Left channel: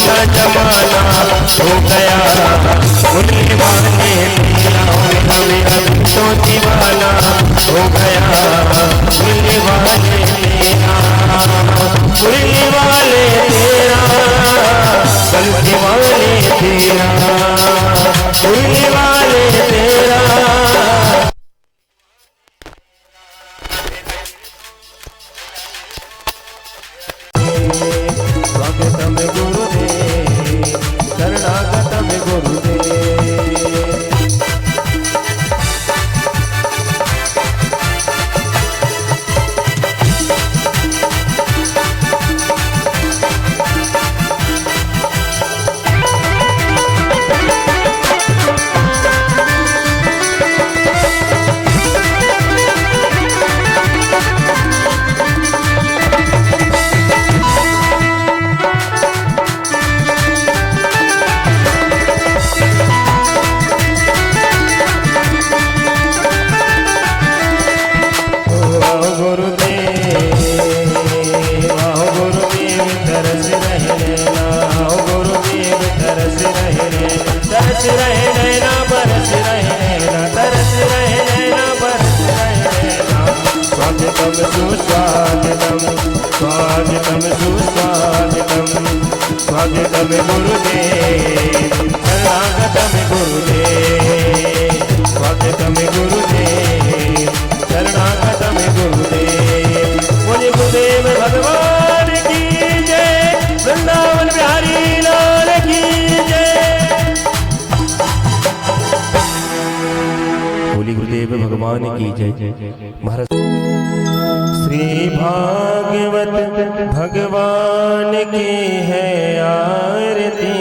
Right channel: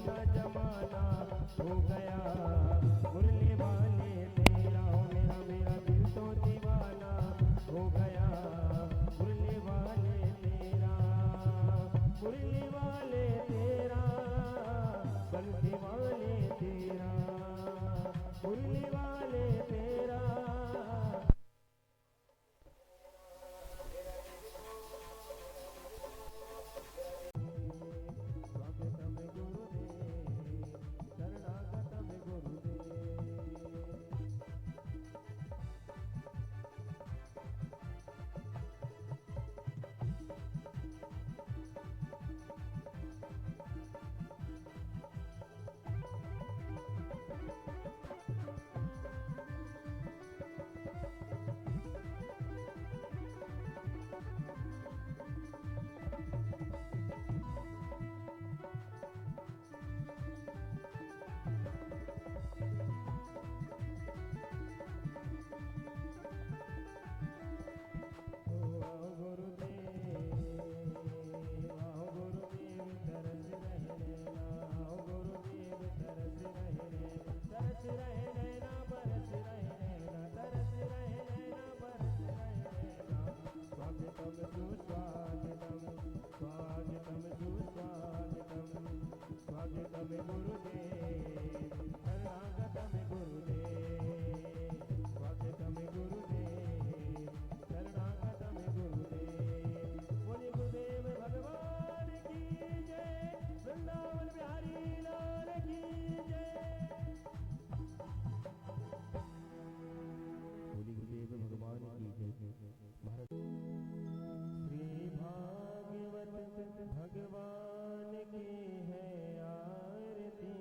दीवाना जमाना हो गया, मुरली वाले तेरा हमें तो दीवाना हो गया, मुरली वाले तेरा, मुरली वाले तेरा, गलती वाले तेरा, मुरली वाले तेरा। स्वागतम गुरुदेव, शरणागतम गुरुदेव। तरस रहे नैना बरस रहे नैना, तरस रहे नैना बरस रहे नैना। स्वागतम सुस्वागतम, स्वागतम सुस्वागतम, स्वागतम गुरुदेव, शरणागतम गुरुदेव, स्वागतम गुरुदेव, शरणागतम गुरुदेव। बोले गुरुदेव भगवान की जय, वृंदावन बिहारी लाल की जय। गुरुदेव भगवान की जय। महाराज श्री भागवत भगवान की है आरती,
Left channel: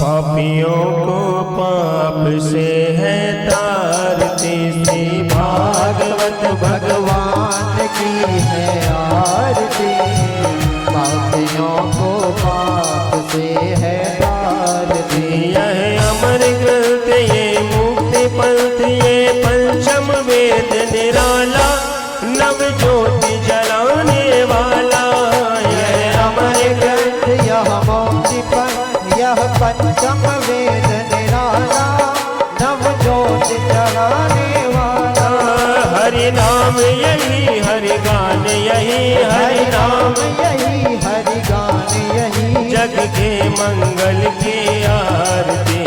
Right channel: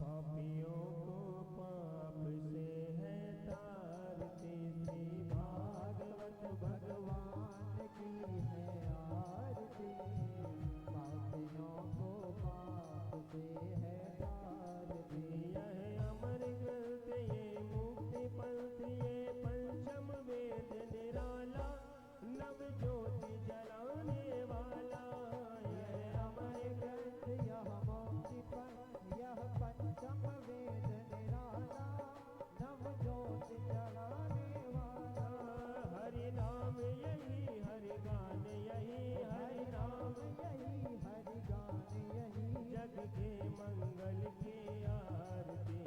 पापियों को पाप से है तारती। श्री भागवत भगवान की है आरती, पापियों को पाप से है तारती। यह अमर ग्रंथ ये मुक्ति पंथ ये पंचम वेद निराला, नव ज्योति जलाने वाला। यह अमर ग्रंथ यह मुक्ति पंथ यह पंचम वेद निराला, नव ज्योति जलाने वाला। हरि नाम यही हरि गान यही, हरि नाम यही हरि गान यही, जग के मंगल की आरती।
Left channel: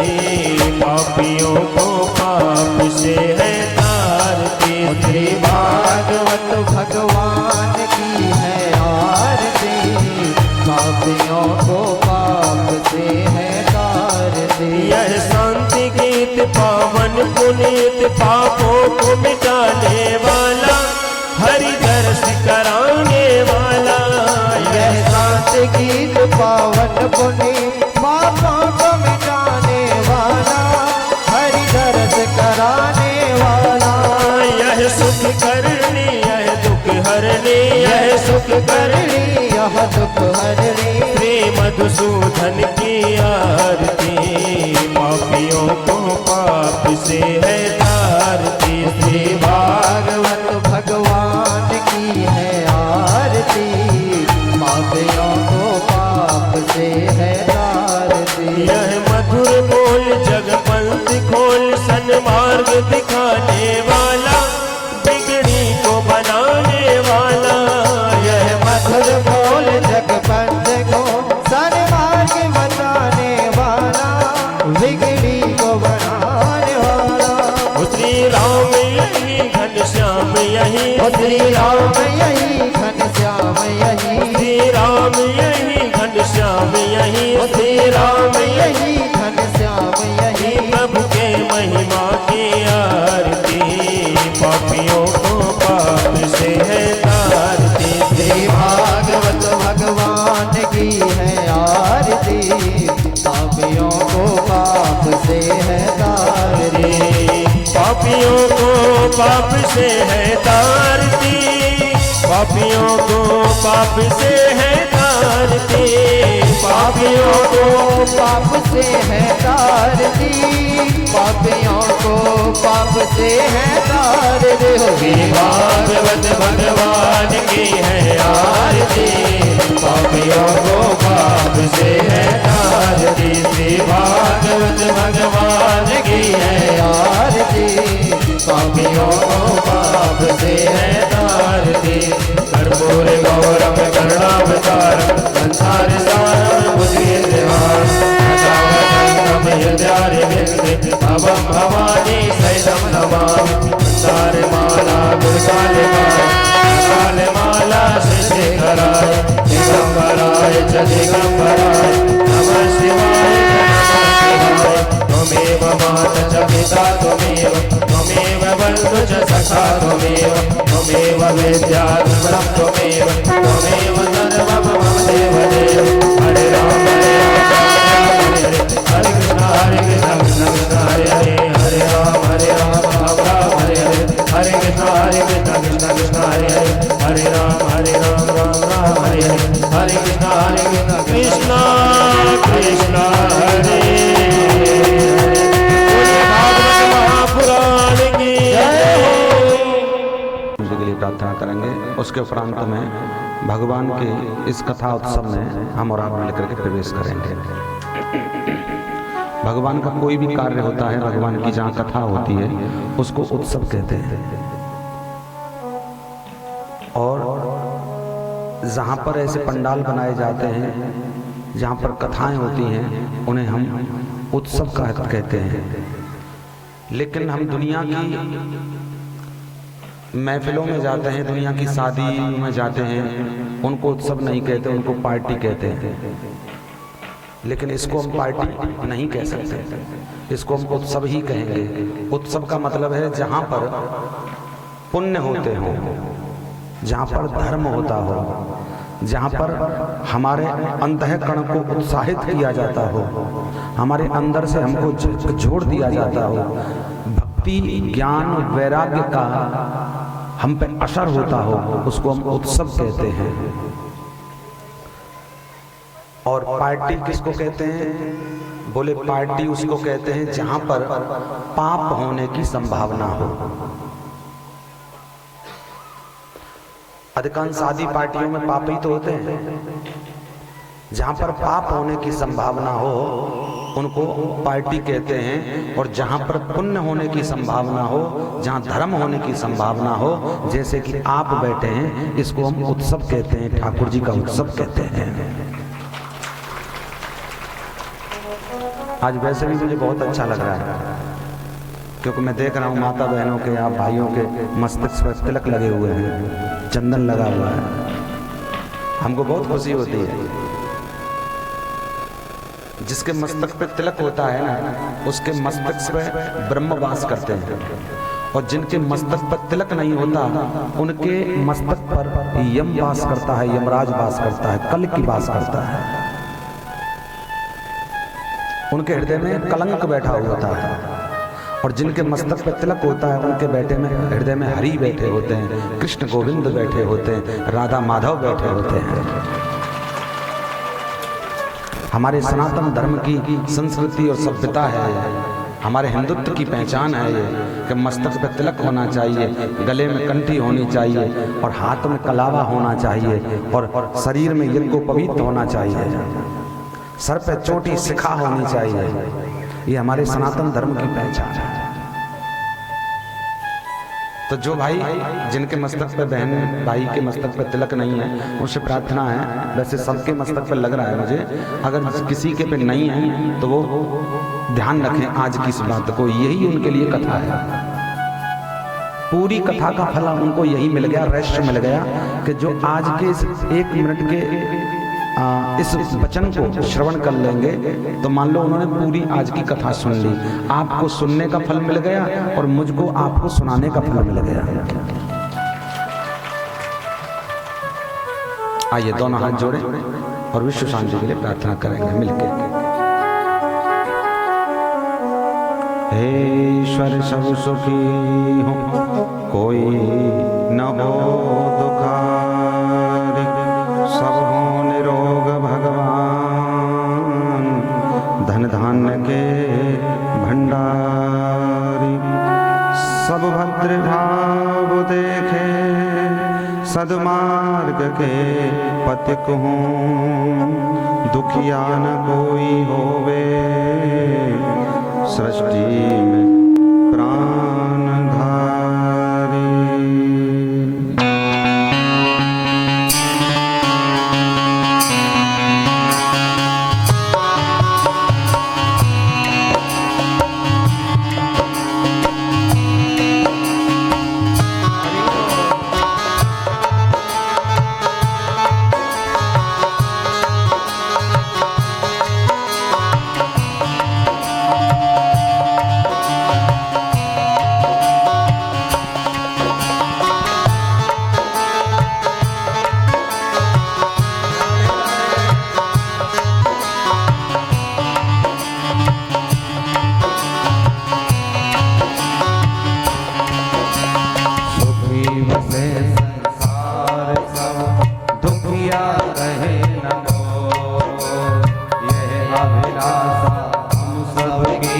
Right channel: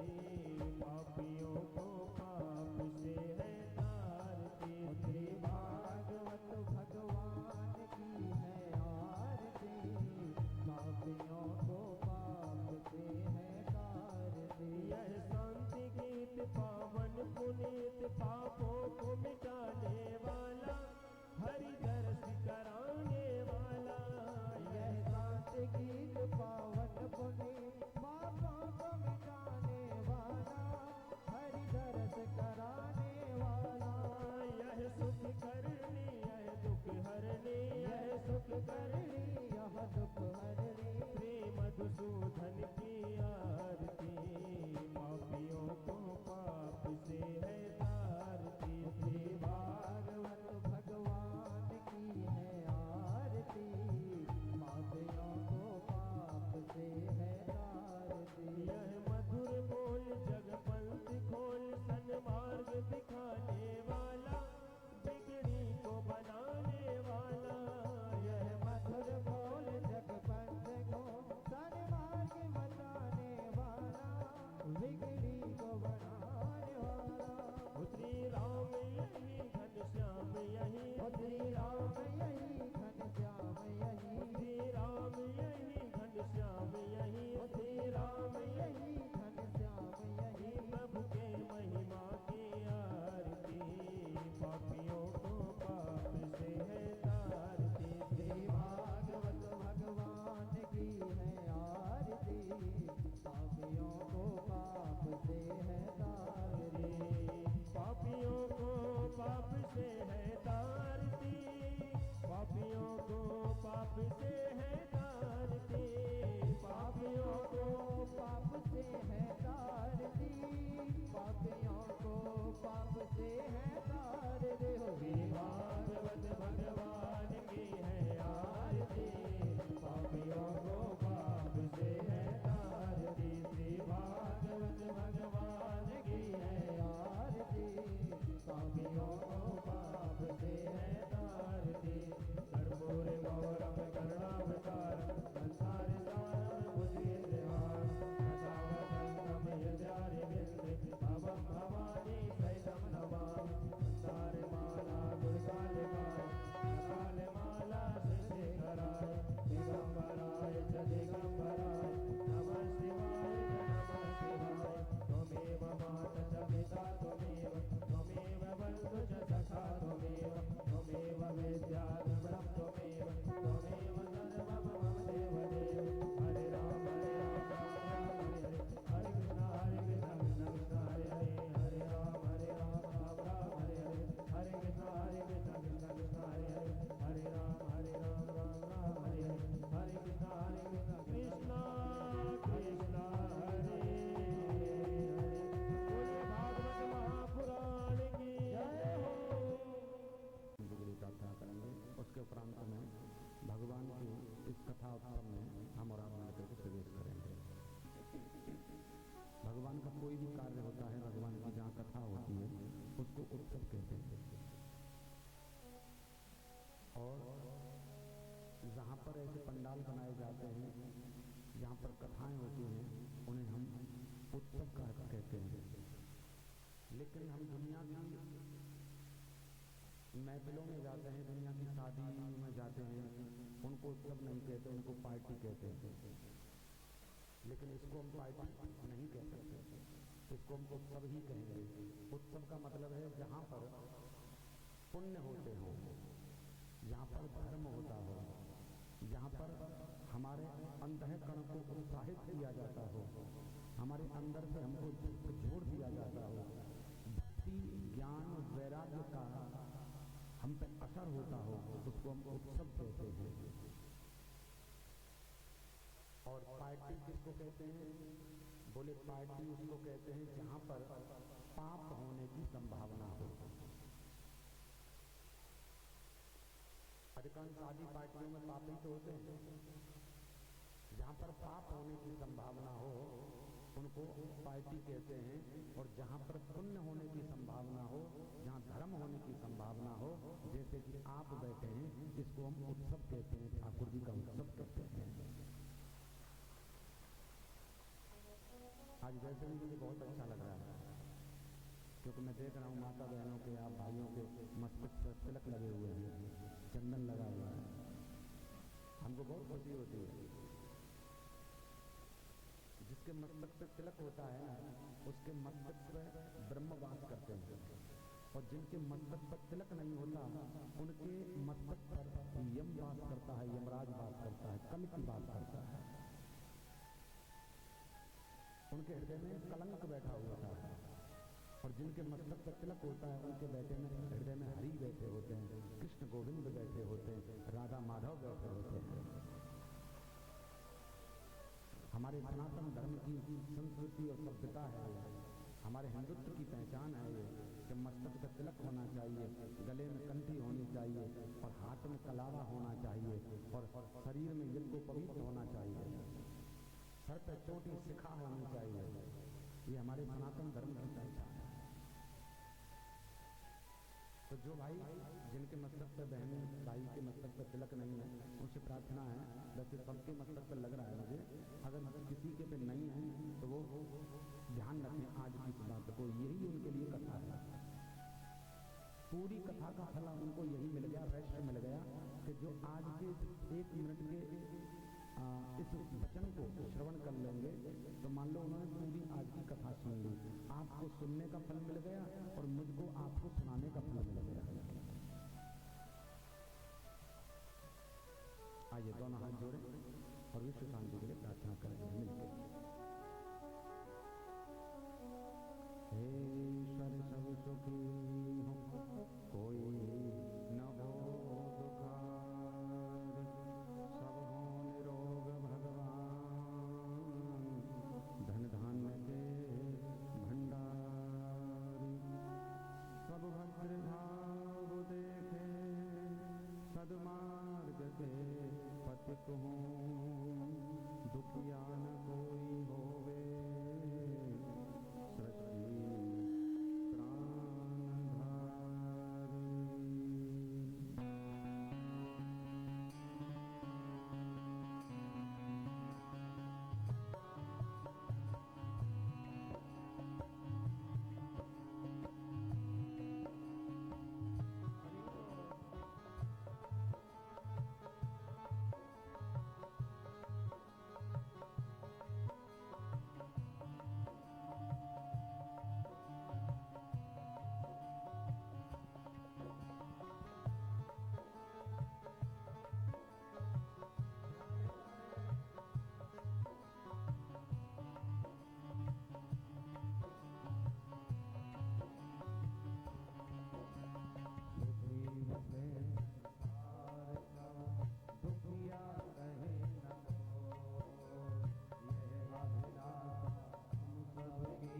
पापियों को पाप से है तारती। श्री भागवत भगवान की है आरती, पापियों को पाप से है तारती। यह शांति गीत पावन पुनीत, पापों को मिटाने वाला, हरि दर्श कराने वाला। यह शांति गीत पावन पुनीत, पापों को मिटाने वाला, हरि दर्श कराने वाला। यह सुख करनी यह दुख हरनी, यह सुख करनी यह दुख हरनी। श्री मधुसूदन की आरती, पापियों को पाप से है तारती। श्री भागवत भगवान की है आरती, पापियों को पाप से है तारती। यह मधुर बोल जगपंथ खोल, सन्मार्ग दिखाने वाला, बिगड़ी को बनाने वाला। यह मधुर बोल जगपंथ को सन्मार्ग बताने वाला, बिगड़ी को बनाने वाला। श्री राम यही घनश्याम यही, श्री राम यही घनश्याम यही, श्री राम यही घनश्याम यही, श्री राम यही घनश्याम यही। प्रभु के महिमा की आरती, पापियों को पाप से है तारती। श्री भागवत भगवान की है आरती, पापियों को पाप से है तारती। पापियों को पाप से है तारती, पापियों को पाप से है तारती। पापियों को पाप से है तारती, पापियों को पाप से है तारती। होगी भागवत भगवान की है आरती, पापियों को पाप से है विधाता त्वमेव त्वमेव वेद्याधीश्वरः त्वमेव त्वमेव सर्वं मम देवदेव हरे राम हरे कृष्ण कृष्ण हरे हरे हरे राम राम हरे हरे हरे कृष्ण कृष्ण कृष्ण हरे हरे हरे राम राम राम हरे हरे हरे कृष्ण कृष्ण कृष्ण हरे के लिए प्रार्थना करेंगे। उसके उपरांत में भगवान के इस कथा उत्सव में हम और आप मिलकर के प्रवेश करेंगे। भगवान का कोई भी कार्य होता है, भगवान की जहाँ कथा होती है उसको उत्सव कहते हैं, और जहाँ पर ऐसे पंडाल बनाए जाते हैं जहाँ पर कथाएं होती हैं उन्हें हम उत्सव कहते हैं। लेकिन हम दुनिया की महफिलों में जाते हैं, दुनिया की शादी में जाते हैं, उनको उत्सव नहीं कहते, उनको पार्टी कहते हैं। लेकिन इसको हम पार्टी नहीं कह सकते, इसको हम उत्सव ही कहेंगे। उत्सव का मतलब है जहाँ पर पुण्य होते हों, जहाँ पर धर्म होता हो, जहाँ पर हमारे अंतःकरण को उत्साहित किया जाता हो, हमारे अंदर से हमको जोड़ दिया जाता हो, भक्ति ज्ञान वैराग्य का हम पे असर होता हो, उसको हम उत्सव कहते हैं। और पार्टी किसको कहते हैं? बोले पार्टी उसको कहते हैं जहां पर पाप होने की संभावना हो। अधिकांश शादी पार्टियों में पाप ही तो होते हैं। जहां पर पाप होने की संभावना हो उनको पार्टी कहते हैं, और जहां पर पुण्य होने की संभावना हो, जहां धर्म होने की संभावना हो, जैसे कि आप बैठे हैं, इसको हम उत्सव कहते हैं, ठाकुर जी का उत्सव कहते हैं। आज वैसे भी मुझे बहुत अच्छा लग रहा है, क्योंकि मैं देख रहा हूँ माता बहनों के, आप भाइयों के मस्तिष्क पर तिलक लगे हुए हैं, चंदन लगा हुआ है। हमको बहुत खुशी होती है। जिसके मस्तक पे तिलक होता है ना, उसके मस्तक पे ब्रह्म वास करते हैं, और जिनके मस्तक पर तिलक नहीं होता उनके मस्तक पर यम वास करता है, यमराज वास करता है, कल की वास करता है। उनके हृदय में कलंक बैठा होता है, और जिनके मस्तक पे तिलक होता है उनके बैठे में हृदय में हरि बैठे होते हैं, कृष्ण गोविंद बैठे होते हैं, राधा माधव बैठे होते हैं। हमारे सनातन धर्म की संस्कृति और सभ्यता है, हमारे हिंदुत्व की पहचान है ये कि मस्तक पे तिलक होना चाहिए, गले में कंठी होनी चाहिए, और हाथ में कलावा होना चाहिए, और शरीर में यज्ञोपवीत होना चाहिए, सर पे चोटी शिखा होनी चाहिए। ये हमारे सनातन धर्म की पहचान है। तो जो भाई जिनके मस्तक पे, बहन भाई के मस्तक पे तिलक नहीं है, उनसे प्रार्थना है, वैसे सबके मस्तक पे लग रहा है मुझे, अगर किसी के पे नहीं है तो वो ध्यान रखें आज की इस बात को, यही उनके लिए कथा है। पूरी कथा का फल उनको यही मिल गया, रहस्य मिल गया कि जो आज के इस 1 मिनट के इस वचन को श्रवण कर लेंगे तो मान लो उन्होंने पूरी आज की कथा सुन ली। आपको सुनने का फल मिल गया और मुझको आपको सुनाने का फल मिल गया। आइए दोनों हाथ जोड़ें और विश्व शांति के लिए प्रार्थना करेंगे मिलकर। हे ईश्वर सब सुखी हो, कोई न हो दुखारी, सब हो निरोग भगवान, धन धान्य के भंडारी, सब भद्र भाव देखे, सदमार्ग के पथिक हों, दुखिया न कोई होवे, सृष्टि में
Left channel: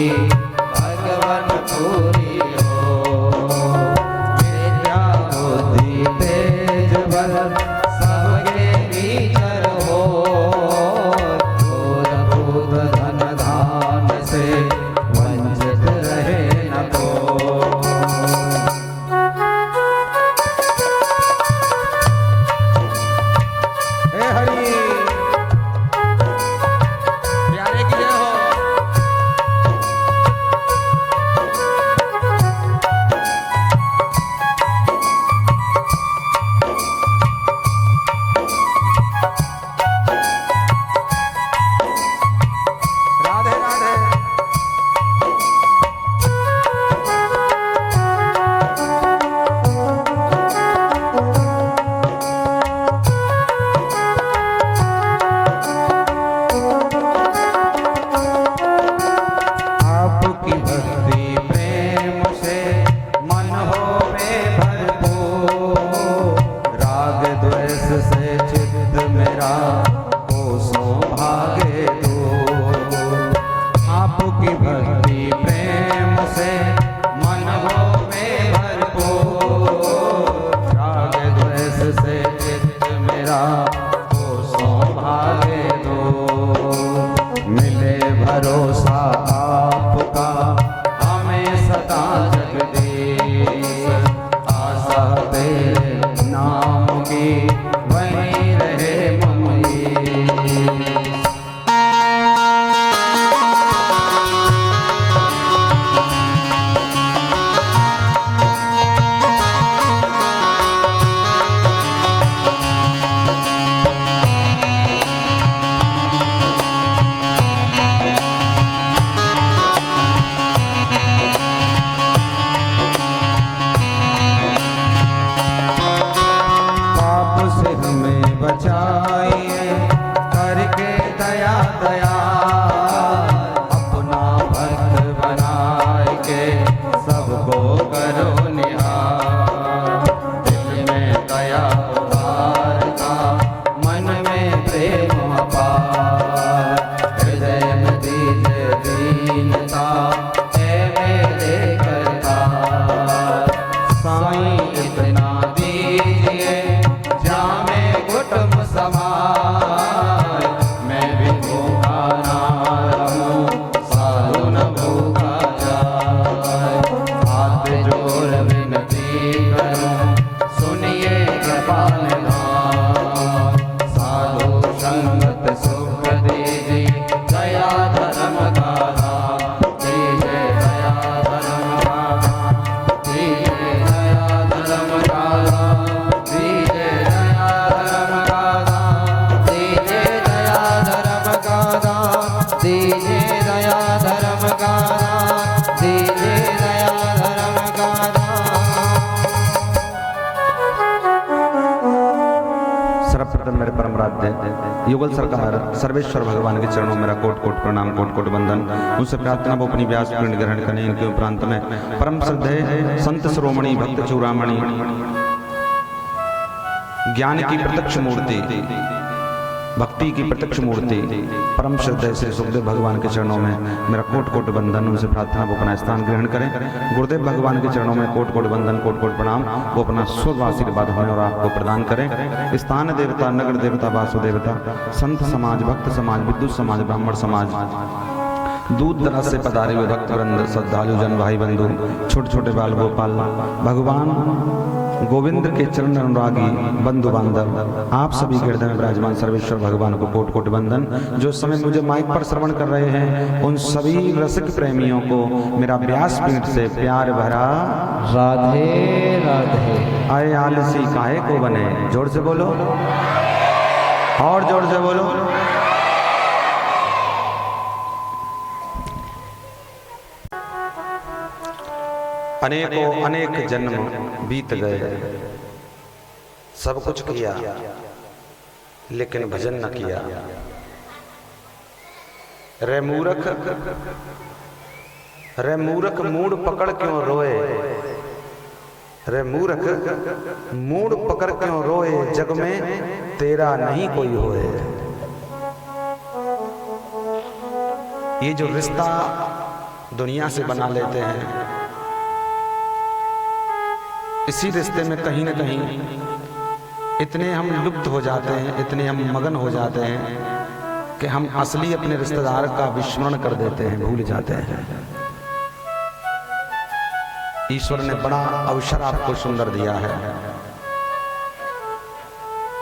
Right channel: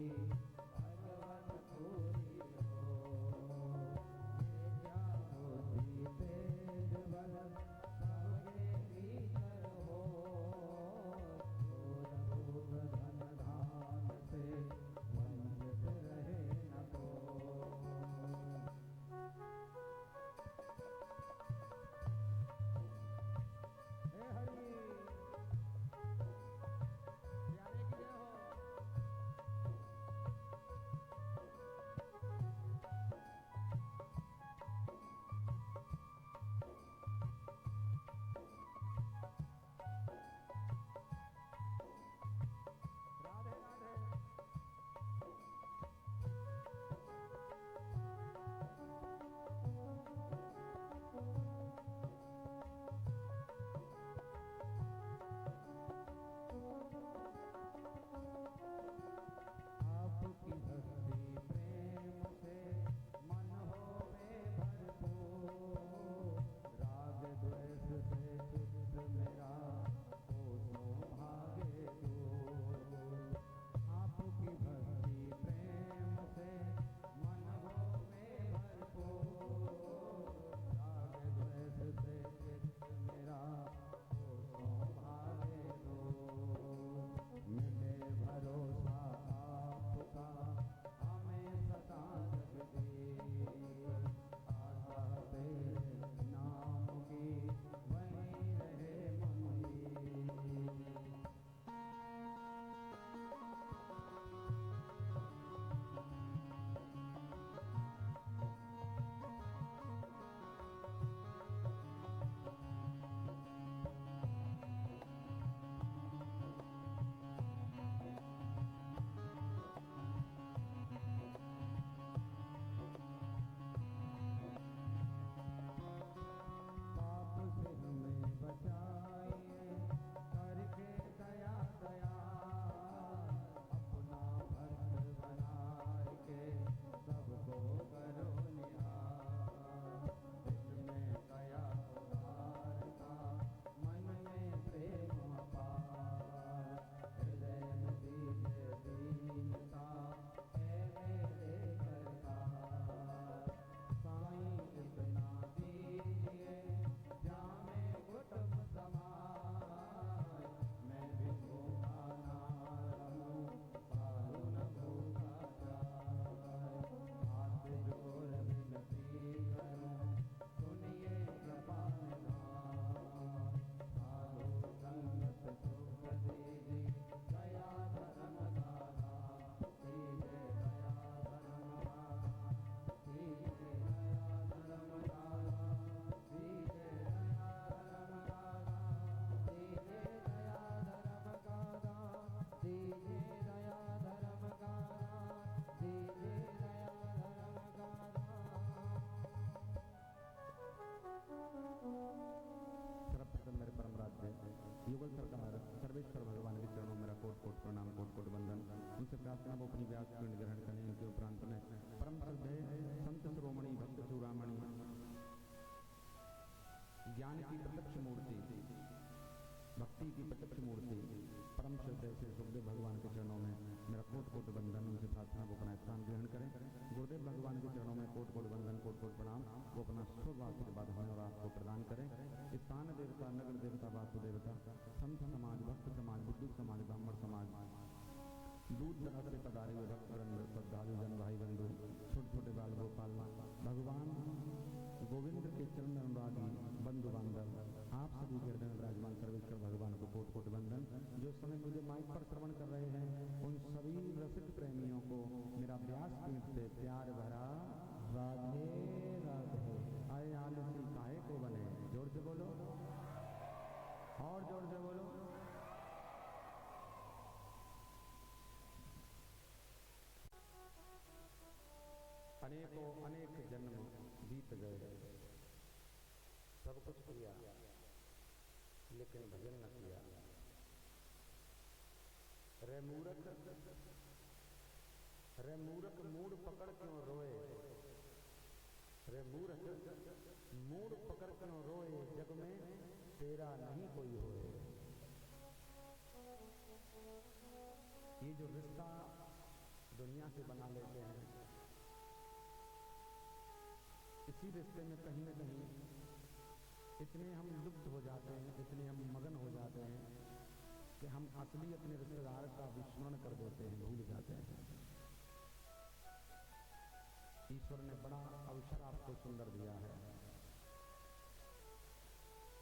भगवन पूरी हो। विद्या बुद्धि तेज बल सबके भीतर हो। क्रोध क्रोध धन धान से वंचित रहे न को। हे हरि प्यारे की जय हो। राधे राधे। आपकी भक्ति प्रेम से मन होवे भरपूर। राग द्वेष से चित्त मेरा कोसों भागे दूर। आपकी भक्ति प्रेम से मन होवे भरपूर। राग द्वेष से चित्त मेरा कोसों भागे दूर। मिले भरोसा आपका हमें सदा जगदीश। आशा तेरे नाम की वहीं रहे ममई। पाप से हमें बचाइए करके दया दया। अपना भक्त बनाए के सबको करो निहार। दिल में दया उतारता मन में प्रेम अपार। हृदय में दीजिए दीनता है मेरे करतार। साईं इतना दीजिए जामे कुटुंब समाज। मैं भी भूखा ना रहूं साधु न भूखा जाए। हाथ जोड़ विनती करूं सुनिए कृपाल नाम। साधु संगत सुख दीजिए दया धर्म का नाम। दीजिए दया धर्म का नाम। दीजिए दया धर्म का नाम। दीजिए दया धर्म का नाम। दीजिए दया धर्म का नाम। दीजिए दया धर्म का नाम। दीजिए दया धर्म का नाम। सर्वप्रथम मेरे परम आराध्य युगल सरकार सर्वेश्वर भगवान के चरणों में मेरा कोट कोट प्रणाम, कोट कोट वंदन। उनसे प्रार्थना वो अपनी व्यास पीठ ग्रहण करें। इनके उपरांत में परम श्रद्धेय संत शिरोमणि भक्त चूड़ामणि ज्ञान की प्रत्यक्ष मूर्ति, भक्ति की प्रत्यक्ष मूर्ति परम श्रद्धेय से सुखदेव भगवान के चरणों में मेरा कोट कोट वंदन। उनसे प्रार्थना वो अपना स्थान ग्रहण करें। गुरुदेव भगवान के चरणों में कोट कोट वंदन, कोट कोट प्रणाम। वो अपना शुभ आशीर्वाद हमें और आपको प्रदान करें। स्थान देवता, नगर देवता, वासु देवता, संत समाज, भक्त समाज, विद्युत समाज, ब्राह्मण समाज, दूर दराज से पधारे हुए भक्त वृंद, श्रद्धालु जन, भाई बंधु, छोटे छोटे बाल गोपाल, भगवान गोविंद के चरण अनुरागी बंधु बांधव, आप सभी के हृदय में विराजमान सर्वेश्वर भगवान को कोट कोट वंदन। जो समय मुझे माइक पर श्रवण कर रहे हैं उन सभी रसिक प्रेमियों को मेरा व्यासपीठ से प्यार भरा राधे राधे। आए आलसी काहे को बने, जोर से बोलो और जोर से बोलो। अनेकों अनेक जन्म बीत गए, सब कुछ किया लेकिन भजन न किया। रे मूर्ख, रे मूर्ख मूड पकड़ क्यों रोए, रे मूर्ख मूड पकड़ क्यों रोए, जग में तेरा नहीं कोई होए। ये जो रिश्ता दुनिया से बना लेते हैं। इसी रिश्ते में कहीं ना कहीं इतने हम लुप्त हो जाते हैं, इतने हम मगन हो जाते हैं कि हम असली अपने रिश्तेदार का विस्मरण कर देते हैं, भूल जाते हैं। ईश्वर ने बड़ा अवसर आपको सुंदर दिया है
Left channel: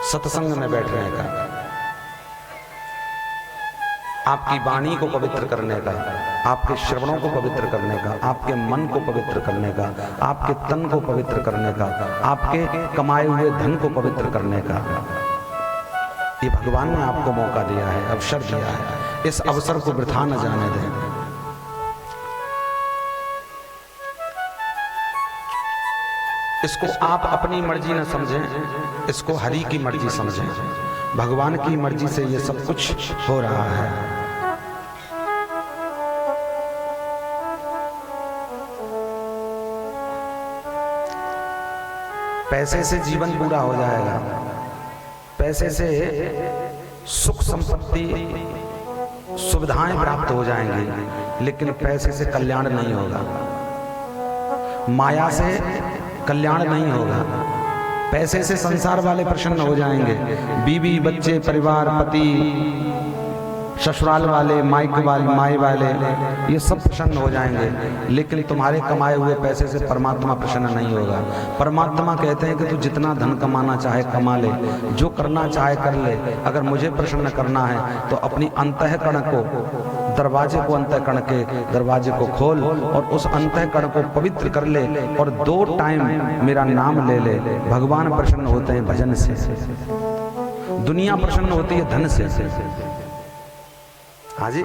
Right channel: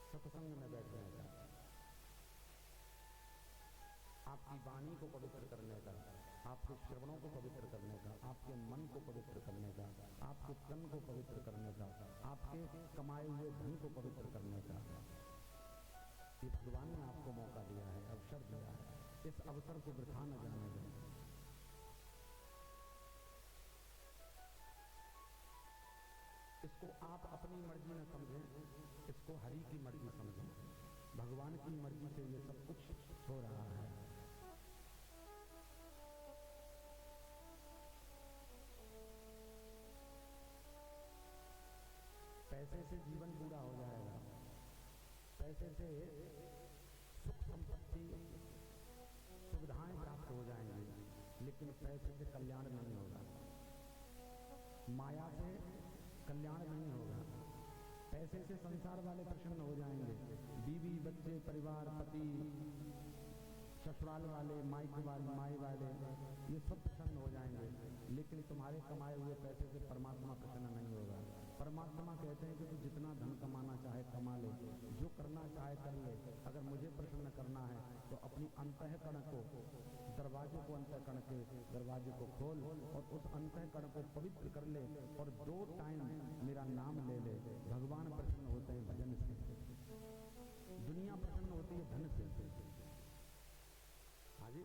सत्संग में बैठने का, आपकी वाणी को पवित्र करने का, आपके श्रवणों को पवित्र करने का, आपके मन को पवित्र करने का, आपके तन को पवित्र करने का, आपके कमाए हुए धन को पवित्र करने का। ये भगवान ने आपको मौका दिया है, अवसर दिया है। इस अवसर को वृथा न जाने दें। इसको आप अपनी मर्जी न समझें, इसको हरि की मर्जी समझें। भगवान की मर्जी से ये सब कुछ हो रहा है। पैसे से जीवन पूरा हो जाएगा, पैसे से सुख संपत्ति सुविधाएं प्राप्त हो जाएंगी, लेकिन पैसे से कल्याण नहीं होगा, माया से कल्याण नहीं होगा। पैसे से संसार वाले प्रसन्न हो जाएंगे, बीवी बच्चे परिवार पति ससुराल वाले माई वाले ये सब प्रसन्न हो जाएंगे, लेकिन तुम्हारे कमाए हुए पैसे से परमात्मा प्रसन्न नहीं होगा। परमात्मा कहते हैं कि तू जितना धन कमाना चाहे कमा ले, जो करना चाहे कर ले, अगर मुझे प्रसन्न करना है तो अपनी अंतःकरण को, दरवाजे को, अंतःकरण के दरवाजे को खोल और उस अंतःकरण को पवित्र कर ले और 2 टाइम मेरा नाम ले ले। भगवान प्रसन्न होते हैं भजन से, दुनिया प्रसन्न होती है धन से। हाँ जी,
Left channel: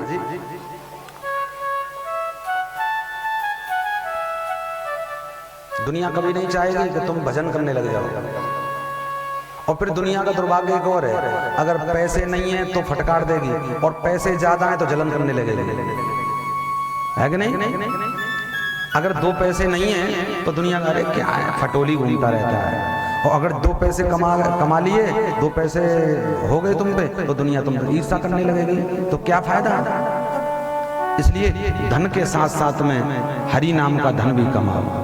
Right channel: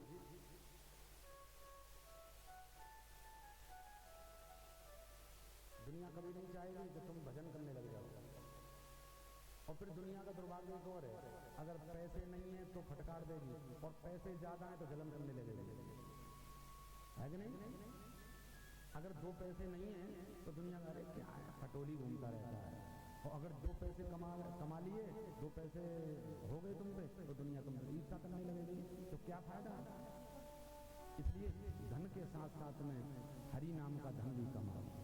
दुनिया कभी नहीं चाहेगी कि तुम भजन करने लग जाओ। और फिर दुनिया का दुर्भाग्य एक और है, अगर पैसे नहीं है तो फटकार देगी, और पैसे ज्यादा है तो जलन करने लगेगी, है कि नहीं? अगर 2 पैसे नहीं है तो दुनिया का क्या है, फटोली घूमता रहता है। और अगर 2 पैसे कमा लिए, 2 पैसे हो गए तुम पे, तो दुनिया तुम पे ईर्ष्या करने लगेगी, तो क्या फायदा? इसलिए धन के साथ साथ में हरि नाम का धन भी कमाओ।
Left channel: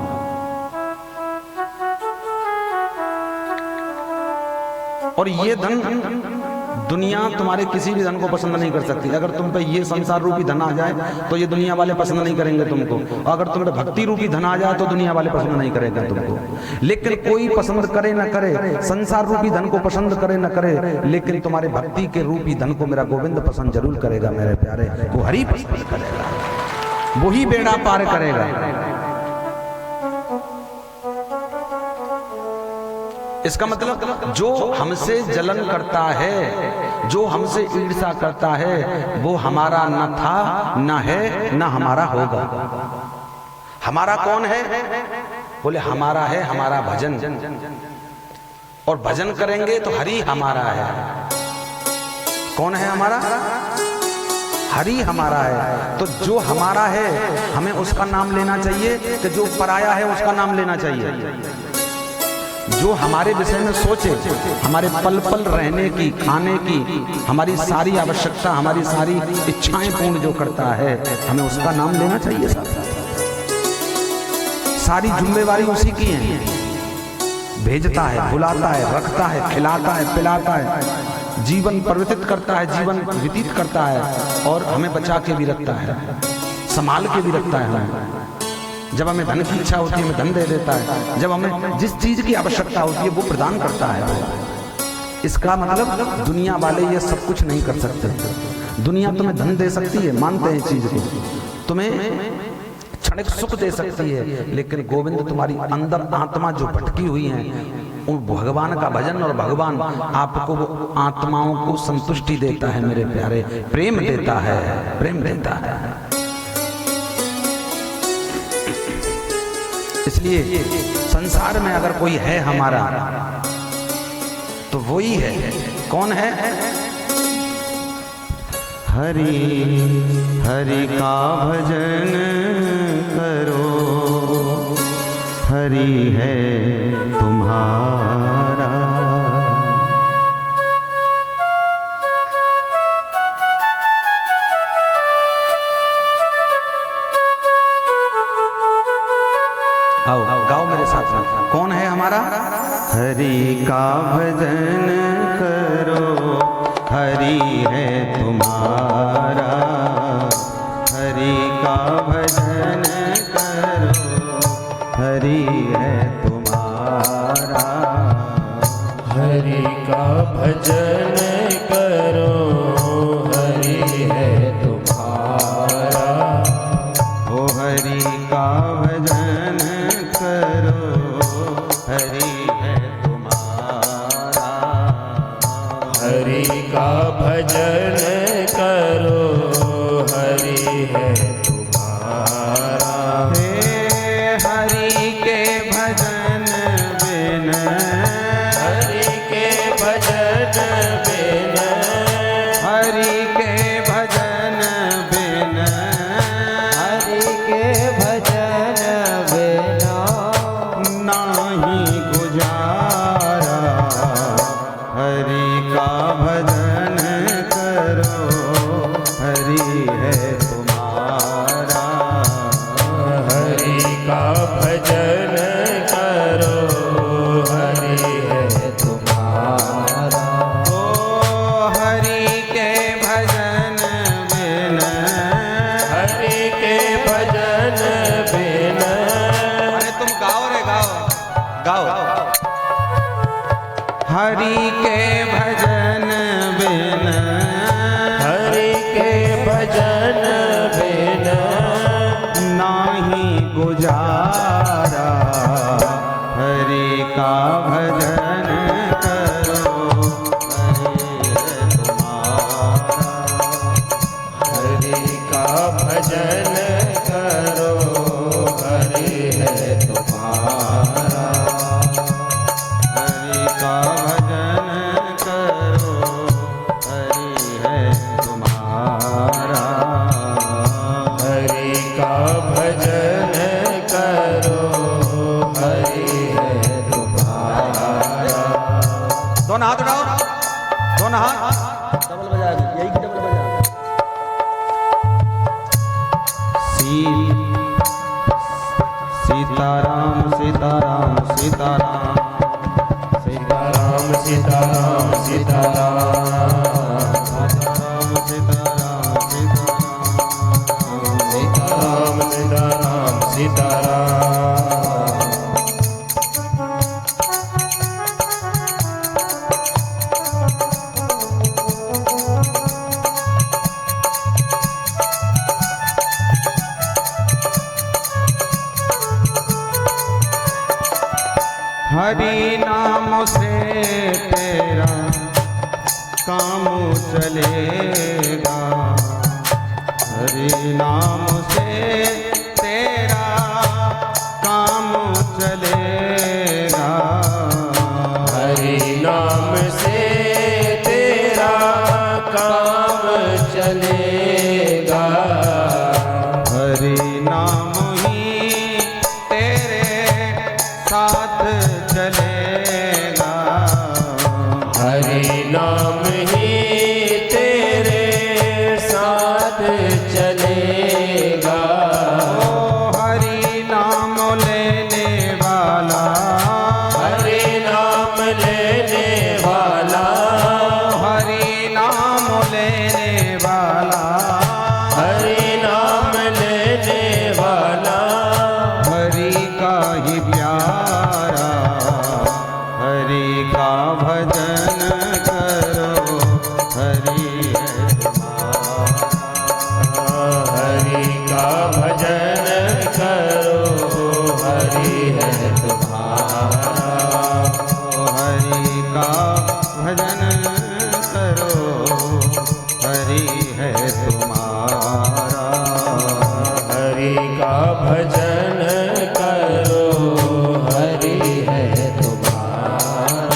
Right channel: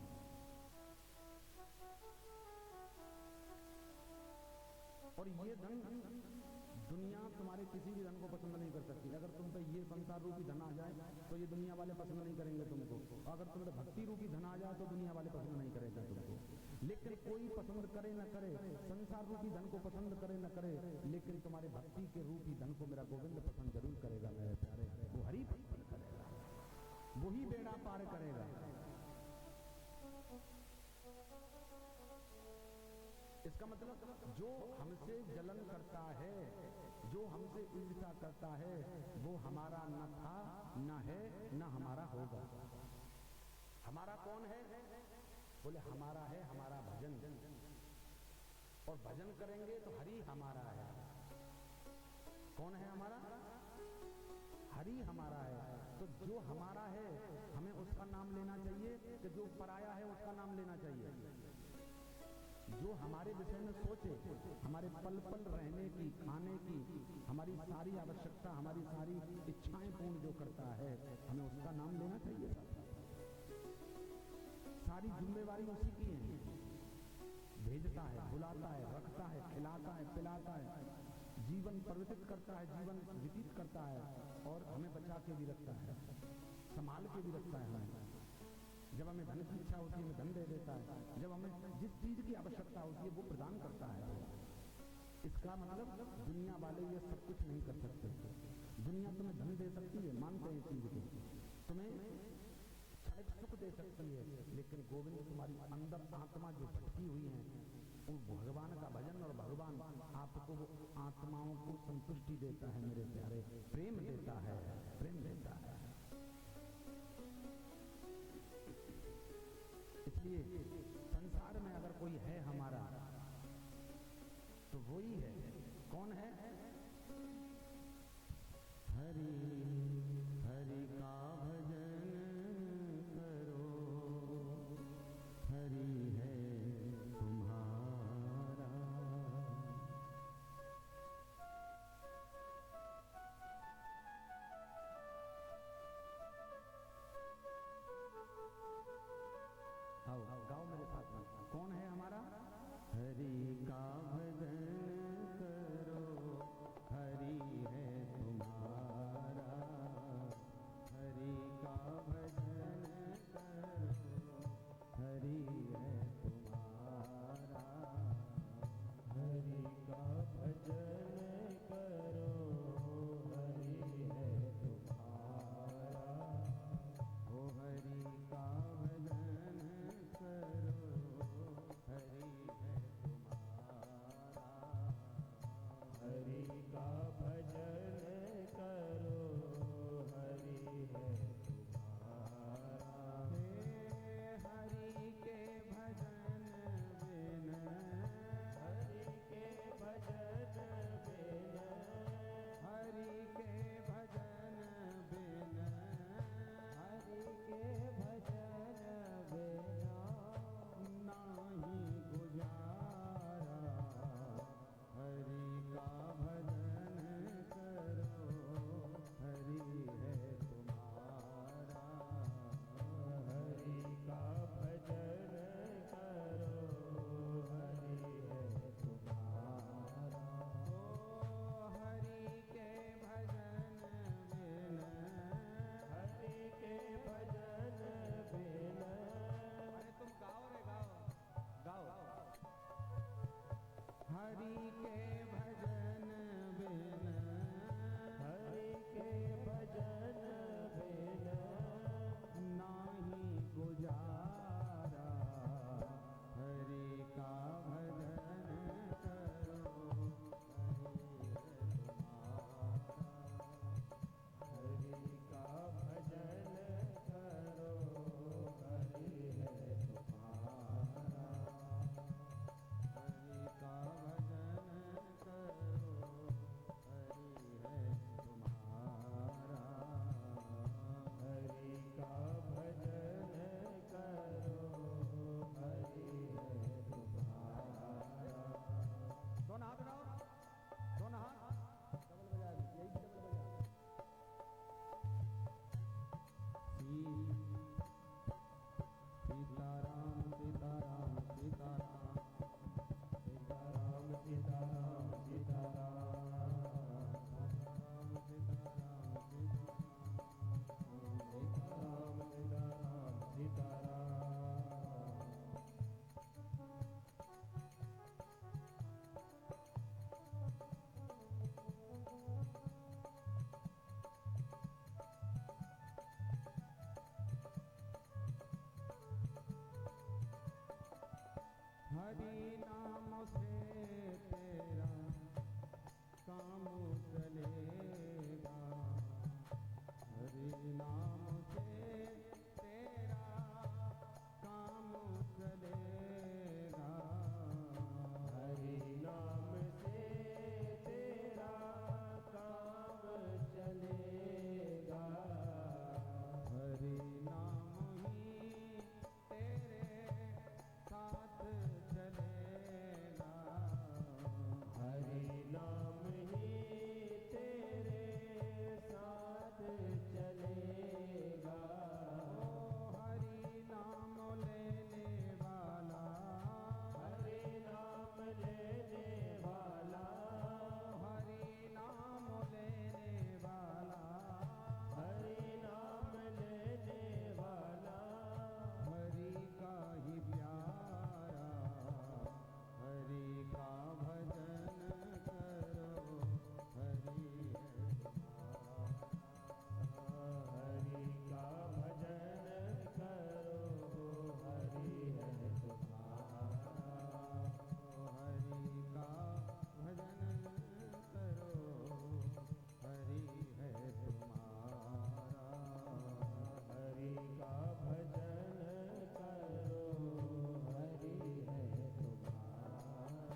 और ये धन, दुनिया तुम्हारे किसी भी धन को पसंद नहीं कर सकती। अगर तुम पे ये संसार रूपी धन आ जाए तो ये दुनिया वाले पसंद नहीं करेंगे तुमको, और अगर तुम पे भक्ति रूपी धन आ जाए तो दुनिया वाले पसंद नहीं करेंगे तुमको। लेकिन कोई पसंद करे न करे, संसार रूपी धन को पसंद करे न करे, लेकिन तुम्हारे भक्ति के रूपी धन को मेरा गोविंद पसंद जरूर करेगा मेरे प्यारे। वो हरि पसंद करेगा, वही बेड़ा पार करेगा। इसका मतलब जो हमसे जलन करता है, जो हमसे ईर्ष्या करता है, वो हमारा न था, न है, न हमारा होगा। हमारा कौन है? बोले हमारा है हमारा भजन, और भजन करेंगे तो हरि हमारा है। कौन है हमारा? हरि हमारा है। तो जो हमारा है हमें उसका नाम लेना चाहिए, कि जो पराया है उसका नाम लेना चाहिए। जो हमारे विषय में सोचे, हमारे पल पल रहने की, खाने की, हमारी सारी आवश्यकता, हमारी सारी इच्छाएं पूर्ण जो करता है, हमें उसका नाम लेना चाहिए। सारी जिम्मेवारी उसी की है। भेजता है, बुलाता है, रखता है, खिलाता है, पिलाता है, जीवन परिवर्तित करता है, जीवन व्यतीत करता है, और हमें बचा के भी रखता है, संभाल के भी रखता है। हमें जब हमें धन की इच्छा होती है हमें धन दे देता है, जब हमें जिस चीज की आवश्यकता होती है वो प्रदान करता है। इसका मतलब दुनिया वाले ये सब कुछ नहीं कर सकते। दुनिया तुम्हें धन दे सकती है, मानते हैं चीज को, तुम्हें क्षणिक सुख दे सकती है, लेकिन गोविंद तुम्हारी अंदर आत्मा जो भटकी हुई है, उन भगवान का भजन, और भगवान आपको वो आत्माओं को संतुष्टि देता है मेरे प्यारे, प्रेम देता है, प्रेम देता है। इसलिए संसार में अगर कोई है हमारा तो वही है। कौन है? हरि हरि का भजन करो, हरि है तुम्हारा। आओ गाओ मेरे साथ में। कौन है हमारा? हरि का भजन करो, हरि है तुम्हारा। हरि का भजन करो, हरि है तुम्हारा। हरि का भजन करो, हरि है तुम्हारा। ओ हरि का भजन करो, हरि है तुम्हारा। हरि का भजन करो, हरि है तुम्हारा। हे हरि के भजन बिन, हरि के भजन बिन, हरि के भजन बिन, हरि के भजन बिना नाही गुजारा। हरि का भजन करो, हरि है तुम्हारा। हरि का भजन करो, हरि है तुम्हारा। ओ हरि के भजन बिन, हरि के भजन बिन, अरे तुम गाओ रे गाओ गाओ। हरि के भजन बिन, हरि के भजन बिन, नाही गुजारा। हरि का भजन करो, हरि है तुम्हारा। हरि का भजन करो, हरि है तुम्हारा। हरि का भजन करो, हरि है तुम्हारा। हरि का भजन करो, हरि है तुम्हारा। दोनों हाथ उठाओ, दोनों हाथ डबल बजा, यही की डबल बजा। सीताराम सीताराम सीताराम सीताराम सीताराम सीताराम, सीताराम सीताराम सीताराम, सीताराम सीताराम सीताराम। हरि नाम से तेरा काम चलेगा। हरि नाम से तेरा काम चलेगा। हरि नाम से तेरा काम चलेगा। हरि नाम ही तेरे साथ चलेगा। हरि नाम ही तेरे साथ चलेगा। ओ हरि नाम लेने वाला, हरि नाम लेने वाला, हरि नाम लेने वाला, हरि नाम लेने वाला। हरि का ही प्यारा। हरि का भजन करो, हरि है तुम्हारा। हरि का भजन करो, हरि है तुम्हारा। हरि का भजन करो, हरि है तुम्हारा। हरि का भजन करो, हरि है तुम्हारा।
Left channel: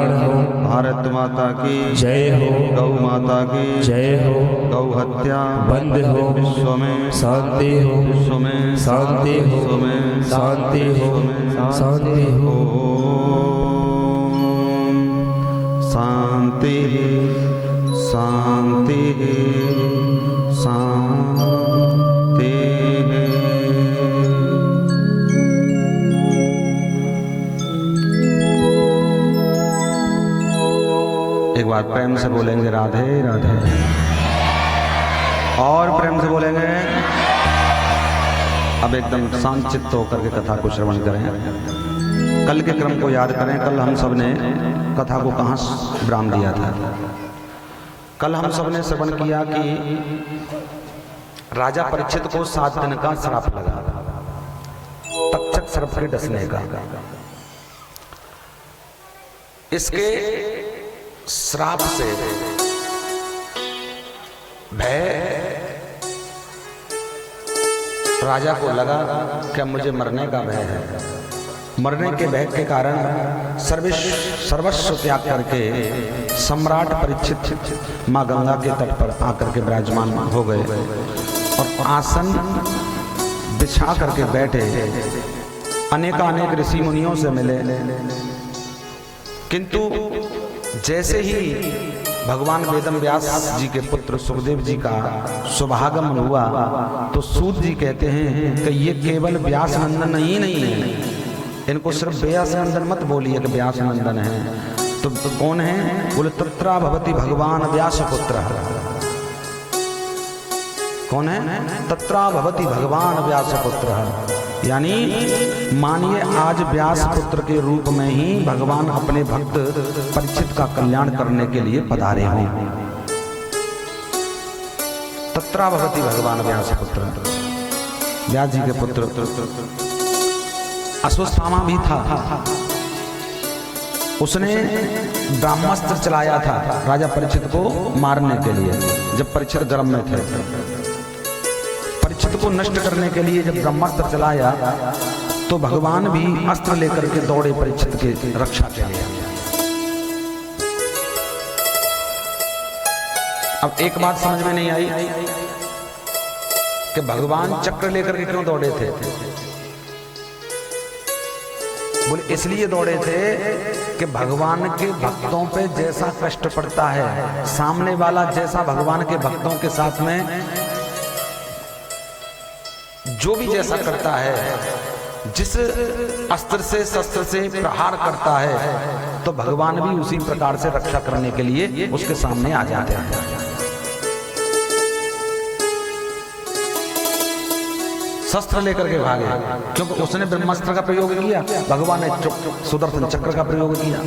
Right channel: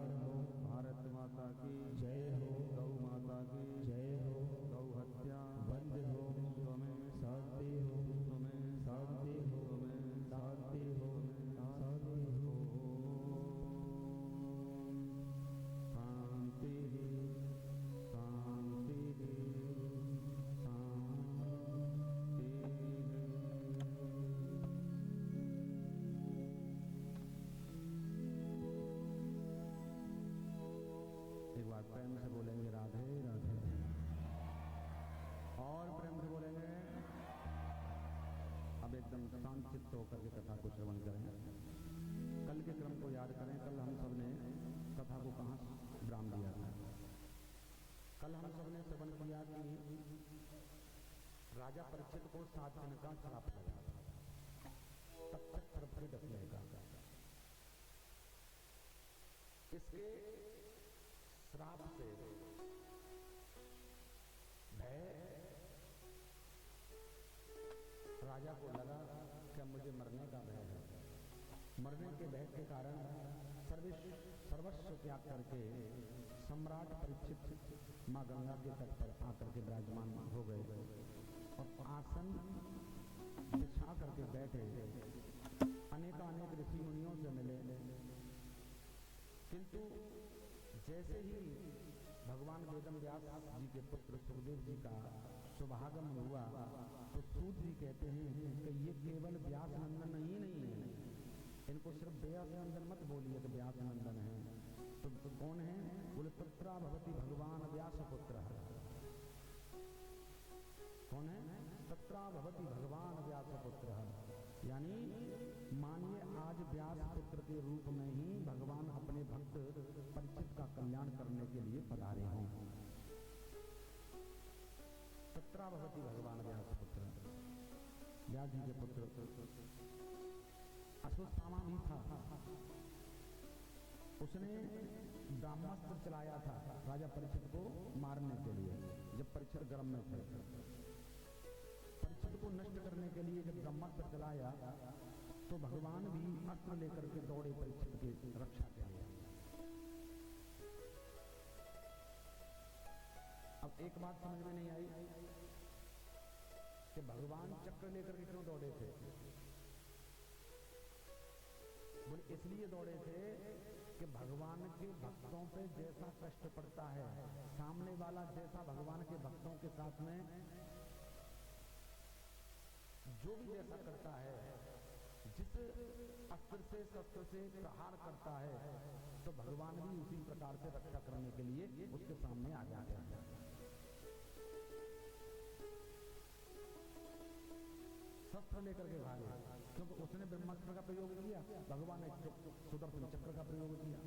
कल्याण हो। भारत माता की जय हो। गौ माता की जय हो। गौ हत्या बंद हो। विश्व में शांति हो। विश्व में शांति हो। विश्व में शांति हो। शांति हो। शांति शांति शांति। एक बार प्रेम से बोलेंगे राधे राधे, और प्रेम से बोलेंगे। अब एकदम शांत चित्त होकर के कथा को श्रवण करें। कल के क्रम को याद करें। कल हम सब ने कथा को कहाँ विराम दिया था? कल हम सब ने श्रवण किया कि राजा परीक्षित को 7 दिन का श्राप लगा, तक्षक सर्प के डसने का। इसके श्राप से भय राजा को लगा कि मुझे मरने का भय है। मरने के भय के कारण सर्वस्व त्याग करके सम्राट परीक्षित माँ गंगा के तट पर आकर के विराजमान हो गए और आसन बिछा करके बैठे। अनेक ऋषि मुनियों से मिले, किंतु जैसे ही भगवान वेदम व्यास जी के पुत्र सुखदेव जी का शुभागमन हुआ तो सूत जी कहते हैं कि ये केवल व्यास नंदन ही नहीं है, इनको सिर्फ व्यास नंदन मत बोलिए कि व्यास नंदन है। तो कौन है? बोले तत्रा भवति भगवान व्यास पुत्र। कौन है? तत्रा भवति भगवान व्यास पुत्र। यानी मानिए आज व्यास पुत्र के रूप में ही भगवान अपने भक्त परीक्षित का कल्याण करने के लिए पधारे हों। तत्रा भवति भगवान व्यास पुत्र। व्यास जी के पुत्र अश्वत्थामा भी था। उसने ब्रह्मास्त्र चलाया था राजा परीक्षित को मारने के लिए। जब परीक्षित गर्भ में थे, परीक्षित को नष्ट करने के लिए जब ब्रह्मास्त्र चलाया तो भगवान भी अस्त्र लेकर के दौड़े परीक्षित की रक्षा के लिए। अब एक बात समझ में नहीं आई कि भगवान चक्र लेकर के क्यों दौड़े थे? बोले इसलिए दौड़े थे कि भगवान के भक्तों पे जैसा कष्ट पड़ता है, सामने वाला जैसा भगवान के भक्तों के साथ में जो भी जैसा करता है, जिस अस्त्र से शस्त्र से प्रहार करता है, तो भगवान भी उसी प्रकार से रक्षा करने के लिए उसके सामने आ जाते हैं। शस्त्र लेकर के भागे, क्योंकि उसने ब्रह्मास्त्र का प्रयोग किया, भगवान ने सुदर्शन चक्र का प्रयोग किया।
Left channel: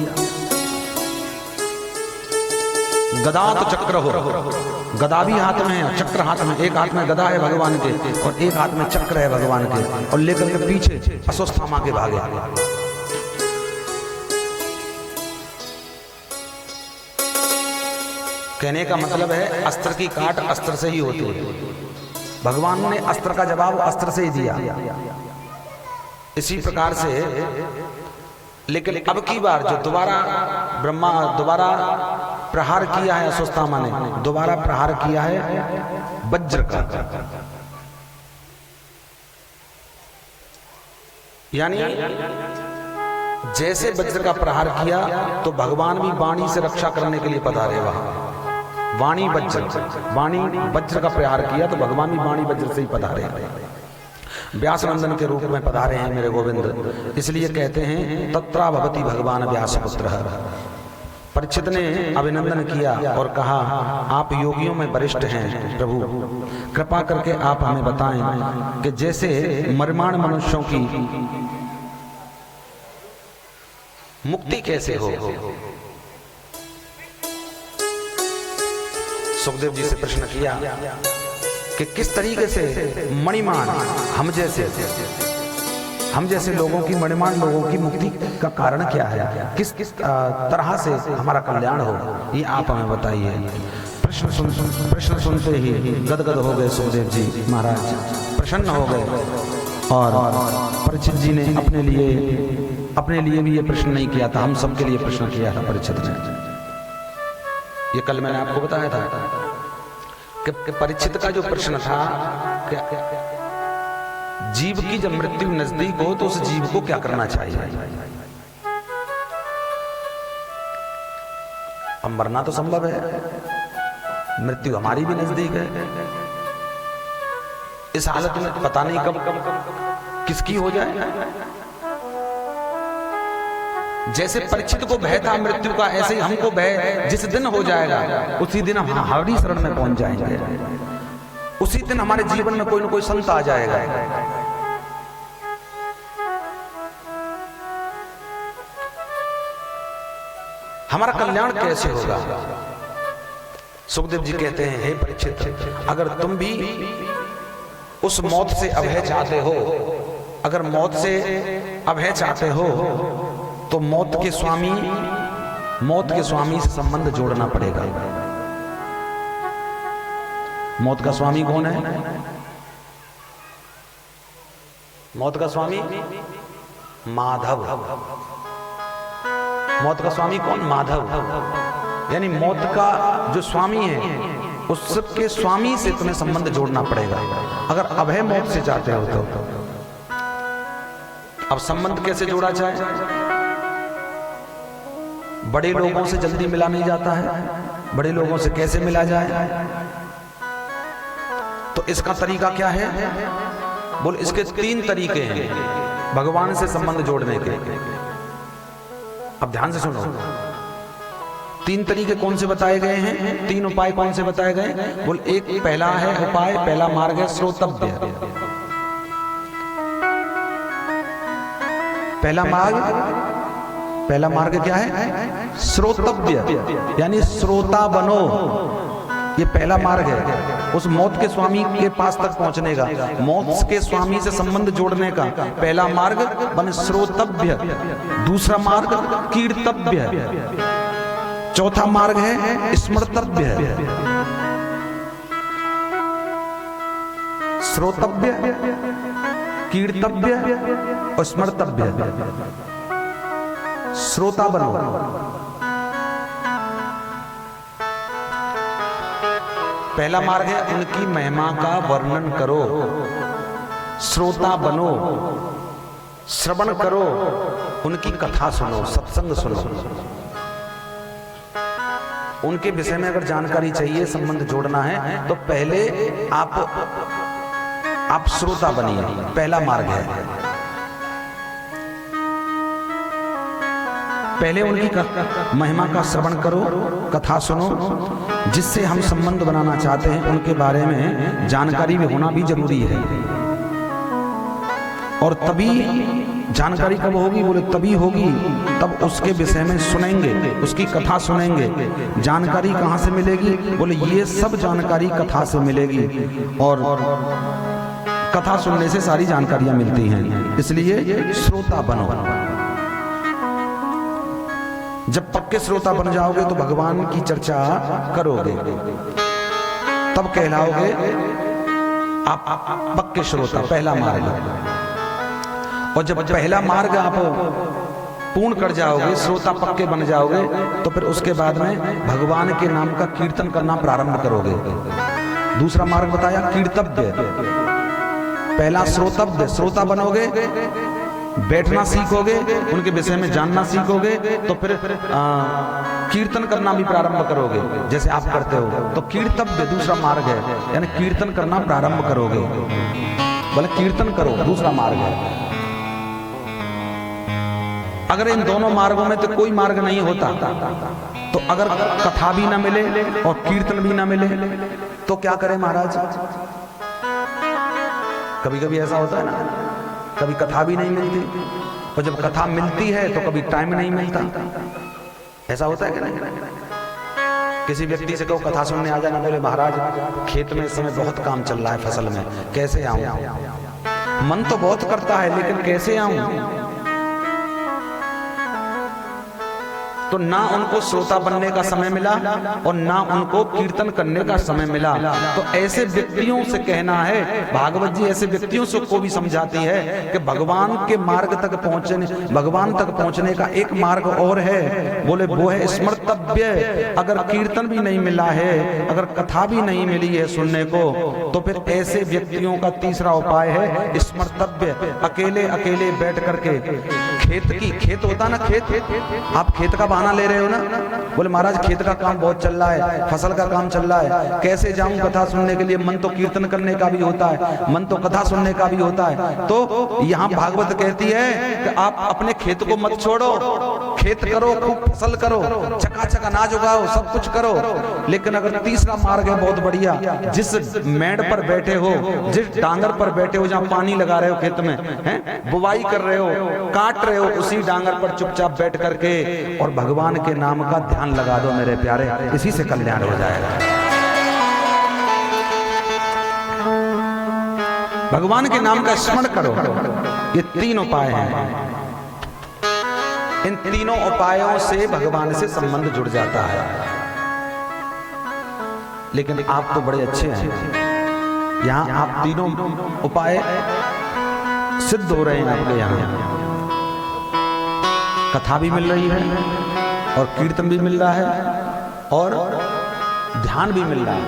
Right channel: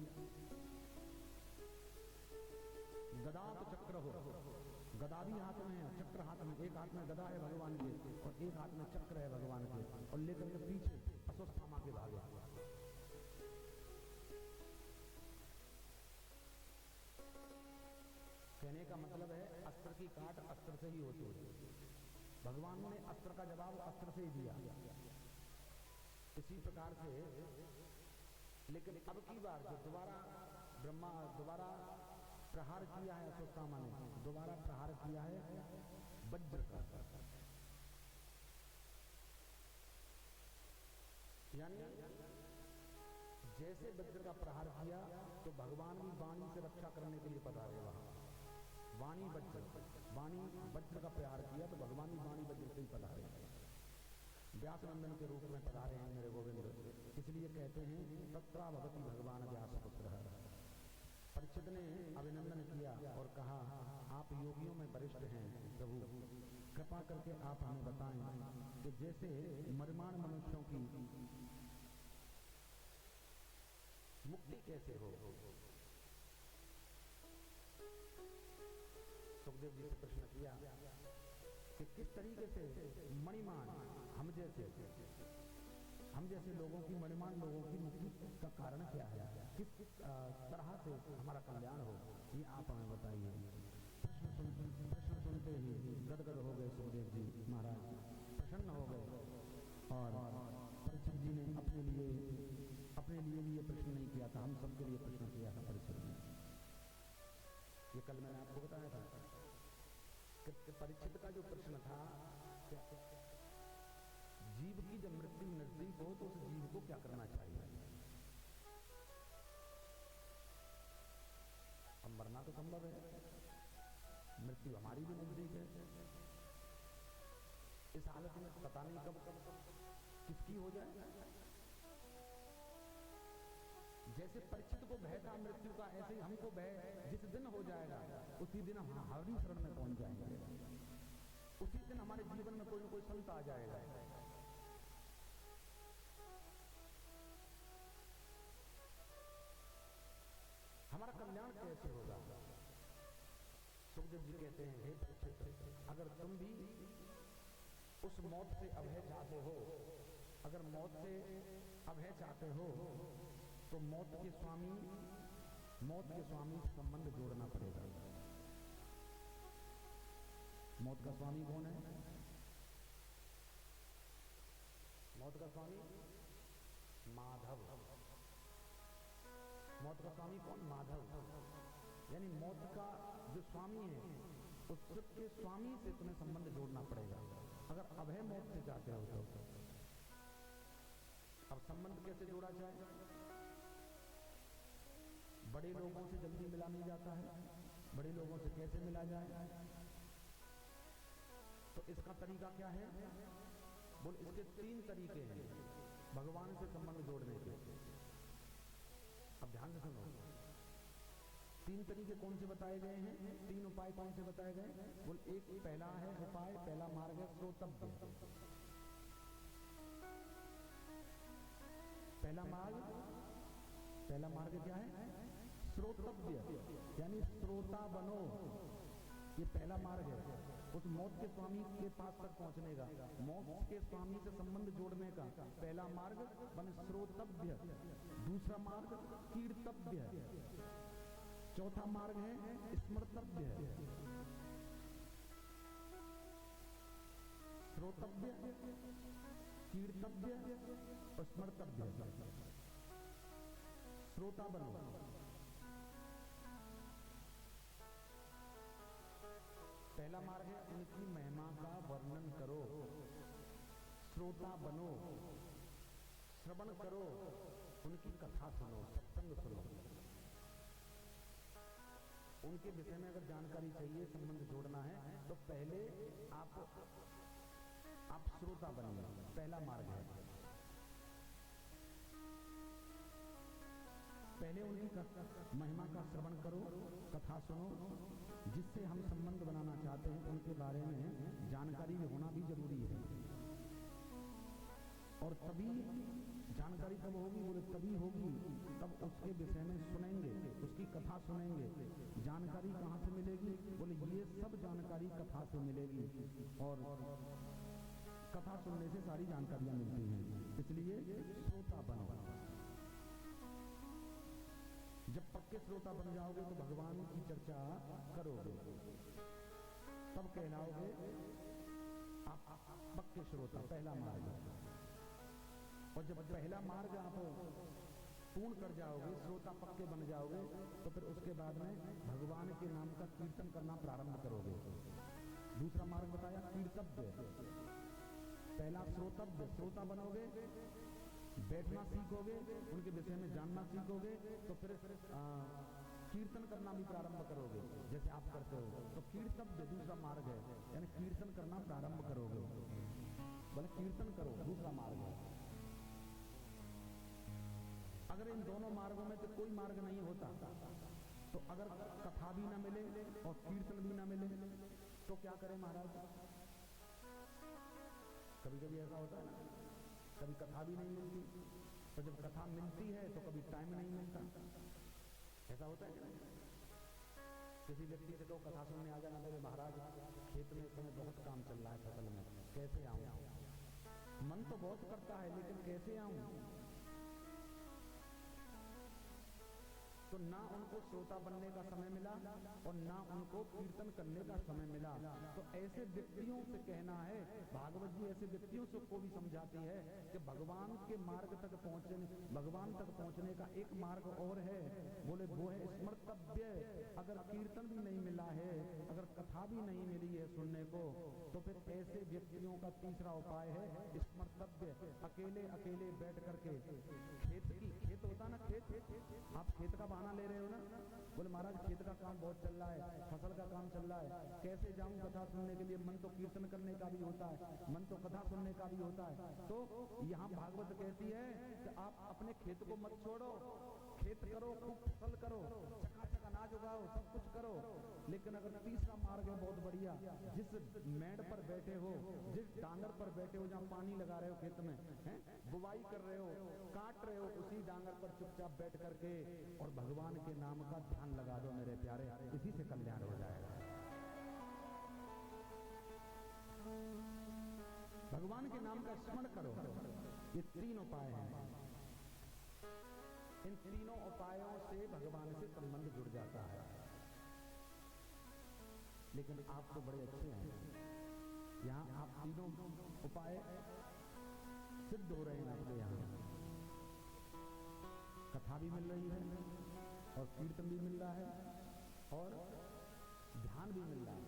गदा तो चक्र हो, गदा भी हाथ में है, चक्र हाथ में। एक हाथ में गदा है भगवान के और एक हाथ में चक्र है भगवान के, और लेकर के पीछे अश्वत्थामा के भागे। कहने का मतलब है अस्त्र की काट अस्त्र से ही होती है। भगवान ने अस्त्र का जवाब अस्त्र से ही दिया। इसी प्रकार से लेकिन अब की बार जो दोबारा प्रहार किया है अश्वत्थामा ने, दोबारा प्रहार किया है वज्र का। यानी जैसे वज्र का प्रहार किया तो भगवान भी वाणी से रक्षा करने के लिए पधारे। वहां वाणी वज्र का प्रहार किया तो भगवान भी वाणी वज्र से ही पधारे। व्यास नंदन के रूप में पधारे हैं मेरे गोविंद। इसलिए कहते हैं तत्रा भवति भगवान व्यास पुत्र। परीक्षित ने अभिनंदन किया और कहा आप योगियों में वरिष्ठ हैं प्रभु, कृपा करके आप हमें बताएं कि जैसे मर्माण मनुष्यों की मुक्ति कैसे हो। सुखदेव जी से प्रश्न किया कि किस तरीके से मणिमान हम जैसे लोगों की, मणिमान लोगों की मुक्ति का कारण क्या है, किस तरह से हमारा कल्याण हो, ये आप हमें बताइए। प्रश्न सुनते ही गदगद हो गए सुखदेव जी महाराज, प्रसन्न हो गए और परीक्षित जी ने अपने लिए भी ये प्रश्न नहीं किया था, हम सबके लिए प्रश्न किया था परीक्षित ने। ये कल मैंने आपको बताया था कि परीक्षित का जो प्रश्न था कि जीव की जब मृत्यु नजदीक हो तो उस जीव को क्या करना चाहिए। अब मरना तो संभव है, मृत्यु हमारी भी नजदीक है। इस हालत में पता नहीं कब किसकी हो जाए। जैसे परीक्षित को भय था मृत्यु का, ऐसे ही हमको भय जिस दिन हो जाएगा उसी दिन हम हमारी शरण में पहुंच जाएंगे। उसी दिन हमारे जीवन में कोई ना कोई संत आ जाएगा। हमारा कल्याण कैसे होगा। सुखदेव जी कहते हैं, हे परीक्षित, अगर तुम भी उस मौत से अभय चाहते हो, अगर मौत से अभय चाहते हो तो मौत के स्वामी से संबंध जोड़ना पड़ेगा। मौत का स्वामी कौन है? मौत का स्वामी माधव। मौत का स्वामी कौन? माधव। यानी मौत का जो स्वामी है उसके स्वामी से तुम्हें संबंध जोड़ना पड़ेगा अगर अभय मौत से चाहते हो तो। अब संबंध कैसे जोड़ा जाए? बड़े लोगों से जल्दी मिला नहीं जाता है, बड़े लोगों से कैसे मिला जाए? तो इसका तरीका क्या है? बोल, इसके 3 तरीके हैं भगवान से संबंध जोड़ने के। अब ध्यान से सुनो, 3 तरीके कौन से बताए गए हैं? 3 उपाय कौन से बताए गए? बोल, एक पहला है उपाय, पहला मार्ग है श्रोतव्य। पहला मार्ग क्या है? श्रोतव्य, यानी श्रोता बनो। ये पहला मार्ग है उस मौत के स्वामी के पास तक पहुंचने का, मौत के स्वामी से संबंध जोड़ने का। पहला मार्ग बने श्रोतव्य, दूसरा मार्ग कीर्तव्य, चौथा मार्ग है स्मर्तव्य। श्रोतव्य, कीर्तव्य और स्मर्तव्य। श्रोता बनो। पहला मार्ग है उनकी महिमा का वर्णन करो। श्रोता बनो, श्रवण करो, उनकी कथा सुनो, सत्संग सुनो। उनके विषय में अगर जानकारी चाहिए, संबंध जोड़ना है तो पहले आप श्रोता बनिए। पहला मार्ग है पहले उनकी महिमा का श्रवण करो, कथा सुनो। जिससे हम संबंध बनाना चाहते हैं उनके बारे में जानकारी भी होना भी जरूरी है। और तभी जानकारी कब होगी? बोले तभी होगी तब उसके विषय में सुनेंगे, उसकी कथा सुनेंगे। जानकारी कहाँ से मिलेगी? बोले ये सब जानकारी कथा से मिलेगी, और कथा सुनने से सारी जानकारियां मिलती हैं। इसलिए श्रोता बनो। जब पक्के श्रोता बन जाओगे तो भगवान की चर्चा करोगे, तब कहलाओगे आप पक्के श्रोता। पहला मार्ग। और जब पहला मार्ग आप पूर्ण कर जाओगे, श्रोता पक्के बन जाओगे, तो फिर उसके बाद में भगवान के नाम का कीर्तन करना प्रारंभ करोगे। दूसरा मार्ग बताया कीर्तव्य। पहला श्रोतव्य, श्रोता बनोगे, बैठना सीखोगे, उनके विषय में जानना सीखोगे, तो फिर कीर्तन करना भी प्रारंभ करोगे जैसे आप करते हो। तो कीर्तव्य दूसरा मार्ग है, यानी कीर्तन करना प्रारंभ करोगे। बोले कीर्तन करो, दूसरा मार्ग है। अगर इन दोनों मार्गों में तो कोई मार्ग नहीं होता, तो अगर कथा भी ना मिले और कीर्तन भी ना मिले तो क्या करें महाराज? कभी कभी ऐसा होता है ना, कभी कथा भी नहीं मिलती, और जब कथा मिलती है तो कभी टाइम नहीं मिलता। ऐसा होता है कि नहीं? किसी व्यक्ति से कहो कथा सुनने आ जाना, बोले महाराज खेत में इस समय बहुत काम चल रहा है, फसल में, कैसे आऊं? मन तो बहुत करता है लेकिन कैसे आऊं? तो ना उनको श्रोता बनने का समय मिला और ना उनको कीर्तन करने का समय मिला। तो ऐसे व्यक्तियों से कहना है, भागवत जी ऐसे व्यक्तियों से को भी समझाती है कि भगवान के मार्ग तक पहुंचने, भगवान तक पहुंचने का एक मार्ग और है, बोले वो है स्मर्तव्य। अगर कीर्तन भी नहीं मिला है, अगर कथा भी नहीं मिली है सुनने को, तो फिर ऐसे व्यक्तियों का तीसरा उपाय है स्मर्तव्य। अकेले अकेले बैठ करके खेत होता ना, आप खेत का बहाना ले रहे हो ना, बोले महाराज खेत का काम बहुत चल रहा है, फसल का काम चल रहा है, कैसे जाऊं कथा सुनने के लिए, मन तो कीर्तन करने का भी होता है, मन तो कथा सुनने का भी होता है। तो यहाँ भागवत कहती है कि आप अपने खेत को मत छोड़ो, खेत करो, खूब फसल करो, चकाचक अनाज उगाओ, सब कुछ करो। लेकिन अगर तीसरा मार्ग है बहुत बढ़िया, जिस मेड़ पर बैठे हो, जिस डांगर पर बैठे हो, जहाँ पानी लगा रहे हो खेत में, हैं, बुवाई कर रहे हो, काट रहे हो, उसी डांगर पर चुपचाप बैठ करके और भगवान के नाम का ध्यान लगा दो मेरे प्यारे, इसी से कल्याण हो जाएगा। भगवान के नाम का स्मरण करो। ये 3 उपाय हैं। इन तीनों उपायों से भगवान से संबंध जुड़ जाता है। लेकिन आप तो बड़े अच्छे हैं, यहां आप तीनों उपाय सिद्ध हो रहे हैं आपके यहां। कथा भी मिल रही है और कीर्तन भी मिल रहा है और ध्यान भी मिल रहा है,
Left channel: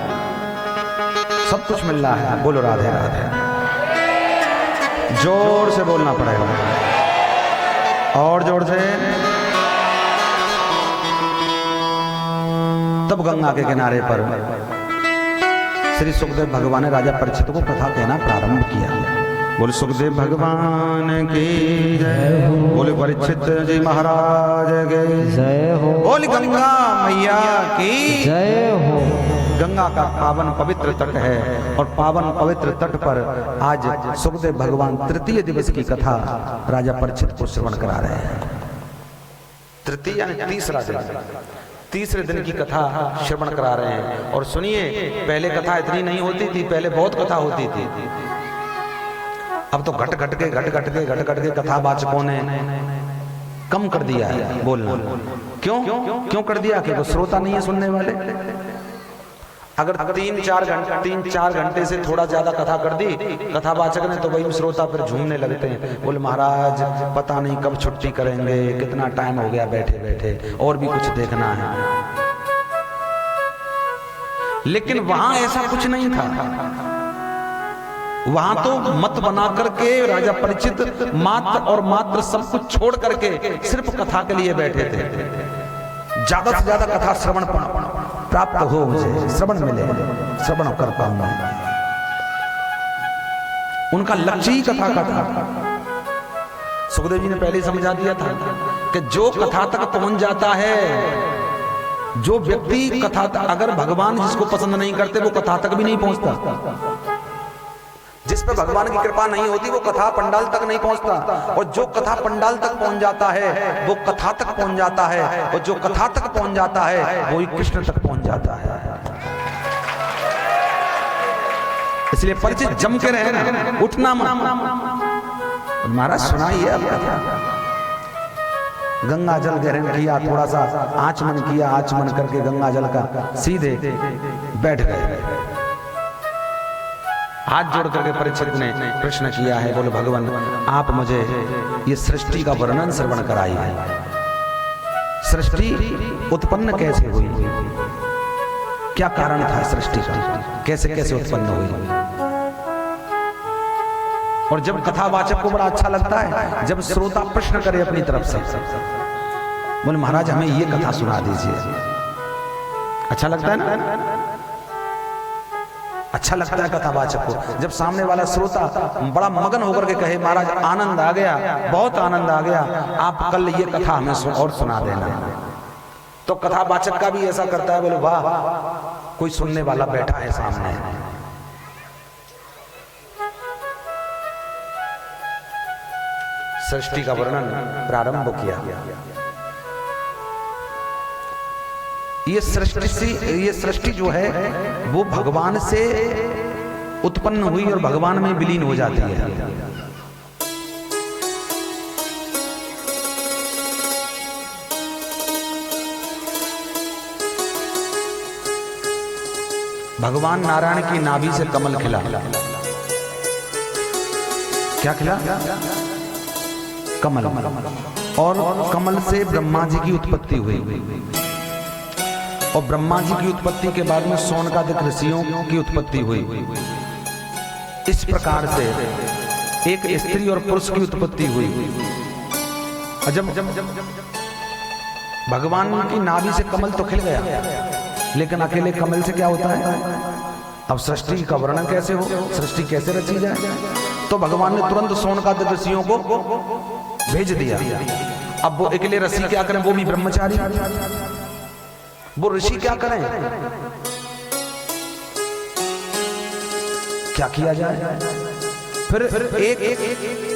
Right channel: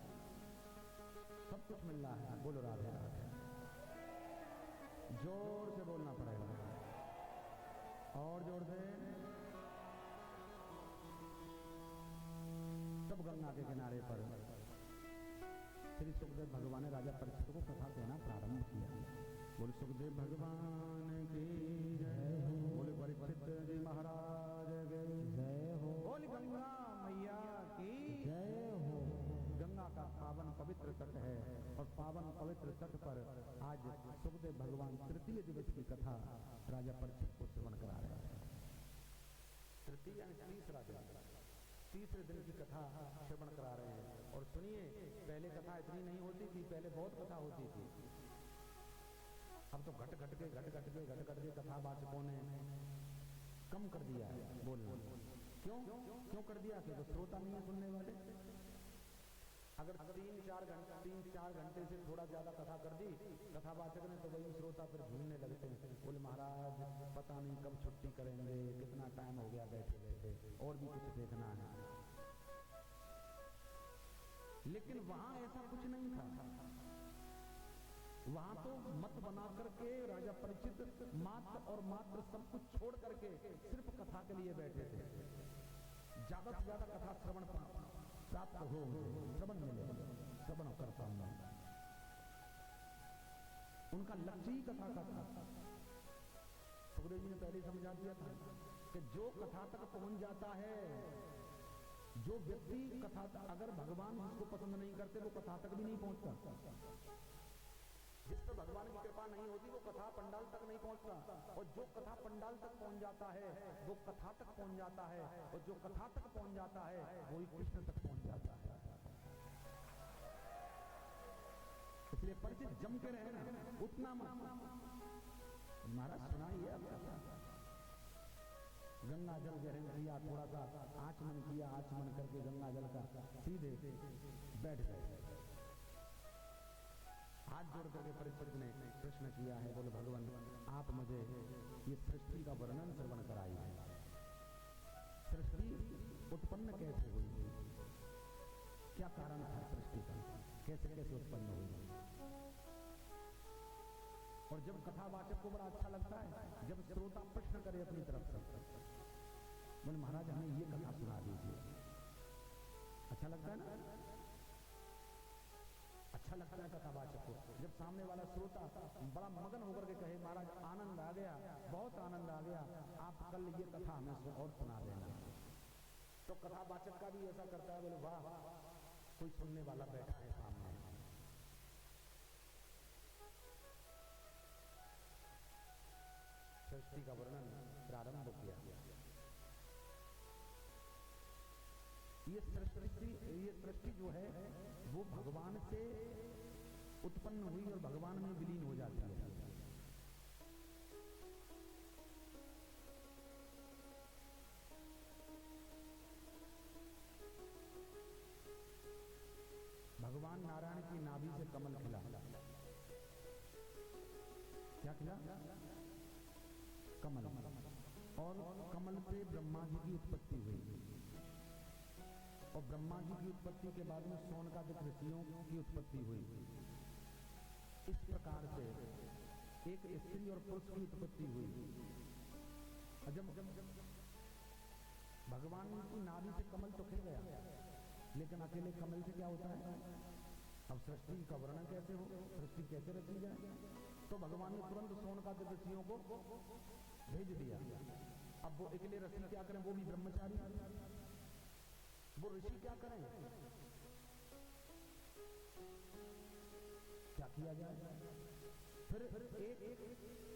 सब कुछ मिल रहा है। बोलो राधे राधे, जोर से बोलना पड़ेगा और जोर से। तब गंगा के किनारे पर श्री सुखदेव भगवान ने राजा परीक्षित को कथा कहना प्रारंभ किया। बोले सुखदेव भगवान की जय हो, बोले परीक्षित जी महाराज की जय हो, बोले गंगा मैया की जय हो। गंगा का पावन पवित्र तट है और पावन पवित्र तट पर आज सुखदेव भगवान तृतीय दिवस की कथा राजा परीक्षित को श्रवण करा रहे हैं। तृतीय यानी तीसरा दिन, तीसरे दिन की कथा श्रवण करा रहे हैं। और सुनिए, पहले कथा इतनी नहीं होती थी, पहले बहुत कथा होती थी। अब तो घट घट के कथावाचकों ने कम कर दिया है बोलना। क्यों कर दिया? क्योंकि श्रोता नहीं है सुनने वाले। अगर 3-4 घंटे से थोड़ा ज्यादा कथा कर दी कथावाचक ने, तो वही श्रोता फिर झूमने लगते हैं, बोले महाराज पता नहीं कब छुट्टी करेंगे, कितना टाइम हो गया बैठे बैठे, और भी कुछ देखना है। लेकिन वहां ऐसा कुछ नहीं था। वहां तो मत बना करके राजा परीक्षित मात्र और मात्र सब कुछ छोड़ करके सिर्फ कथा के लिए बैठे थे। ज्यादा से ज्यादा कथा श्रवण प्राप्त हो, मुझे श्रवण मिले, श्रवण कर पाऊंगा। उनका लक्ष्य ही कथा का था। सुखदेव जी ने पहले समझा दिया था कि जो कथा तक पहुंच जाता है, जो व्यक्ति कथा तक, अगर भगवान जिसको पसंद नहीं करते वो कथा तक भी नहीं पहुंचता। जिस पर भगवान की कृपा नहीं होती वो कथा पंडाल तक नहीं पहुंचता, और जो कथा पंडाल तक पहुंच जाता है वो कथा तक पहुंच जाता है, और जो कथा तक पहुंच जाता है वो ही कृष्ण तक पहुंच जाता है। इसलिए परिचित जम के रहे ना, उठना मत। महाराज सुनाइए अब कथा। गंगा जल ग्रहण किया, थोड़ा सा आचमन किया, आचमन करके गंगा जल का सीधे बैठ गए। हाथ जोड़ करके परीक्षित ने प्रश्न किया है, बोले भगवान आप मुझे ये सृष्टि का वर्णन श्रवण कराइए। सृष्टि उत्पन्न कैसे हुई, क्या कारण था सृष्टि का, कैसे कैसे उत्पन्न हुई। और जब कथावाचक को बड़ा अच्छा लगता है जब श्रोता प्रश्न करे अपनी तरफ से, बोले महाराज हमें ये कथा सुना दीजिए। अच्छा लगता है ना, अच्छा लगता है कथावाचक को जब सामने वाला श्रोता बड़ा मगन होकर के कहे महाराज आनंद आ गया, बहुत आनंद आ गया, आप कल ये कथा हमें और सुना देना। तो कथावाचक का भी ऐसा करता है, बोले वाह कोई सुनने वाला बैठा है सामने। सृष्टि का वर्णन प्रारंभ किया। ये सृष्टि जो है वो भगवान से उत्पन्न हुई और भगवान में विलीन हो जाती है। भगवान नारायण की नाभि से कमल खिला। क्या खिला? कमल। और कमल से ब्रह्मा जी की उत्पत्ति हुई। और ब्रह्मा जी की उत्पत्ति के बाद में सोनकादिक ऋषियों की उत्पत्ति हुई। इस प्रकार से एक स्त्री और पुरुष की उत्पत्ति हुई। जब भगवान की नाभि से कमल तो खिल गया, लेकिन अकेले कमल से क्या होता है? अब सृष्टि का वर्णन कैसे हो, सृष्टि कैसे रची जाए? तो भगवान ने तुरंत सोनकादिक ऋषियों को भेज दिया। अब वो अकेले ऋषि क्या करें? वो भी ब्रह्मचारी, वो ऋषि क्या करें? क्या किया जाए? फिर एक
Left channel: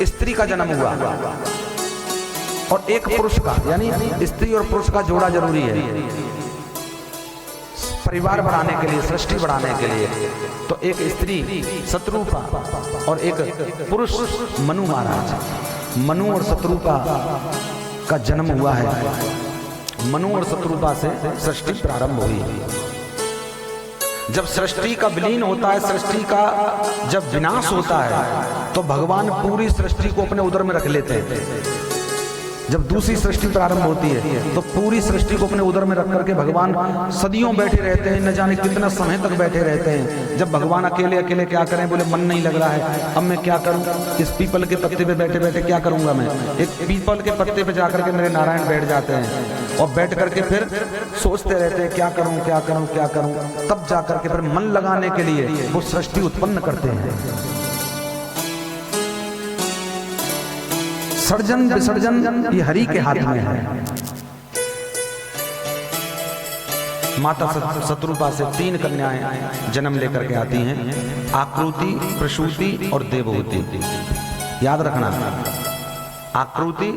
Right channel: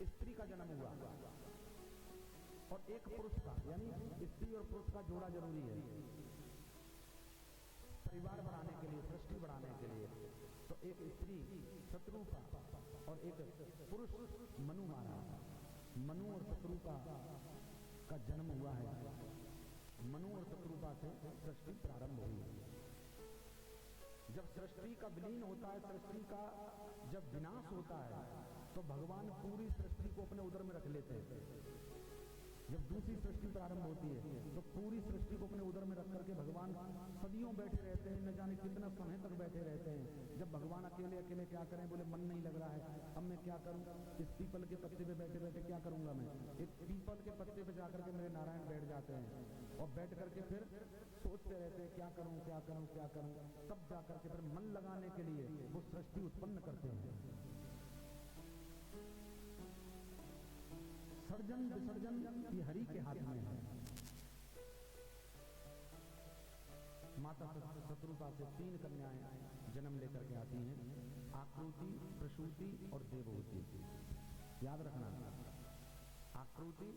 स्त्री का जन्म हुआ और एक पुरुष का, यानी स्त्री और पुरुष का जोड़ा जरूरी है परिवार बढ़ाने के लिए, सृष्टि बढ़ाने के लिए। तो एक स्त्री शत्रुपा और एक पुरुष मनु महाराज। मनु और शत्रुपा का जन्म हुआ है। मनु और शत्रुपा से सृष्टि प्रारंभ हुई। जब सृष्टि का विलीन होता है, सृष्टि का जब विनाश होता है, तो भगवान पूरी सृष्टि को अपने उदर में रख लेते हैं। जब दूसरी सृष्टि प्रारंभ होती है तो पूरी सृष्टि को अपने उदर में रख करके भगवान सदियों बैठे रहते हैं, न जाने कितना समय तक बैठे रहते हैं। जब भगवान अकेले अकेले क्या करें, बोले मन नहीं लग रहा है, अब मैं क्या करूं, इस पीपल के पत्ते पे बैठे बैठे क्या करूंगा मैं। एक पीपल के पत्ते पे जाकर के मेरे नारायण बैठ जाते हैं और बैठ करके फिर सोचते रहते हैं क्या करूं क्या करूं क्या करूं। तब जाकर के फिर मन लगाने के लिए वो सृष्टि उत्पन्न करते हैं। सर्जन विसर्जन ये हरि के हाथ में है। माता शत्रुपा से 3 कन्याएं जन्म लेकर के आती हैं, आकृति, प्रसूति और देवहूति। याद रखना, आकृति,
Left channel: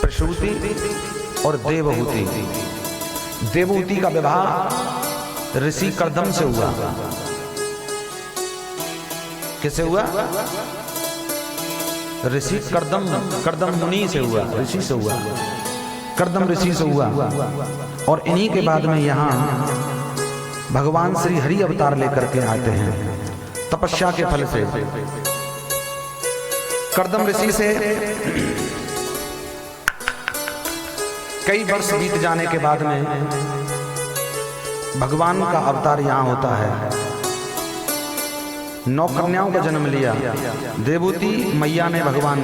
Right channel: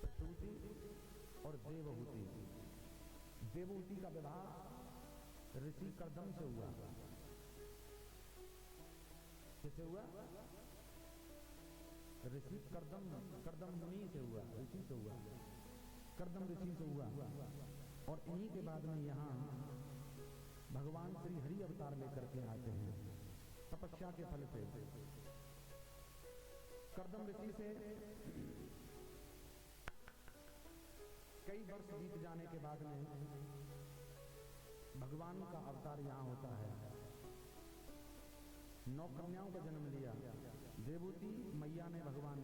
प्रसूति और देवहूति। देवहूति का विवाह ऋषि कर्दम से हुआ। किससे हुआ? ऋषि कर्दम मुनि से हुआ, ऋषि से हुआ, कर्दम ऋषि से हुआ। और इन्हीं के बाद में यहाँ भगवान श्री हरि अवतार लेकर के आते हैं तपस्या के फल से। कर्दम ऋषि से कई वर्ष बीत जाने के बाद में भगवान का अवतार यहाँ होता है। 9 कन्याओं का जन्म लिया। देवहूति मैया ने भगवान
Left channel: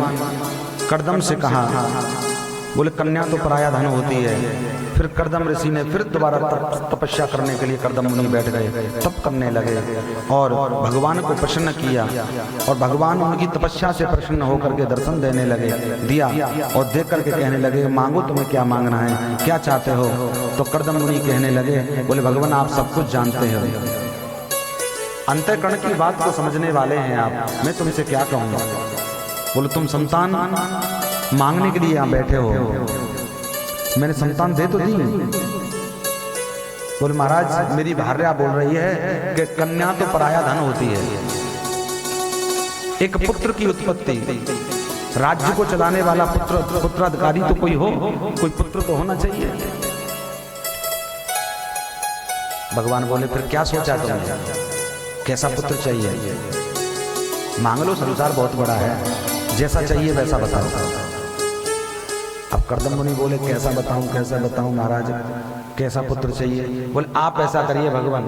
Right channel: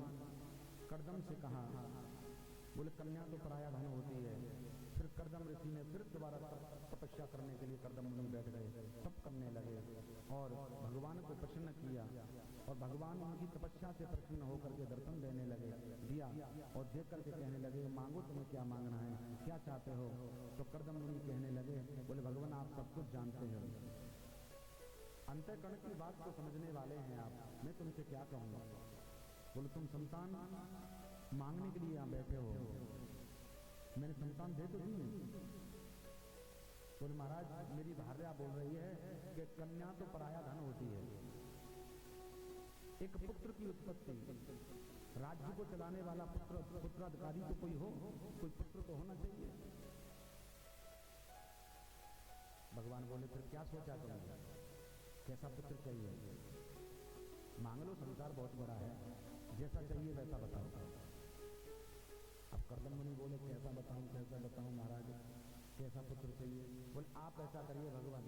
कर्दम से कहा, बोले कन्या तो पराया धन होती है। फिर कर्दम ऋषि ने फिर दोबारा तपस्या करने के लिए कर्दम मुनि बैठ गए, तप करने लगे और भगवान को प्रसन्न किया। और भगवान उनकी तपस्या से प्रसन्न होकर के दर्शन देने लगे, दिया और देख करके कहने लगे, मांगो तुम्हें क्या मांगना है, क्या चाहते हो। तो कर्दम मुनि कहने लगे, बोले भगवान आप सब कुछ जानते हो, अंतःकरण की बात को समझने वाले हैं आप, मैं तुमसे क्या कहूंगा। बोले तुम संतान मांगने के लिए यहाँ बैठे हो, मैंने संतान दे तो दी। बोले महाराज मेरी भार्या बोल रही है कि कन्या तो पराया धन होती है। एक पुत्र की उत्पत्ति, राज्य को चलाने वाला पुत्राधिकारी तो कोई हो, कोई पुत्र तो होना चाहिए। भगवान बोले फिर क्या सोचा तुमने, कैसा पुत्र चाहिए? मांग लो, संसार बहुत बड़ा है, जैसा चाहिए वैसा बताओ। अब कर्दम मुनि बोले कैसा बताऊं महाराज, कैसा पुत्र चाहिए? बोले आप ऐसा करिए भगवान,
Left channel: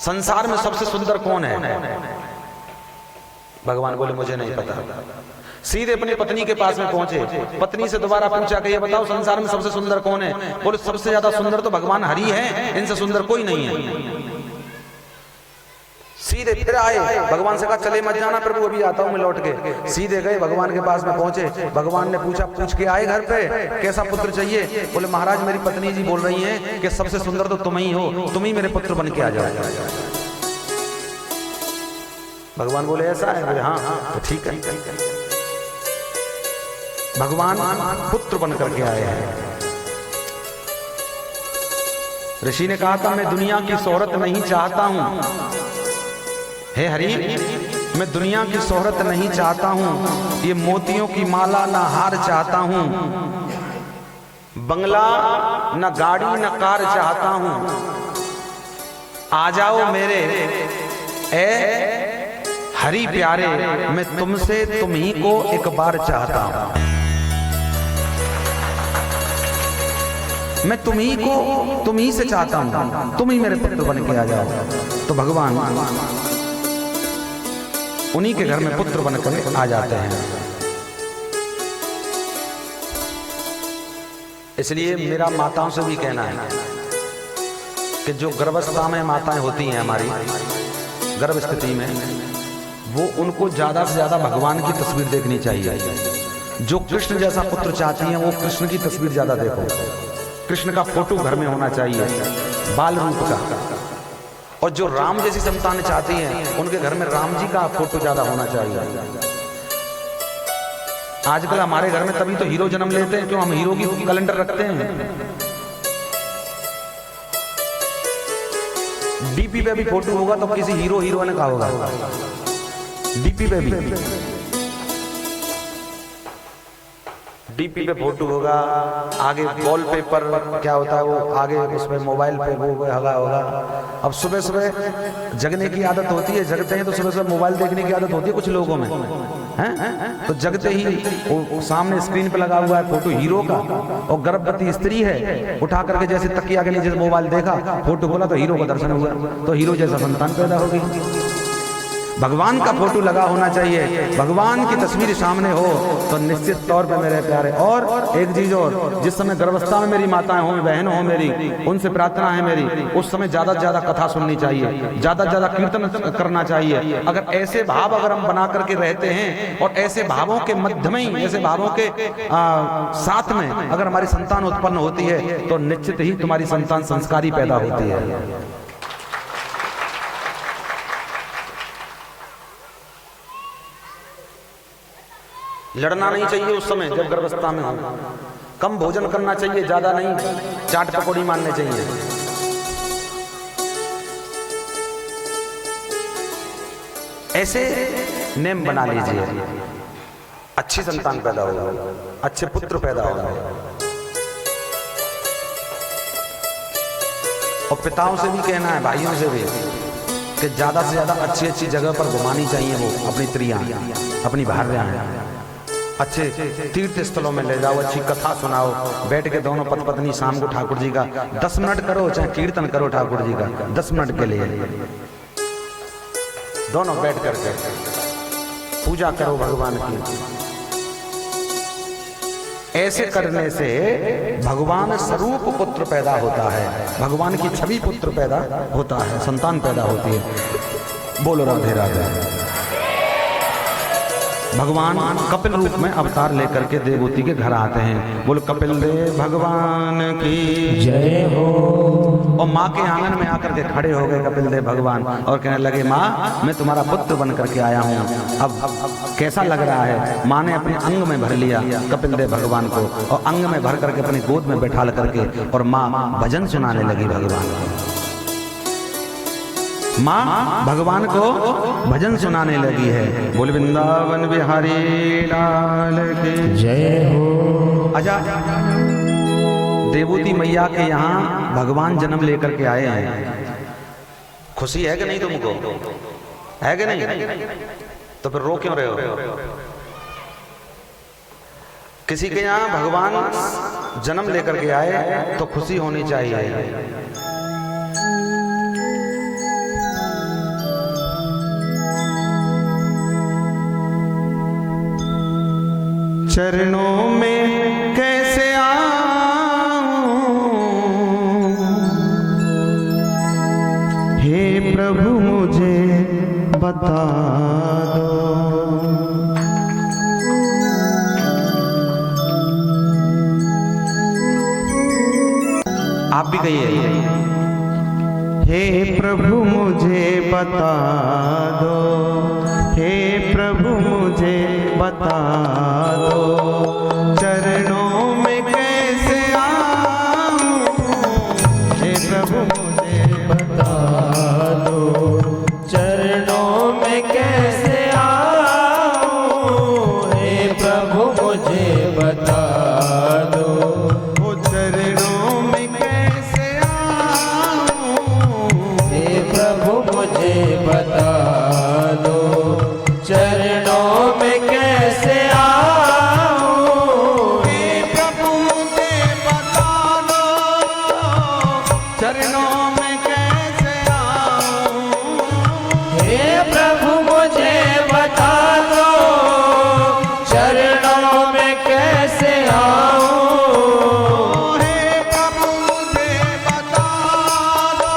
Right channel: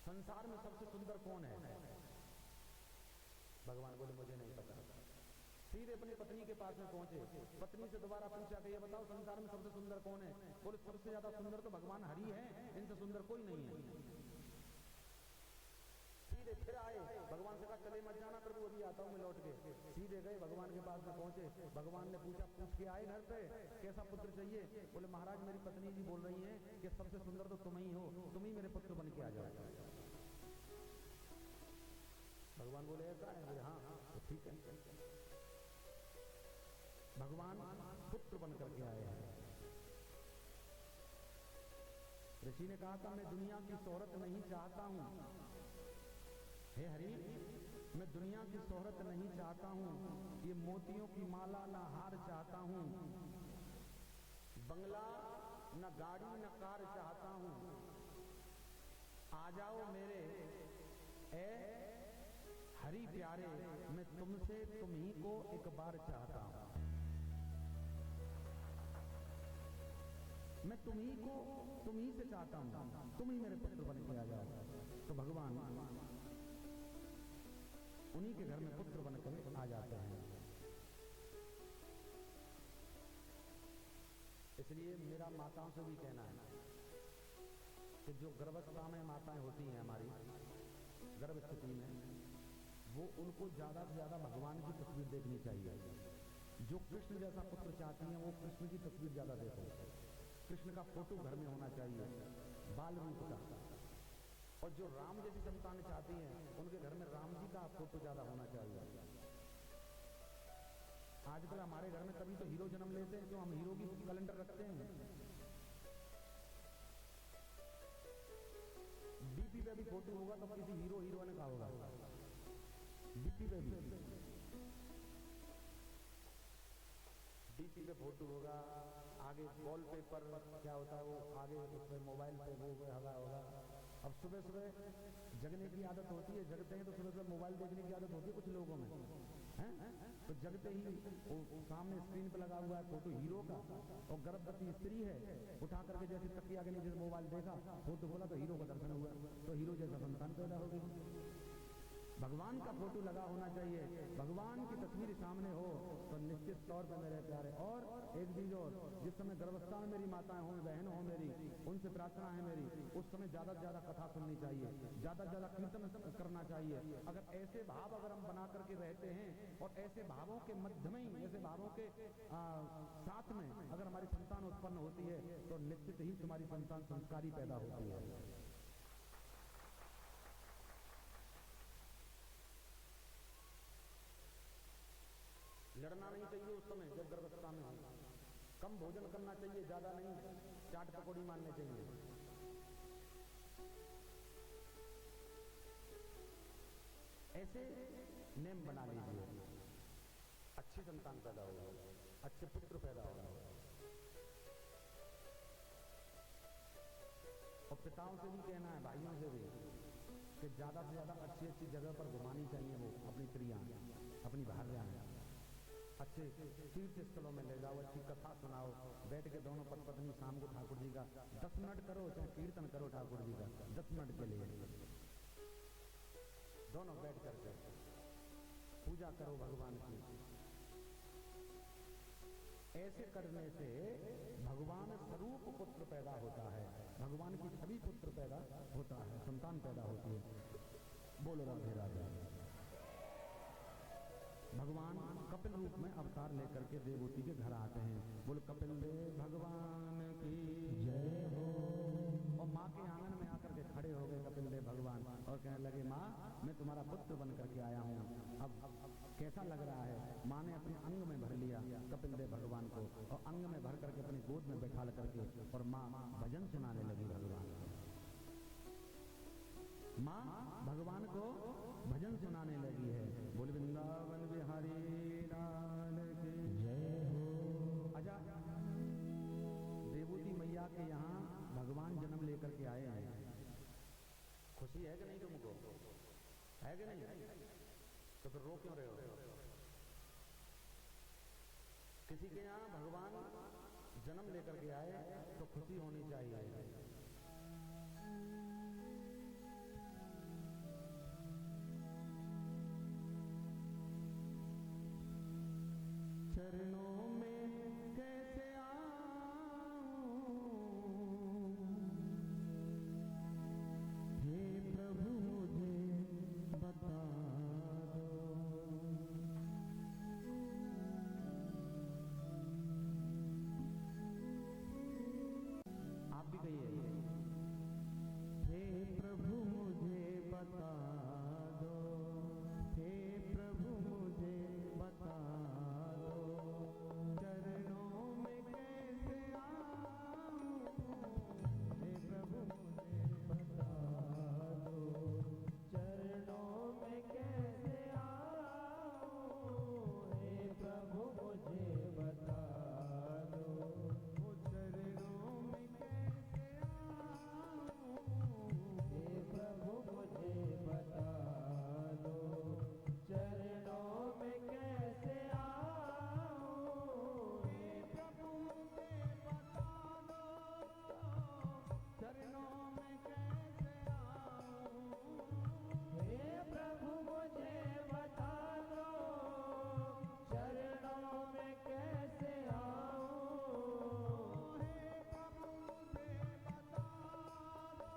संसार में सबसे सुंदर कौन है? भगवान बोले मुझे नहीं पता। सीधे अपनी पत्नी के पास में पहुंचे, पत्नी से दोबारा पूछा कि ये बताओ संसार में सबसे सुंदर कौन है? बोले सबसे ज्यादा सुंदर तो भगवान हरि है, इनसे सुंदर कोई नहीं है। सीधे फिर आए, भगवान से कहा चले मत जाना प्रभु, अभी आता हूं मैं लौट के। सीधे गए भगवान के पास में पहुंचे, भगवान ने पूछा, पूछ के आए घर पे कैसा पुत्र चाहिए? बोले महाराज मेरी पत्नी जी बोल रही हैं कि सबसे सुंदर तो तुम ही हो, तुम ही मेरे पुत्र बन के आ जाओ। भगवान बोले ऐसा है? बोले हाँ तो ठीक है। भगवान पुत्र बन करके आए हैं। ऋषि ने कहा था मैं दुनिया की शोहरत नहीं चाहता हूं, हे हरि मैं दुनिया की शोहरत नहीं चाहता हूं, ये मोतियों की माला ना हार चाहता हूं, बंगला न गाड़ी न कार चाहता हूं, आ जाओ मेरे ए हरि प्यारे, मैं तुमसे तुम ही को एक बार चाहता हूं, मैं तुम ही को तुम ही से चाहता हूं, तुम ही मेरे पुत्र बन के आ जाओ। तो भगवान उन्हीं के घर में पुत्र बनकर आ जाते हैं। इसलिए मेरा माताओं से भी कहना है कि जो गर्भावस्था में माताएं होती हैं हमारी गर्भ स्थिति में, वो उनको ज्यादा से ज्यादा भगवान की तस्वीर देखनी चाहिए। जो कृष्ण जैसा पुत्र चाहती हैं वो कृष्ण की तस्वीर ज्यादा देखो, कृष्ण का फोटो घर में होना चाहिए बाल रूप का। और जो राम जैसी संतान चाहती हैं उनके घर में राम जी का फोटो ज्यादा होना चाहिए। आजकल हमारे घर में तभी तो हीरो जन्म लेते हैं, क्यों? हम हीरो की कैलेंडर रखते हैं। डीपी पे भी फोटो होगा तो किसी हीरो हीरोइन का होगा, डीपी पे भी डीपी पे फोटो होगा, आगे वॉलपेपर क्या होता है वो आगे उसमें मोबाइल पे वो होगा। अब सुबह सुबह जगने की आदत होती है, जगते हैं तो सुबह सुबह मोबाइल देखने की आदत होती है कुछ लोगों में, हैं? तो जगते ही वो सामने स्क्रीन पे लगा हुआ है फोटो हीरो का, और गर्भवती स्त्री है, उठा करके जैसे तकिया के नीचे मोबाइल देखा, फोटो खोला तो हीरो का दर्शन हुआ, तो हीरो जैसा संतान पैदा होगी। भगवान का फोटो लगा होना चाहिए, भगवान की तस्वीर सामने हो तो निश्चित तौर पे मेरे प्यारे। और एक चीज और, जिस समय गर्भावस्था में मेरी माताएं हो, बहन हो मेरी, उनसे प्रार्थना है मेरी, उस समय ज्यादा से ज्यादा कथा सुननी चाहिए, ज्यादा से ज्यादा कीर्तन करना चाहिए। अगर ऐसे भाव अगर हम बना करके रहते हैं और ऐसे भावों के मध्य में ही, ऐसे भावों के साथ में अगर हमारी संतान उत्पन्न होती है तो निश्चित ही तुम्हारी संतान संस्कारी पैदा होती है। लड़ना नहीं चाहिए उस समय जब गर्भावस्था में हो, कम भोजन करना चाहिए, ज्यादा नहीं, चाट पकौड़ी मारने चाहिए। ऐसे नेम बना लीजिए, अच्छी संतान पैदा होगा, अच्छे पुत्र पैदा होगा। और पिताओं से भी कहना है, भाइयों से भी, कि ज्यादा से ज्यादा अच्छी अच्छी जगह पर घुमानी चाहिए वो अपनी स्त्रियां, अपनी भार्यां, अच्छे तीर्थ स्थलों में ले जाओ, अच्छी कथा सुनाओ, बैठ के दोनों पति पत्नी शाम को ठाकुर जी का 10 मिनट करो, चाहे कीर्तन करो ठाकुर जी का 10 मिनट के लिए, दोनों बैठ करके पूजा करो भगवान की। ऐसे करने से भगवान स्वरूप पुत्र पैदा होता है, भगवान की छवि पुत्र पैदा होता है, संतान पैदा होती है। बोलो राधे राधे। भगवान कपिल रूप में अवतार लेकर के देवभूति के घर आते हैं। बोलो कपिल देव भगवान की जय हो। और माँ के आंगन में आकर के खड़े हो गए कपिल देव भगवान और कहने लगे, माँ मैं तुम्हारा पुत्र बन करके आया हूँ, अब कैसा लग रहा है? माँ ने अपने अंग में भर लिया कपिल देव भगवान को, और अंग में भर करके अपनी गोद में बैठा करके, और माँ भजन सुनाने लगी भगवान को। माँ भगवान को भजन सुनाने लगी है। बोल वृंदावन बिहारी लाल की जय हो। अच्छा, देवूती मैया के यहाँ भगवान जन्म लेकर के आए हैं, खुशी है कि नहीं तुमको? है कि नहीं? तो फिर रो क्यों रहे हो? किसी के यहाँ भगवान जन्म लेकर के आए तो खुशी होनी चाहिए। चरणों में कैसे आऊं, हे प्रभु मुझे बता दो। आप भी कहिए, हे प्रभु मुझे बता दो, हे प्रभु मुझे बता दो, चरणों में कैसे आऊं, हे प्रभु मुझे बता दो, चरणों में कैसे आऊं, हे प्रभु मुझे बता दो। ओ चरणों में कैसे आऊं, हे चरणों में कैसे आऊं, हे प्रभु मुझे बता दो चरणों में कैसे आऊं। हे प्रभु मुझे बता दो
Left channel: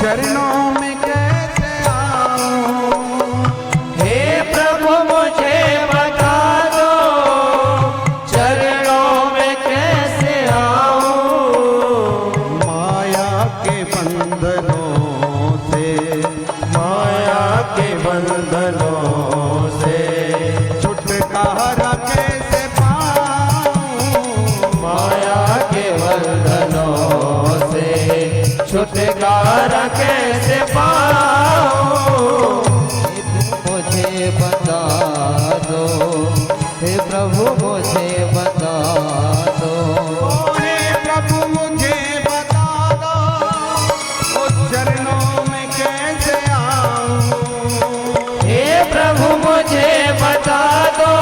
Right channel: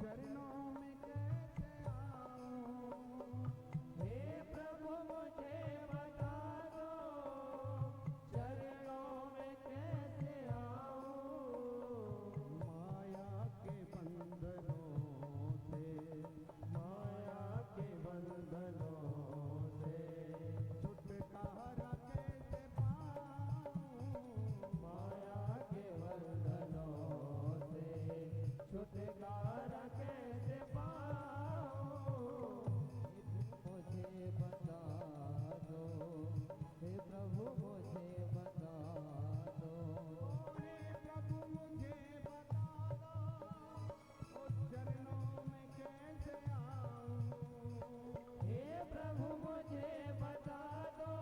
चरणों में कैसे आऊं, हे प्रभु मुझे बता दो चरणों में कैसे आऊं। माया के बंधनों से, माया के बंधनों से छुटकारा कैसे पाऊं, माया के बंधनों से छुटकारा कैसे पाऊं। मुझे बता दो हे प्रभु मुझे बता दो। हे प्रभु मुझे बता दो ओ चरणों में कैसे आऊं, हे प्रभु मुझे बता दो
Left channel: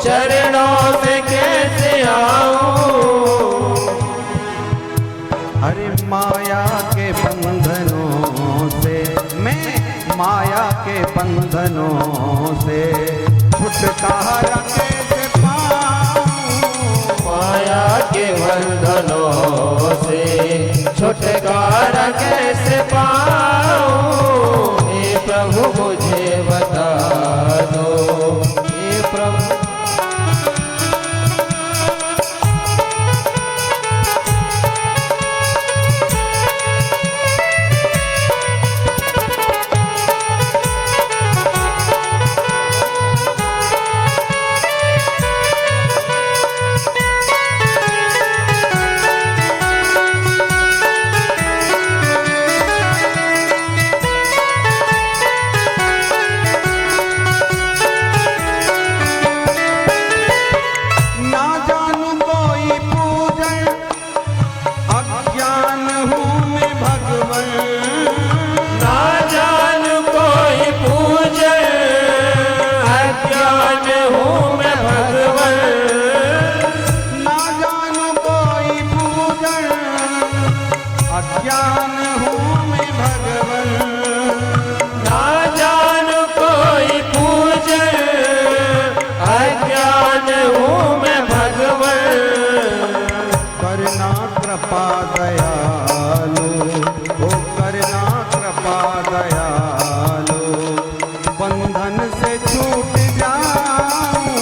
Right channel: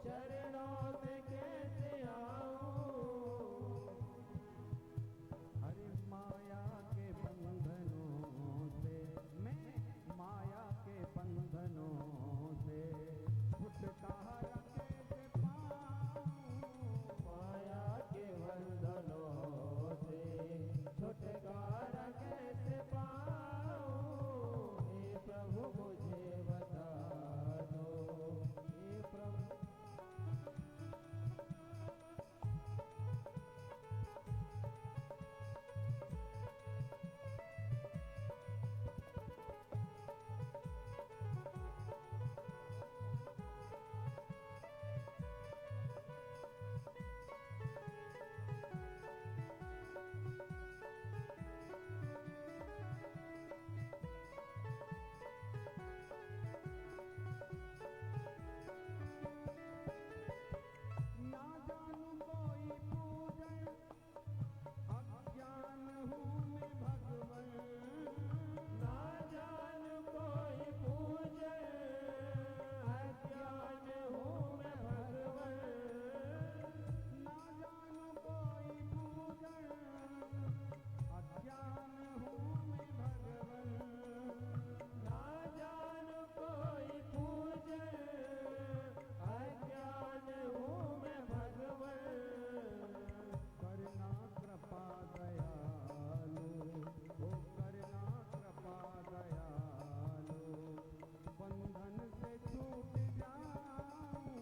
चरणों में कैसे आऊं। अरे माया के बंधनों से, मैं माया के बंधनों से छुटकारा कैसे पाऊं, माया के बंधनों से छुटकारा कैसे पाऊं। हे प्रभु मुझे बता दो, हे प्रभु ना जानू कोई पूजन, अज्ञान हूँ मैं भगवन, ना जान कोई पूजन, अज्ञान हूँ मैं भगवन। ना जानू कोई पूजन, अज्ञान हूँ मैं भगवन, ना जान कोई पूजन, अज्ञान हूँ मैं भगवन। करना कृपा दयालु, ओ करना कृपा दयालु, बंधन से छूट जाऊं,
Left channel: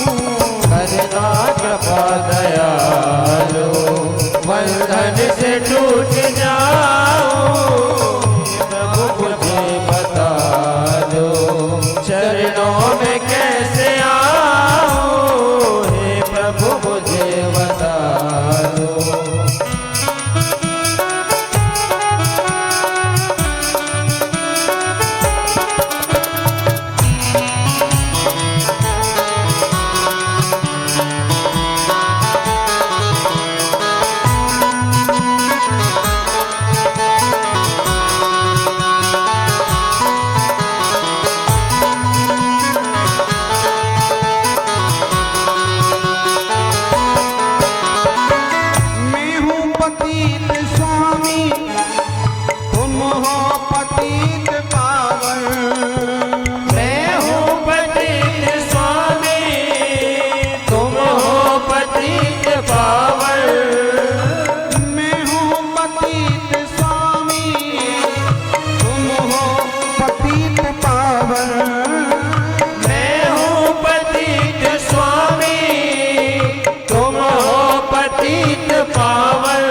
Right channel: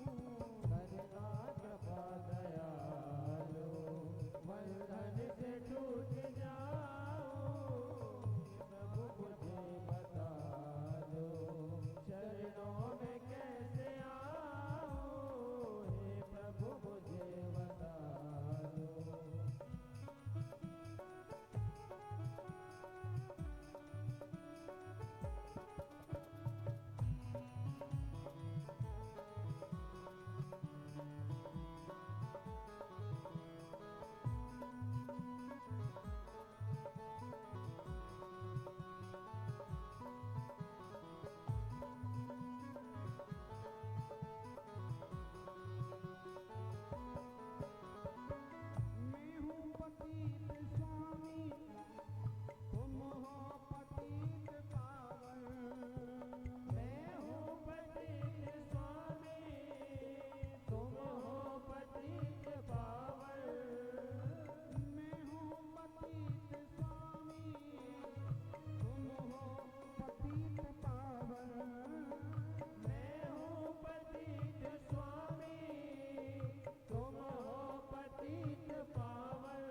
करना कृपा दयालु, बंधन से टूट जाऊं। प्रभु मुझे बता दो चरणों में कैसे आऊं। हे प्रभु मुझे बता दो। मैं हूँ पतित स्वामी, तुम हो पतित पावन, मैं हूँ पतित स्वामी, तुम हो पतित पावन। मैं हूँ पतित स्वामी, तुम हो पतित पावन, मैं हूँ पतित स्वामी, तुम हो पतित पावन।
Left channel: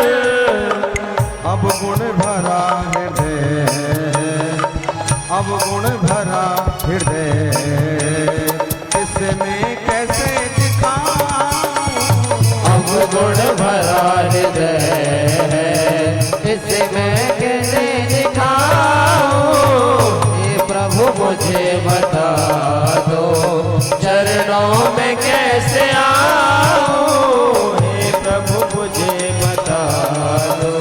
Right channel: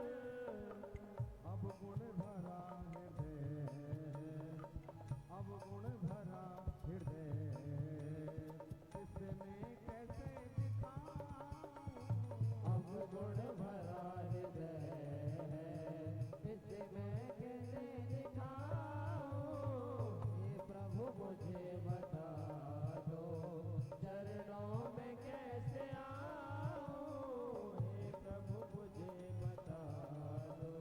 अब गुण भरा हृदय, अब गुण भरा हृदय, इसमें कैसे दिखाऊं, अब गुण भरा हृदय है, इसे मैं कैसे दिखाऊं। हे प्रभु मुझे बता दो चरणों में कैसे आऊं। हे प्रभु मुझे बता दो।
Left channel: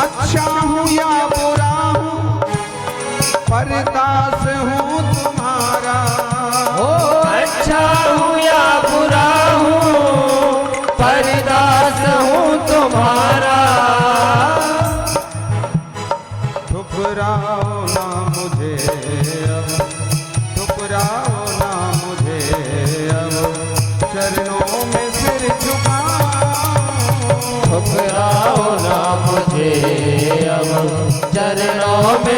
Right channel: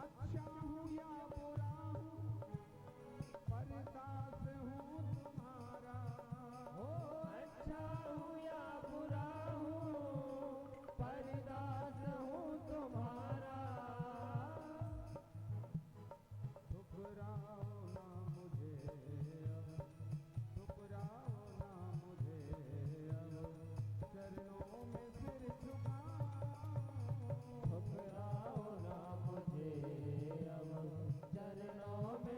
अच्छा हूँ या बुरा हूँ, परदास हूँ तुम्हारा, ओ अच्छा हूँ या बुरा हूँ, परदास हूँ तुम्हारा।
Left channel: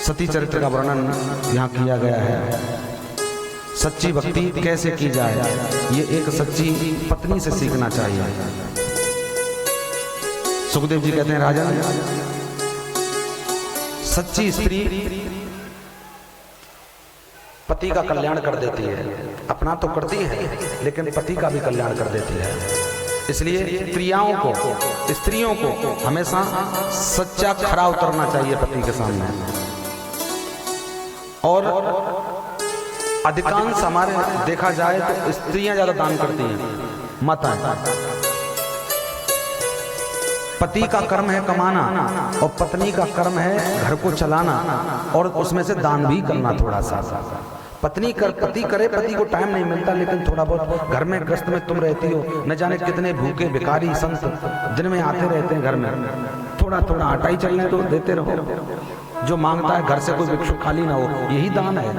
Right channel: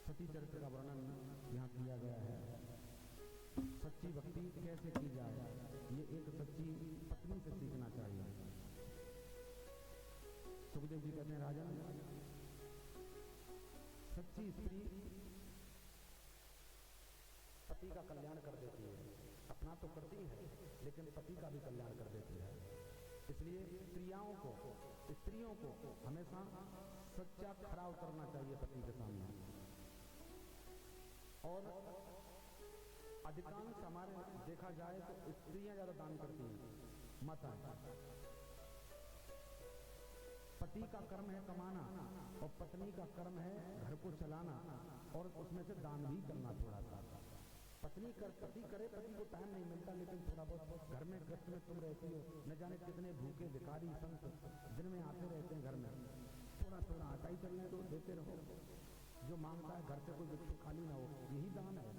सती चरित्र का वर्णन यहाँ किया गया है। सच्ची भक्ति कैसे की जाए, ये एक सच्ची पत्नी से सीखना चाहिए। सुखदेव जी कहते हैं, राजन, सच्ची स्त्री पति का कल्याण कर देती है। अपना तो करती है लेकिन पति का भी कल्याण कर देती है। इसलिए स्त्रियों को हमेशा सच्चा खरा उतरना चाहिए पति के सामने। और अधिकांश हमारे देखा जाए तो स्त्रियां ज्यादा दान करती हैं, माताएं। पति का कर्म है कमाना और पत्नी का कर्म है घर को चलाना और उसमें से दान भी करना थोड़ा सा। पति करे, पति को टाइम नहीं मिलता, लेकिन थोड़ा बहुत घर में ग्रस्त में तुम रहती हो। न जाने कितने भूखे भिखारी संत दिन में आते रहते हैं घर में। थोड़ा थोड़ा आटा ही चलने तो देते रहो। जो मांगता है घर से कोई भिक्षु खाली ना हो, यही दान है।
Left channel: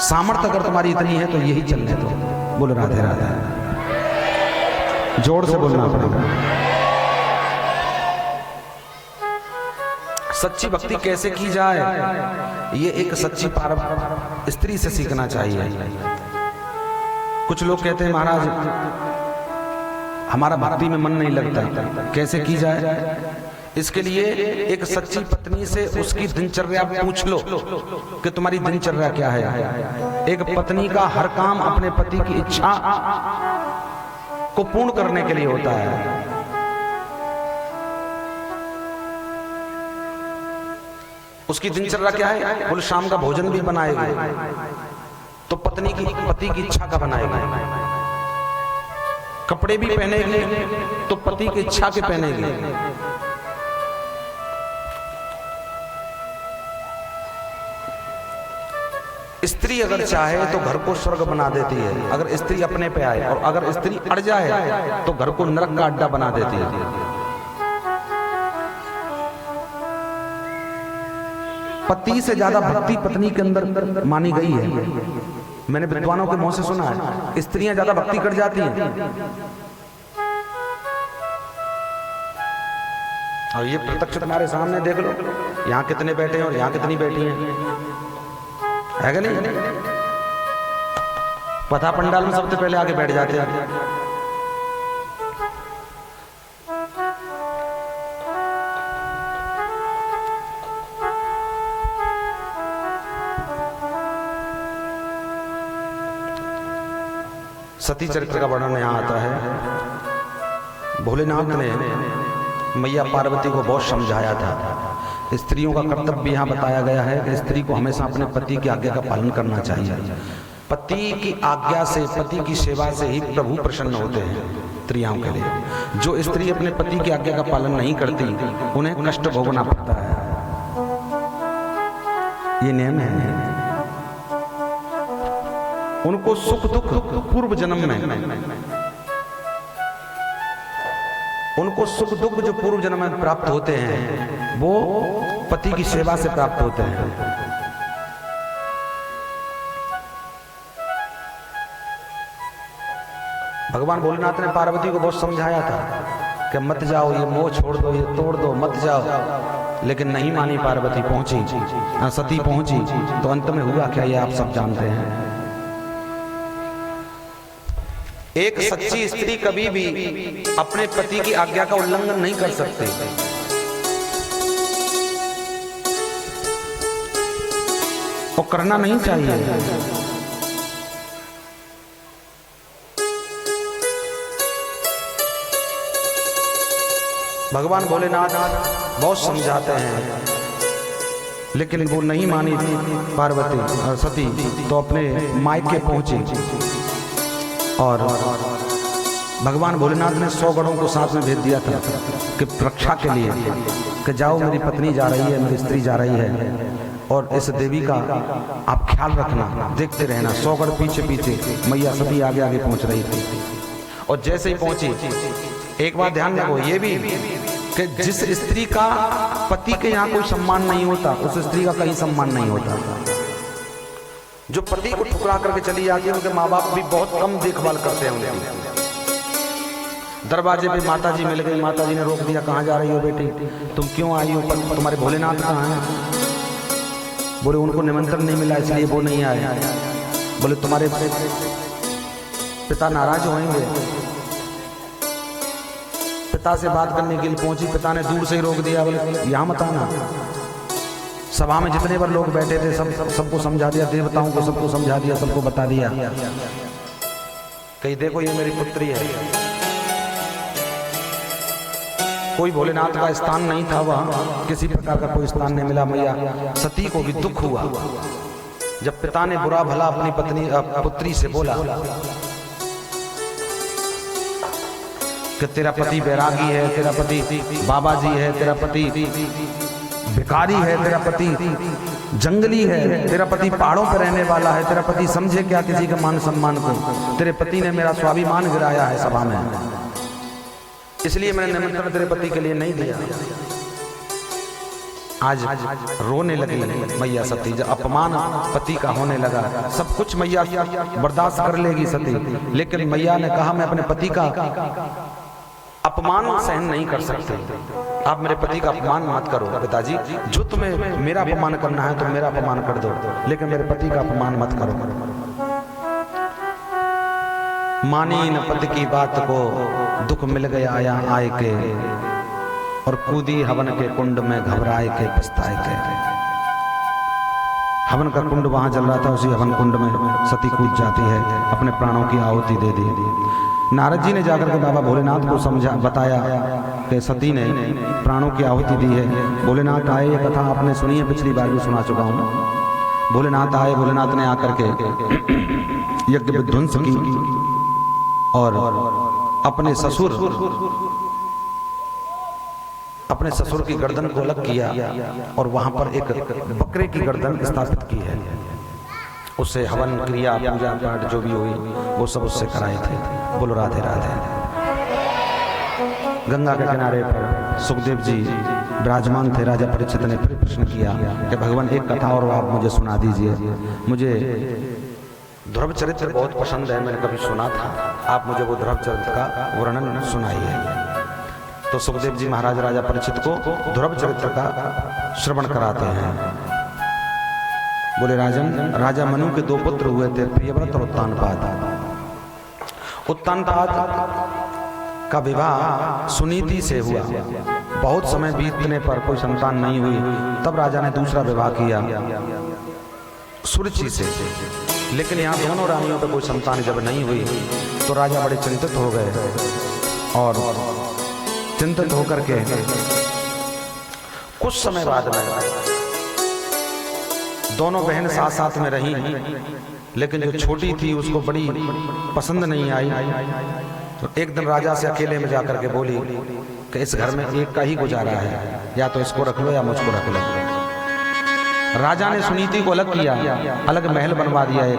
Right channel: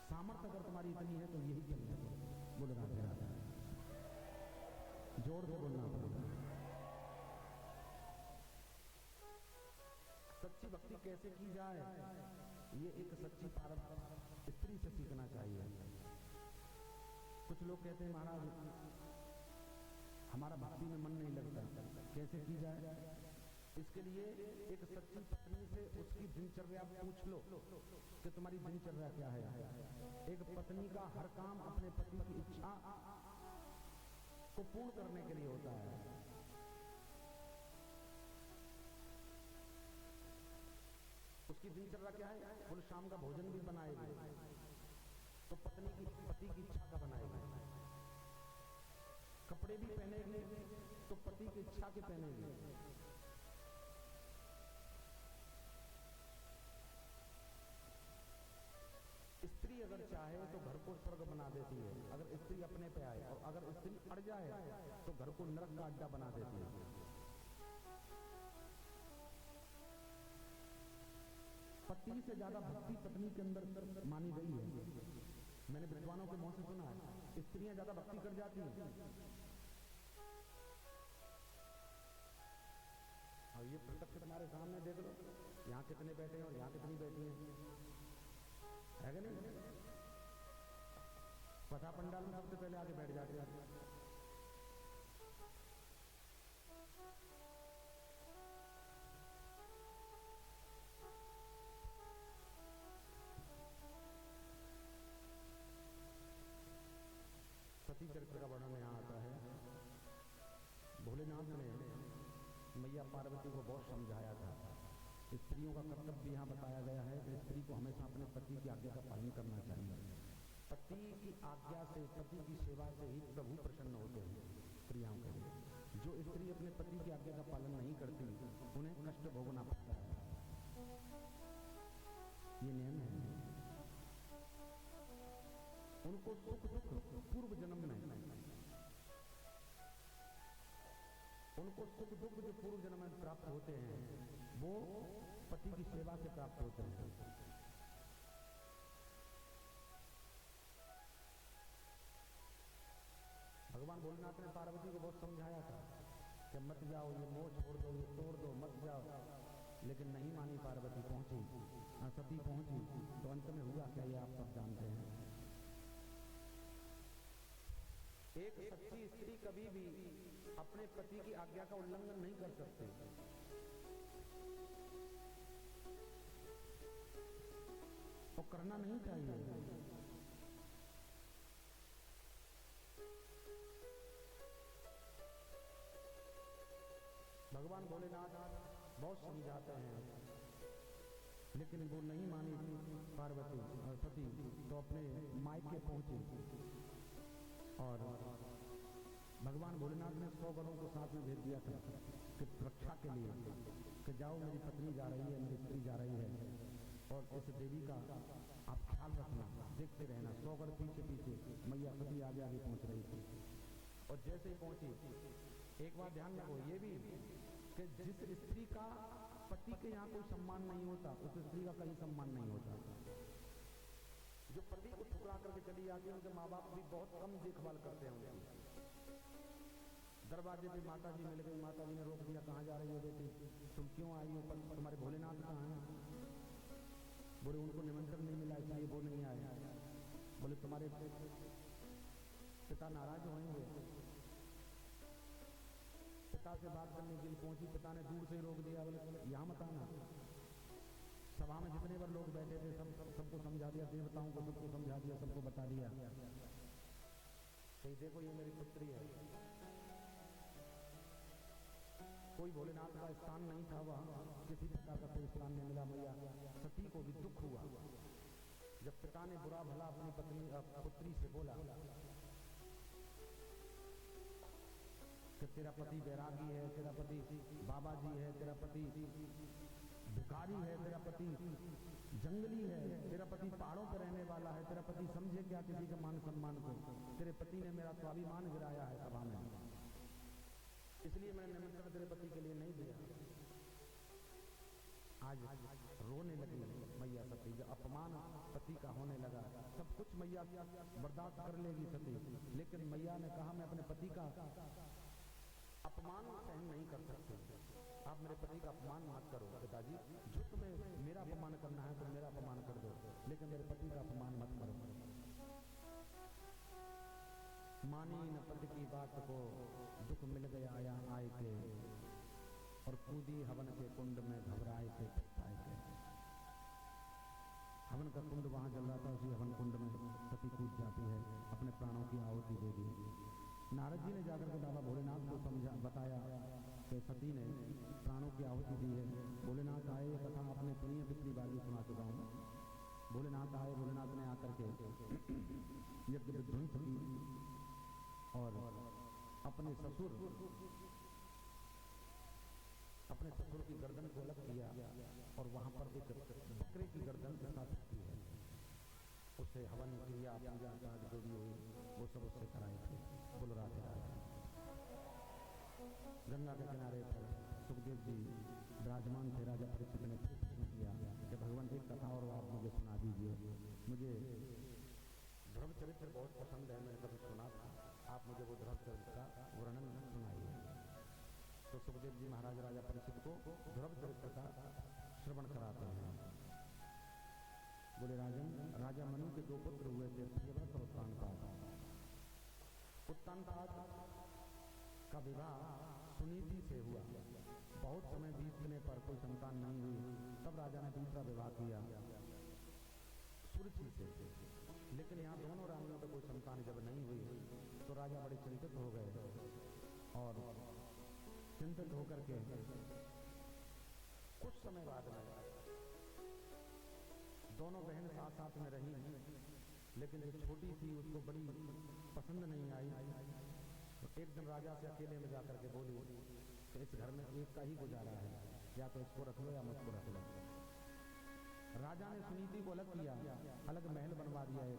सामर्थ्य अगर तुम्हारी इतनी है तो यही चलने दो। बोलो राधे राधे। जोर से बोलना पड़ेगा। सच्ची भक्ति कैसे की जाए, ये एक सच्ची स्त्री से सीखना चाहिए। कुछ लोग कहते हैं, महाराज हमारा भक्ति में मन नहीं लगता, कैसे की जाए? इसके लिए एक सच्ची पत्नी से उसकी दिनचर्या पूछ लो कि तुम्हारी दिनचर्या क्या है। एक पत्नी का हर काम अपने पति की इच्छा को पूर्ण करने के लिए होता है। उसकी दिनचर्या क्या है? बोले शाम का भोजन भी बनाएगी तो पति की इच्छा का बनाएगी। कपड़े भी पहनेगी तो पति की इच्छा के पहनेगी। स्त्री अगर चाहे तो घर को स्वर्ग बना देती है, अगर स्त्री अपने पे आए। और अगर स्त्री अड़ जाए तो घर को नरक का अड्डा बना देती है। पति से ज्यादा भक्ति पत्नी के अंदर मानी गई है। मैंने विद्वानों के मुंह से सुना है, स्त्रियां ज्यादा भक्ति कर जाती हैं। और ये प्रत्यक्ष तुम्हारे सामने देख लो, यहाँ कितने बैठे हैं और यहाँ कितनी बैठी हैं, है कि नहीं? पता पंडाल में सबसे पहले आगे बैठ जाते हैं। सती चरित्र का वर्णन यहाँ आता है। भोलेनाथ ने मैया पार्वती को बहुत समझाया था। स्त्रियों का कर्तव्य यहाँ बताया गया है कि स्त्री को हमेशा अपने पति की आज्ञा का पालन करना चाहिए। पति की आज्ञा से, पति की सेवा से ही प्रभु प्रसन्न होते हैं स्त्रियों के लिए। जो स्त्री अपने पति की आज्ञा का पालन नहीं करती उन्हें कष्ट भोगना पड़ता है। ये नियम है। उनको सुख दुख पूर्व जन्म में, उनको सुख दुख जो पूर्व जन्म में प्राप्त होते हैं वो पति की सेवा से प्राप्त होते हैं। भगवान भोलेनाथ ने पार्वती को बहुत समझाया था कि मत जाओ, ये मोह छोड़ दो, ये तोड़ दो, मत जाओ। लेकिन नहीं मानी पार्वती, पहुंची सती पहुंची तो अंत में हुआ क्या, ये आप सब जानते हैं। एक सच्ची स्त्री कभी भी अपने पति की आज्ञा का उल्लंघन नहीं कर सकती। वो करना नहीं चाहिए। भगवान भोलेनाथ बहुत समझाते हैं लेकिन वो नहीं मानी पार्वती और सती, तो अपने मायके पहुंची। और भगवान भोलेनाथ ने 100 गणों को साथ में भेज दिया था कि रक्षा के लिए, कि जाओ मेरी पत्नी जा रही है, मेरी स्त्री जा रही है और इस देवी का आप ख्याल रखना, देखते रहना। 100 गण पीछे पीछे, मैया सती आगे आगे पहुंच रही थी। और जैसे ही पहुंची, एक बात ध्यान रखो ये भी कि जिस स्त्री का पति के यहाँ कोई सम्मान नहीं होता उस स्त्री का कहीं सम्मान नहीं होता। जो पति को ठुकरा करके चली जाती है उनके माँ बाप भी बहुत कम देखभाल करते हैं उनकी। दरवाजे पे माता जी मिल गई। माता जी ने रोक दिया, कहाँ जा रही हो बेटी, तुम क्यों आई हो, तुम्हारे भोलेनाथ कहाँ हैं? बोले उनको निमंत्रण नहीं मिला इसलिए वो नहीं आए। बोले तुम्हारे पिता नाराज होंगे। पिता से बात करने के लिए पहुंची, पिता ने दूर से ही रोक दिया। बोले यहाँ मत आना। सभा में जितने बार लोग बैठे थे सबको समझा दिया, देवताओं को सबको समझा दिया, सबको बता दिया, कहीं देखो ये मेरी पुत्री है। कोई भोलेनाथ का स्थान नहीं था वहाँ, किसी प्रकार का कोई स्थान नहीं मिला। मैया सती को भी दुख हुआ जब पिता ने बुरा भला अपनी पुत्री से बोला कि तेरा पति बैरागी है, तेरा पति बाबा जी है, तेरा पति भिखारी है, तेरा पति जंगली है, तेरा पति पहाड़ों पर रहने वाला है, तेरा पति समझे क्या किसी का मान सम्मान को, तेरे पति ने मेरा स्वाभिमान गिराया है सभा में, इसलिए मैंने निमंत्रण तेरे पति के लिए नहीं दिया। आज रोने लगी मैया सती, जब अपमान पति का होने लगा। सब कुछ मैया बर्दाश्त कर लेगी सती, लेकिन मैया ने कहा मैं अपने पति का अपमान सहन नहीं कर सकते। आप मेरे पति का अपमान मत करो पिताजी, जो तुम्हें मेरा अपमान करना है तो मेरा अपमान कर दो, लेकिन मेरे पति का अपमान मत करो। मानी न पति की बात को, दुख मिल गया आया आए के, और कूदी हवन के कुंड में घबराए के पछताए के। हवन का कुंड वहां जल रहा था, उसी हवन कुंड में सती कूद जाती है, अपने प्राणों की आहुति दे दी। नारद जी ने जाकर के बाबा भोलेनाथ को समझा बताया कि सती ने प्राणों की आहुति दी है। भोलेनाथ आए, ये कथा आपने सुनी है, पिछली बार भी सुना चुका हूँ। भोलेनाथ आए, भोलेनाथ ने आकर के यज्ञ विध्वंस की और अपने ससुर की गर्दन को अलग किया और वहां पर एक बकरे की गर्दन स्थापित की है। उससे हवन क्रिया पूजा पाठ जो भी हुई वो सब उससे कराए थे। बोलो राधे राधे। गंगा के किनारे पर सुखदेव जी विराजमान थे। राजा परीक्षित ने फिर प्रश्न किया कि भगवान एक कथा और आप मुझे सुना दीजिए, मुझे ध्रुव चरित्र बहुत पसंद है, मैंने कभी सुना था, आप मुझे वो ध्रुव चरित्र का वर्णन सुनाइए। तो सुखदेव जी महाराज राजा परीक्षित को ध्रुव चरित्र का श्रवण कराते हैं। बोले राजन, राजा मनु के दो पुत्र हुए थे, प्रियव्रत और उत्तानपाद। उत्तानपाद का विवाह सुनीति से हुआ। बहुत समय बीतने पर कोई संतान नहीं हुई, तब राजा ने दूसरा विवाह किया सुरुचि से। लेकिन यहाँ दोनों रानियों पर कोई संतान जब नहीं हुई तो राजा बड़े चिंतित हो गए और चिंतित होकर के कुछ समय बाद में दोनों बहन साथ साथ में रही, लेकिन जो छोटी थी उसको बड़ी पसंद नहीं आई। तो एक दिन राजा से अकेले में जाकर के बोली कि इस घर में एक का ही गुजारा है, या तो इसको रख लो या मुझको रख लो। राजा ने सुनीति को अलग किया, अलग महल बनवा दिया। एक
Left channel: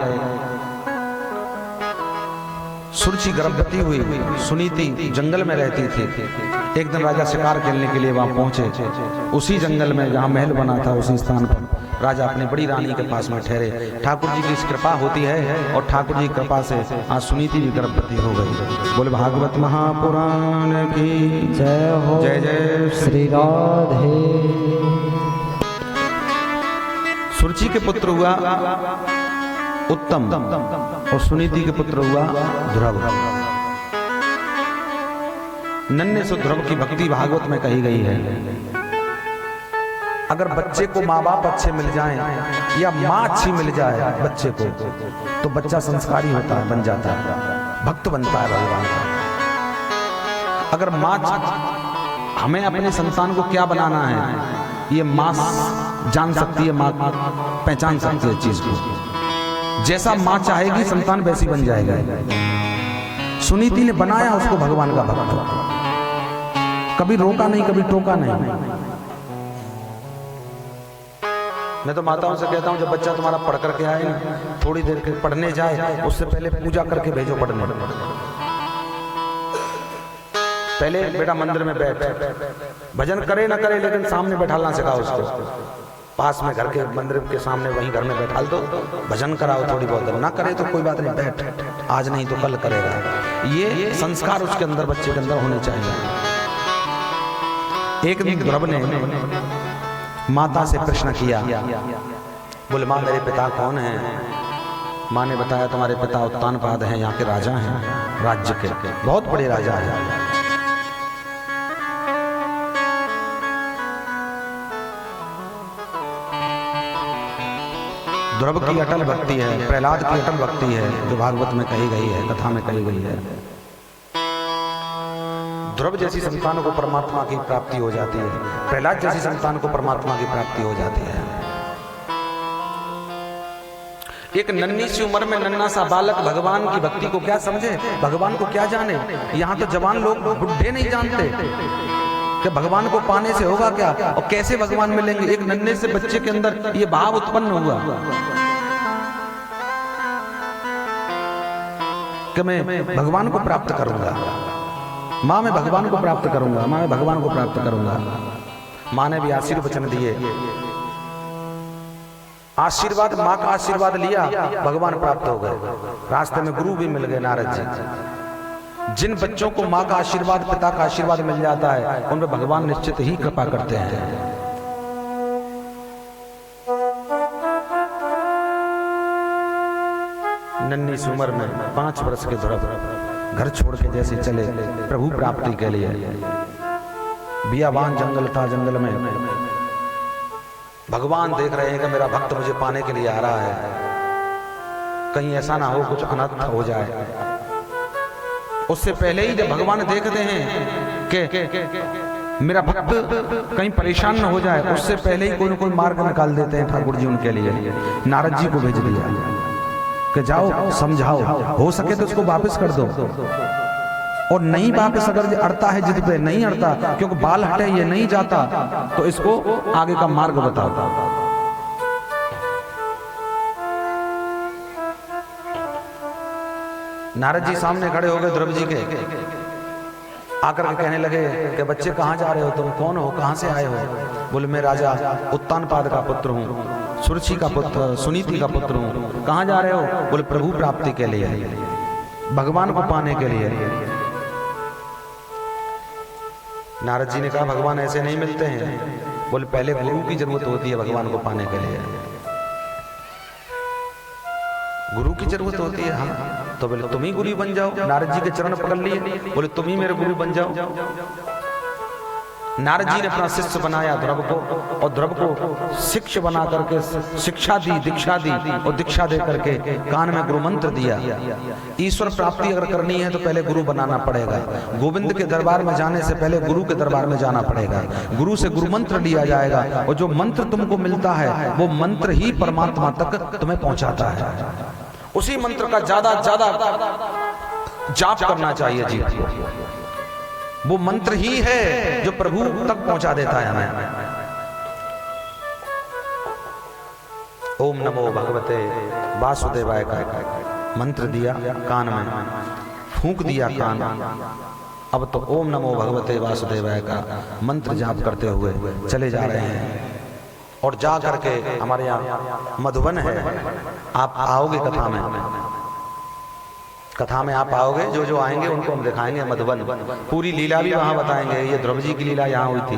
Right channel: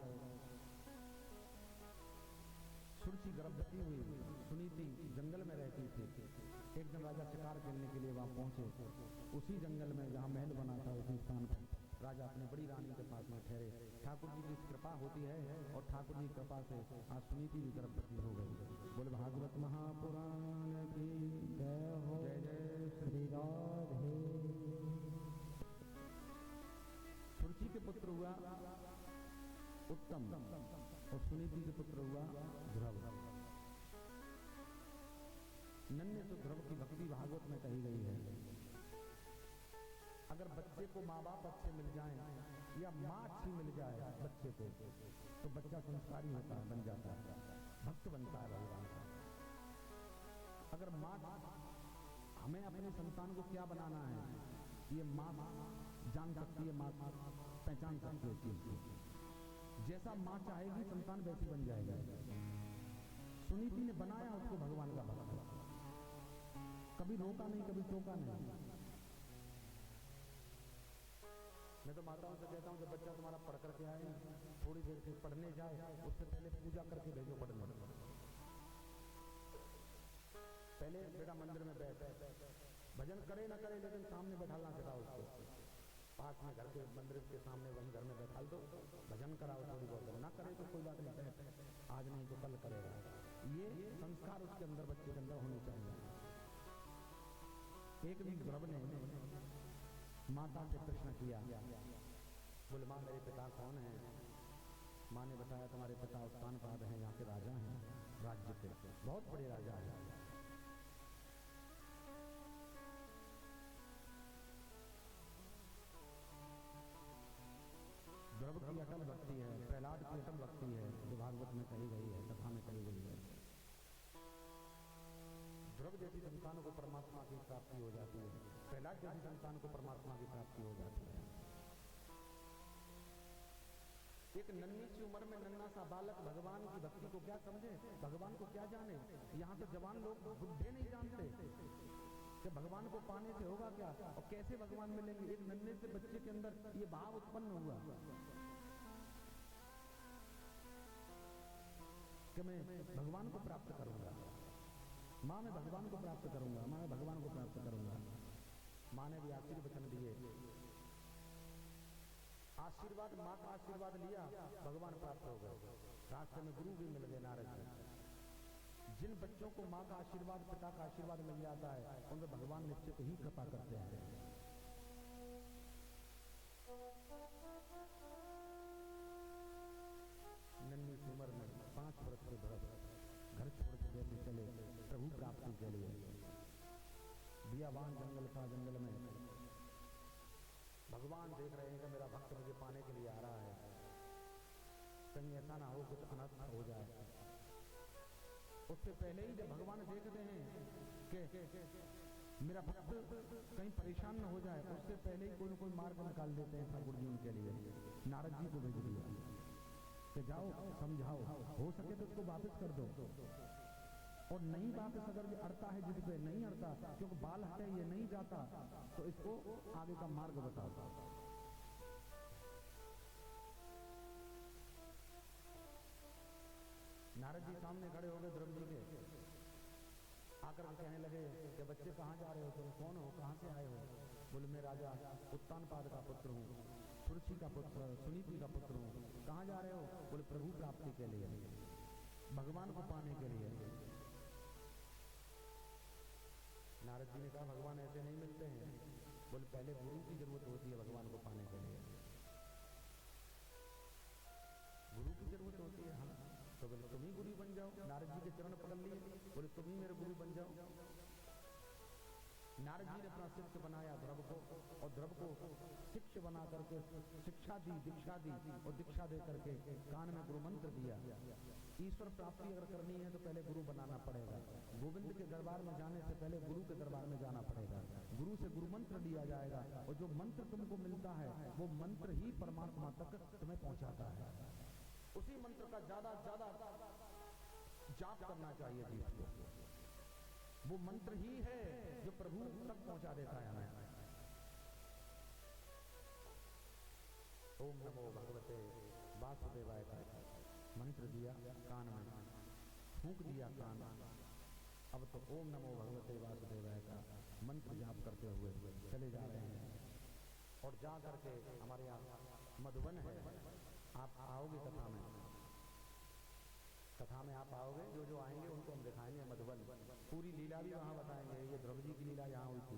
सुरुचि गर्भवती हुई, सुनीति जंगल में रहती थी। एक दिन राजा शिकार खेलने के लिए वहां पहुंचे। उसी जंगल में जहां महल बना था उसी स्थान पर राजा अपनी बड़ी रानी के पास में ठहरे। ठाकुर जी की कृपा होती है और ठाकुर जी की कृपा से आज सुनीति भी गर्भवती हो गई। बोले भागवत महापुराण की जय हो। जय जय श्री राधे। सुरुचि के पुत्र हुआ उत्तम और सुनीति के पुत्र हुआ ध्रुव। नन्हे से ध्रुव की भक्ति भागवत में कही गई है। अगर बच्चे को माँ बाप अच्छे मिल जाएं या माँ अच्छी मिल जाए बच्चे को, तो बच्चा संस्कारी होता है, बन जाता है, भक्त बनता है भगवान का। अगर माँ, हमें अपने संतान को क्या बनाना है ये माँ जान सकती है, माँ पहचान सकती है चीज को। जैसा माँ चाहेगी संतान वैसी बन जाएगा। सुनीति ने बनाया उसको भगवान का भक्त, कभी रोका नहीं, कभी टोका नहीं। मैं तो माताओं से कहता हूं जब बच्चा तुम्हारा पढ़ करके आए ना, थोड़ी देर के पढ़ने जाए उससे पहले पूजा करके भेजो पढ़ने। पहले बेटा मंदिर में बैठ, भजन करे ना करे लेकिन सामने बैठाना सिखाओ उसको। पास में घर के मंदिर के सामने वहीं घर में बैठा दो, भजन कराओ थोड़ी बहुत, ना करे तो कोई बात नहीं, बैठ, आज नहीं तो कल करेगा। ये संस्कार उसके अंदर, बच्चे के अंदर होने चाहिए। एक दिन ध्रुव ने माता से प्रश्न किया, बोले माँ मेरे पिता कौन है? माँ ने बताया तुम्हारे पिता उत्तानपाद हैं, यहाँ के राजा हैं, राज्य के बहुत बड़े राजा हैं। ध्रुव की अटल भक्ति है, प्रहलाद की अटल भक्ति है, जो भागवत में कही गई है, कथा में कही गई है। ध्रुव जैसी संतान को परमात्मा की प्राप्ति हो जाती है, प्रहलाद जैसी संतान को परमात्मा की प्राप्ति हो जाती है। एक नन्ही सी उम्र में नन्हा सा बालक भगवान की भक्ति को क्या समझे, भगवान को क्या जाने। यहाँ तो जवान लोग, बुढ़े नहीं जानते कि भगवान को पाने से होगा क्या और कैसे भगवान मिलेंगे। एक नन्हे से बच्चे के अंदर ये भाव उत्पन्न हुआ कि मैं भगवान को प्राप्त करूंगा, माँ मैं भगवान को प्राप्त करूंगा, माँ मैं भगवान को प्राप्त करूंगा। माँ ने भी आशीर्वचन दिए, आशीर्वाद, माँ का आशीर्वाद लिया, भगवान प्राप्त हो गए। रास्ते में गुरु भी मिल गए, नारद जी। जिन बच्चों को माँ का आशीर्वाद, पिता का आशीर्वाद मिल जाता है, उन पर भगवान निश्चित ही कृपा करते हैं। नन्ही सी उम्र में 5 वर्ष के ध्रुव घर छोड़ के जैसे चले प्रभु प्राप्ति के लिए। बियाबान जंगल था, जंगल में भगवान देख रहे हैं कि मेरा भक्त मुझे पाने के लिए आ रहा है, कहीं ऐसा ना हो कुछ अनर्थ हो जाए। उससे पहले ही जब भगवान देखते हैं कि मेरा भक्त कहीं परेशान न हो जाए, उससे पहले ही कोई न कोई मार्ग निकाल देते हैं ठाकुर जी उनके लिए। नारद जी को भेज दिया कि जाओ समझाओ, हो सके तो उसको वापस कर दो, और नहीं वापस अगर अड़ता है जिद पे, नहीं अड़ता क्योंकि बाल हटे ये नहीं जाता, तो इसको आगे का मार्ग बताओ। नारद जी सामने खड़े हो गए ध्रुव जी के, आकर के कहने लगे कि बच्चे कहाँ जा रहे हो, तुम कौन हो, कहाँ से आए हो? बोले मैं राजा उत्तानपाद का पुत्र हूँ, सुरुचि का पुत्र, सुनीति का पुत्र हूँ। कहाँ जा रहे हो? बोले प्रभु प्राप्ति के लिए, भगवान को पाने के लिए। नारद जी ने कहा भगवान ऐसे नहीं मिलते हैं। बोले पहले गुरु की जरूरत होती है भगवान को पाने के लिए, गुरु की जरूरत होती है। हाँ, तो बोले तुम ही गुरु बन जाओ। नारद जी के चरण पकड़ लिए, बोले तुम ही मेरे गुरु बन जाओ। नारद जी ने अपना शिष्य बनाया ध्रुव को, और ध्रुव को शिष्य बना करके शिक्षा दी, दीक्षा दी, और दीक्षा दे करके कान में गुरु मंत्र दिया। ईश्वर प्राप्ति अगर करनी है तो पहले गुरु बनाना पड़ेगा। गोविंद के दरबार में जाने से पहले गुरु के दरबार में जाना पड़ेगा। गुरु से गुरु मंत्र लिया जाएगा, और जो मंत्र तुमको मिलता है वो मंत्र ही परमात्मा तक तुम्हें पहुंचाता है। उसी मंत्र का ज्यादा जाप करना चाहिए जी। वो मंत्र ही है जो प्रभु तक पहुंचा देता है हमें। ओम नमो भगवते वासुदेवाय का मंत्र दिया कान में, फूंक दिया कान। अब तो ओम नमो भगवते वासुदेवाय का मंत्र जाप करते हुए चले जा रहे हैं। और जा करके हमारे यहाँ मधुबन है, आप आओगे कथा में, कथा में आप आओगे, जो जो आएंगे उनको हम दिखाएंगे मधुबन। पूरी लीला भी वहां बताएंगे। ये ध्रुव जी की लीला यहाँ हुई थी।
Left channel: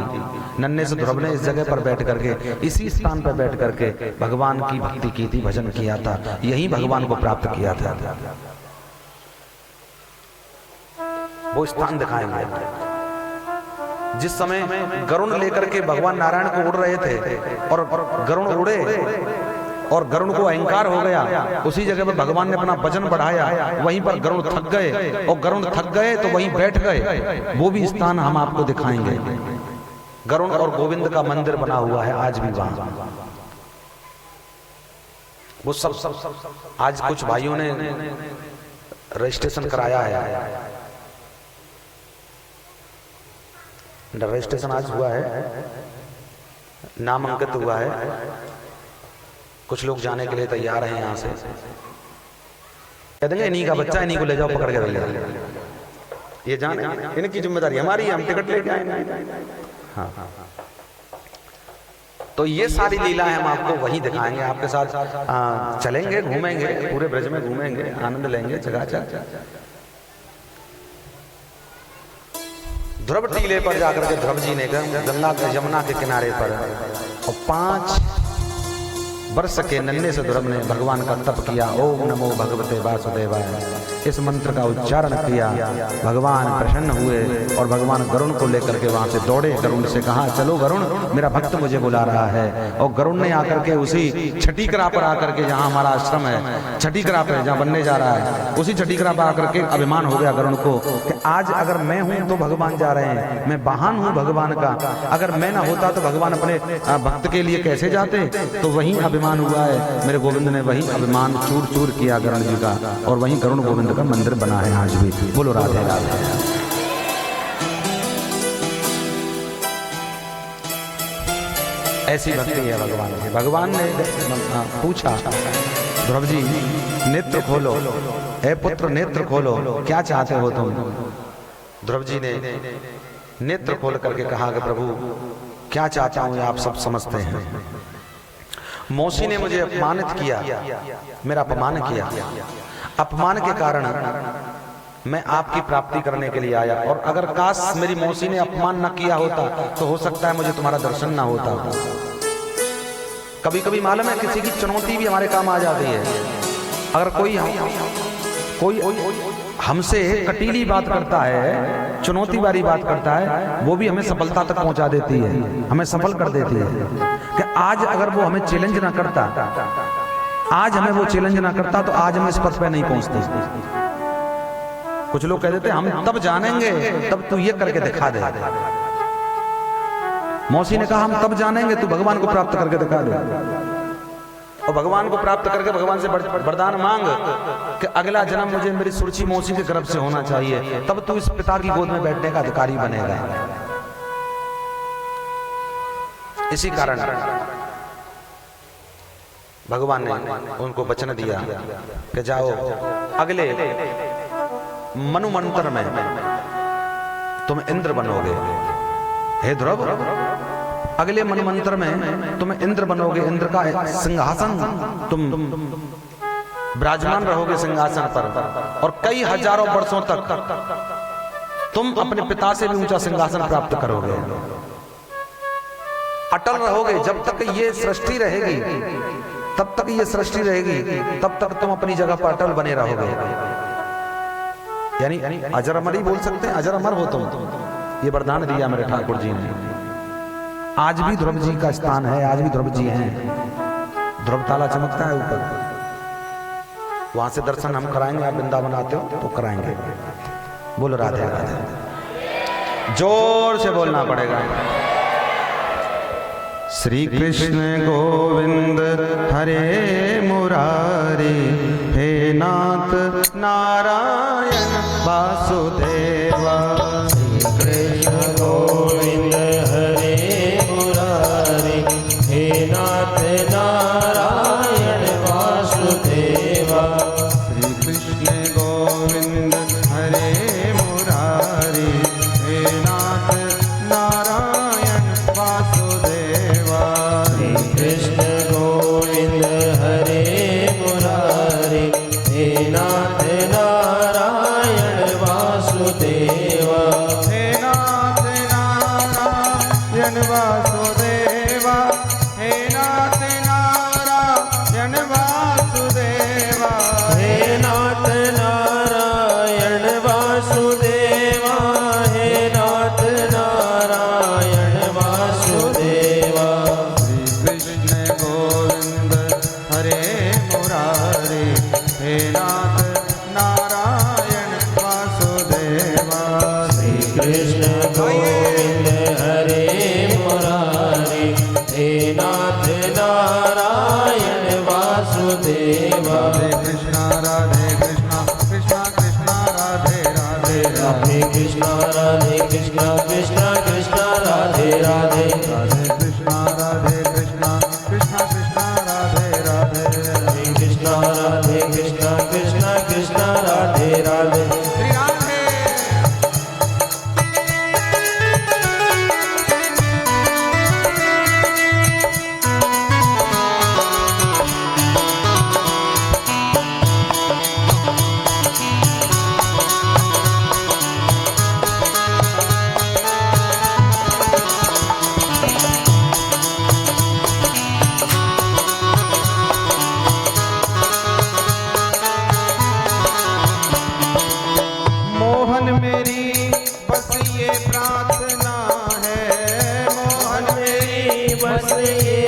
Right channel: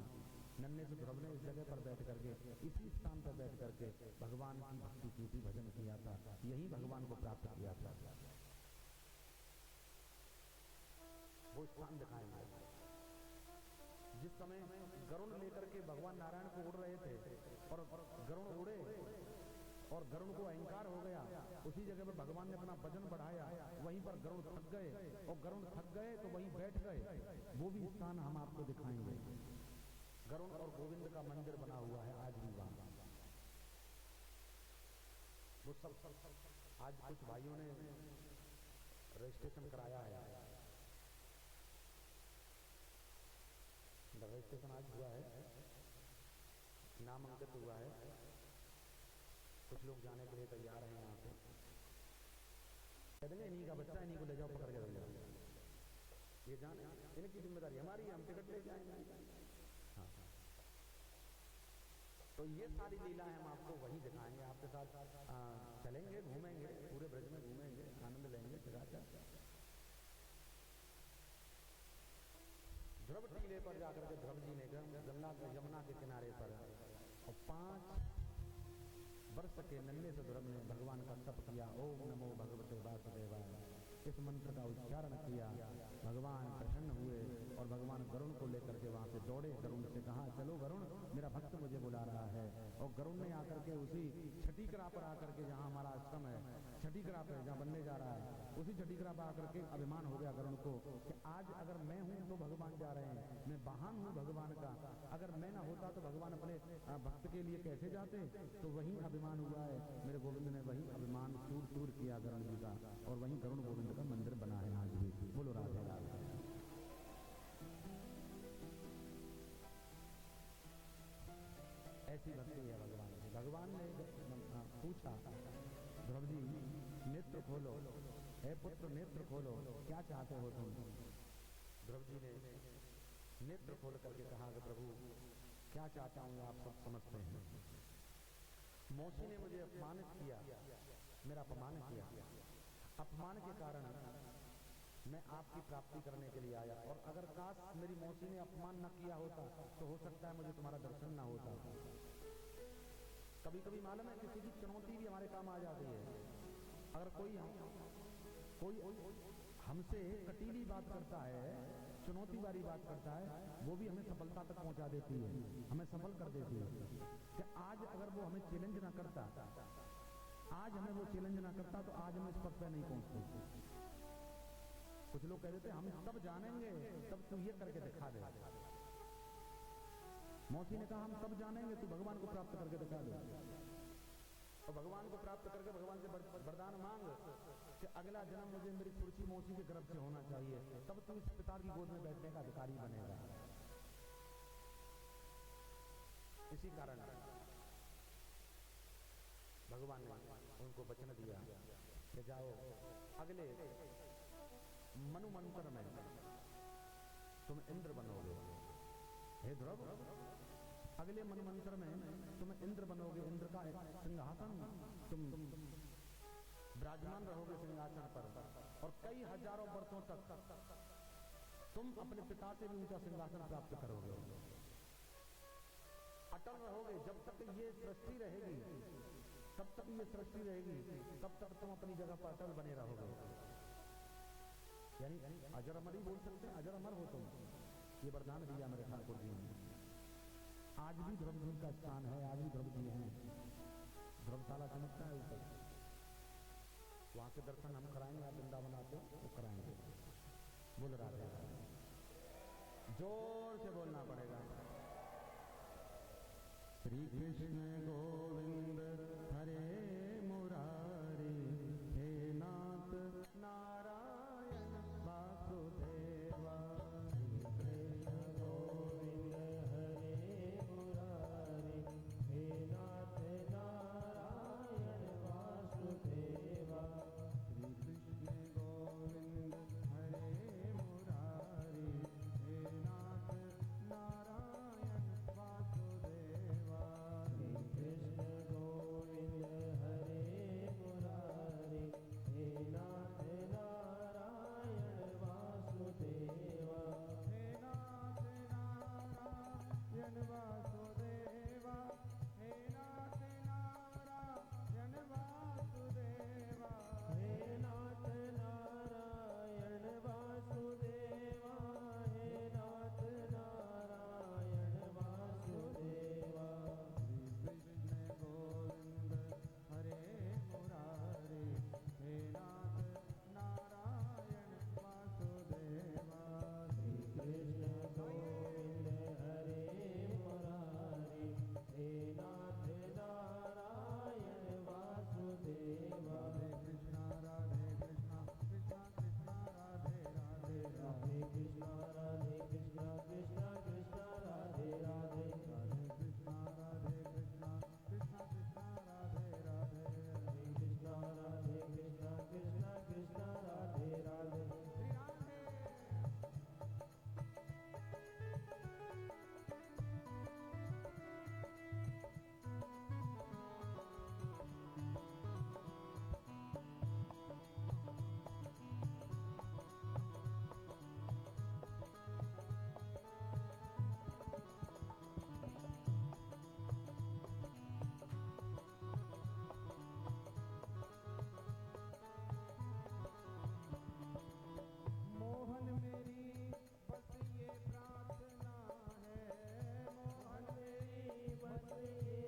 नन्हे से ध्रुव ने इस जगह पर बैठ करके, इसी स्थान पर बैठ करके भगवान की भक्ति की थी, भजन किया था, यही भगवान को प्राप्त किया था। वो स्थान दिखाएंगे जिस समय गरुण लेकर के भगवान नारायण को उड़ रहे थे, और गरुण उड़े और गरुण को अहंकार हो गया। उसी जगह पर भगवान ने अपना वजन बढ़ाया, वहीं पर गरुण थक गए, और गरुण थक गए तो वहीं बैठ गए। वो भी स्थान हम आपको दिखाएंगे। गरुण और गोविंद का मंदिर बना हुआ है आज भी वहां। वो सब आज कुछ भाइयों ने रजिस्ट्रेशन कराया है, रजिस्ट्रेशन आज हुआ है, नाम अंकित हुआ है। कुछ लोग जाने के लिए तैयार हैं यहाँ से। कह देंगे इन्हीं का बच्चा, इन्हीं को ले जाओ पकड़ के भैया, ये जाने, इनकी जिम्मेदारी हमारी है, हम टिकट लेके आएंगे। हाँ, तो ये सारी लीलाएं हम आपको वहीं दिखाएंगे, आपके साथ चलेंगे, घूमेंगे, पूरे ब्रज में घूमेंगे, आनंद लेंगे चकाचक। ध्रुव टीले पर जाकर के ध्रुव जी ने गंगा यमुना के किनारे पर और 5 वर्ष के नन्हे से ध्रुव ने भगवान का तप किया। ओम नमो भगवते वासुदेवाय, इस मंत्र का उच्चारण किया। भगवान प्रसन्न हुए और भगवान गरुण को लेकर के वहां से दौड़े। गरुण से कहा, चलो गरुण, मेरा भक्त मुझे बुला रहा है। और गरुण ने आकर के उसी छठीकरा पर आकर के, जहां हमारा आश्रम है छठीकरा पे, जहां बनने जा रहा है, उसी छठीकरा पर आकर के अभिमान हो गया गरुण को कि आज अगर मैं हूं तो भगवान जा रहे हैं, मैं वाहन हूं भगवान का, अगर मैं ना होता तो भगवान अपने भक्त के लिए कैसे जाते। तो वही अभिमान हुआ है, मेरे गोविंद ने वही अभिमान चूर चूर किया गरुण जी का, और वही गरुण गोविंद का मंदिर बना है आज भी। बोलो राधे राधे। ऐसी भक्ति है भगवान की। भगवान ने पूछा, ध्रुव जी नेत्र खोलो, हे पुत्र नेत्र खोलो, क्या चाहते हो तुम। ध्रुव जी ने नेत्र खोल करके कहा कि प्रभु क्या चाहता हूं आप सब समझते हैं। मौसी ने मुझे अपमानित किया, मेरा अपमान किया, अपमान के कारण मैं आपकी प्राप्ति करने के लिए आया, और अगर काश मेरी मौसी ने अपमान न किया होता तो हो सकता है मुझे तुम्हारा दर्शन ना होता। कभी कभी मालूम है किसी की चुनौती भी हमारे काम आ जाती है। अगर कोई हमसे कटीली बात करता है, चुनौती वाली बात करता है, वो भी हमें सफलता तक पहुंचा देती है, हमें सफल कर देती है। कि आज अगर वो हमें चैलेंज ना करता, आज हमें वो चैलेंज ना करता तो आज हम इस पथ पे नहीं पहुंचते। कुछ लोग कह देते हम तब जानेंगे तब तू ये करके दिखा दे। मौसी ने कहा हम तब जानेंगे तू भगवान को प्राप्त करके दिखा दे। और भगवान को प्राप्त करके भगवान से वरदान मांग कि अगला जन्म मुझे मेरी सुरची मौसी के गर्भ से होना चाहिए, तब तू इस पिता की गोद में बैठने का अधिकारी बनेगा। इसी कारण भगवान ने उनको वचन दिया कि जाओ अगले मनुमंत्र में तुम इंद्र बनोगे। हे ध्रुव, अगले मनमंत्र में तुम इंद्र बनोगे, इंद्र का सिंहासन तुम विराजमान रहोगे सिंहासन पर, और कई हजारों वर्षों तक तुम अपने पिता से भी ऊंचा सिंहासन प्राप्त करोगे। अटल रहोगे जब तक ये सृष्टि रहेगी, तब तक ये सृष्टि रहेगी, तब तक तुम अपनी जगह पर अटल बने रहोगे। यानी अजर अमर ही बोल सकते हैं, अजर अमर हो तुम। ये वरदान दिया मेरे ठाकुर जी ने। आज भी ध्रुव जी का स्थान है, आज भी ध्रुव जी हैं। ध्रुव ताला चमकता है ऊपर, वहां से दर्शन हम कराएंगे। आप वृंदावन आते हो तो कराएंगे। बोलो राधे राधे, जोर से बोलना पड़ेगा। श्री कृष्ण गोविंद हरे मुरारी, हे नाथ नारायण वासुदेवा। श्री कृष्ण गोविंद हरे मुरारी, हे नाथ नारायण वासुदेवा। श्री कृष्ण गोविंद हरे मुरारी, हे नाथ नारायण वासुदेवा। श्री कृष्ण गोविंद हरे मुरारी, हे नाथ नारायण वासुदेवा। हे नाथ नारायण वासुदेवा, हे नाथ नारायण वासुदेवा। हे नाथ नारायण वासुदेवा, हे नाथ नारायण वासुदेवा। श्री कृष्ण गोविंद हरे मुरारी, हे नाथ नारायण वासुदेवा। श्री कृष्ण गोविंद हरे मुरारी, हे नाथ नारायण वासुदेवा। राधे कृष्णा कृष्णा कृष्णा राधे राधे राधे कृष्णा कृष्णा कृष्णा राधे राधे। राधे कृष्णा कृष्णा कृष्णा राधे राधे। हरे कृष्णा कृष्णा कृष्णा राधे राधे। श्री राधे।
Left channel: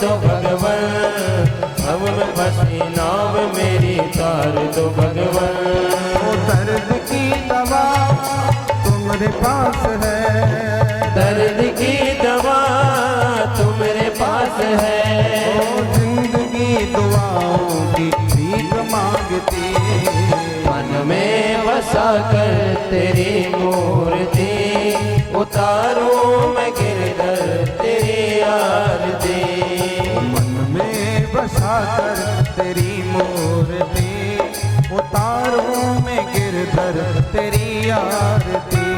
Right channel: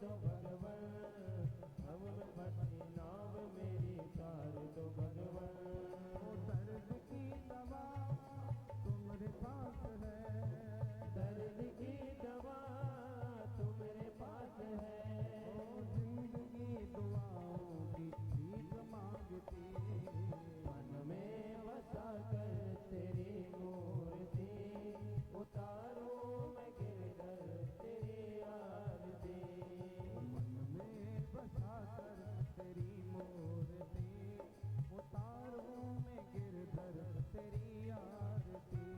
दो भगवन, अब में फंसी नाव मेरी तार दो भगवन। ओ दर्द की दवा तुम्हारे पास है, दर्द की दवा तुम्हारे पास है। ओ जिंदगी दुआओं की भीख मांगती, मन में बसा कर तेरी मूर्ति, उतारूं मैं गिरधर तेरी आरती। मन में बसा कर तेरी मूर्ति, उतारूं मैं गिरधर तेरी आरती।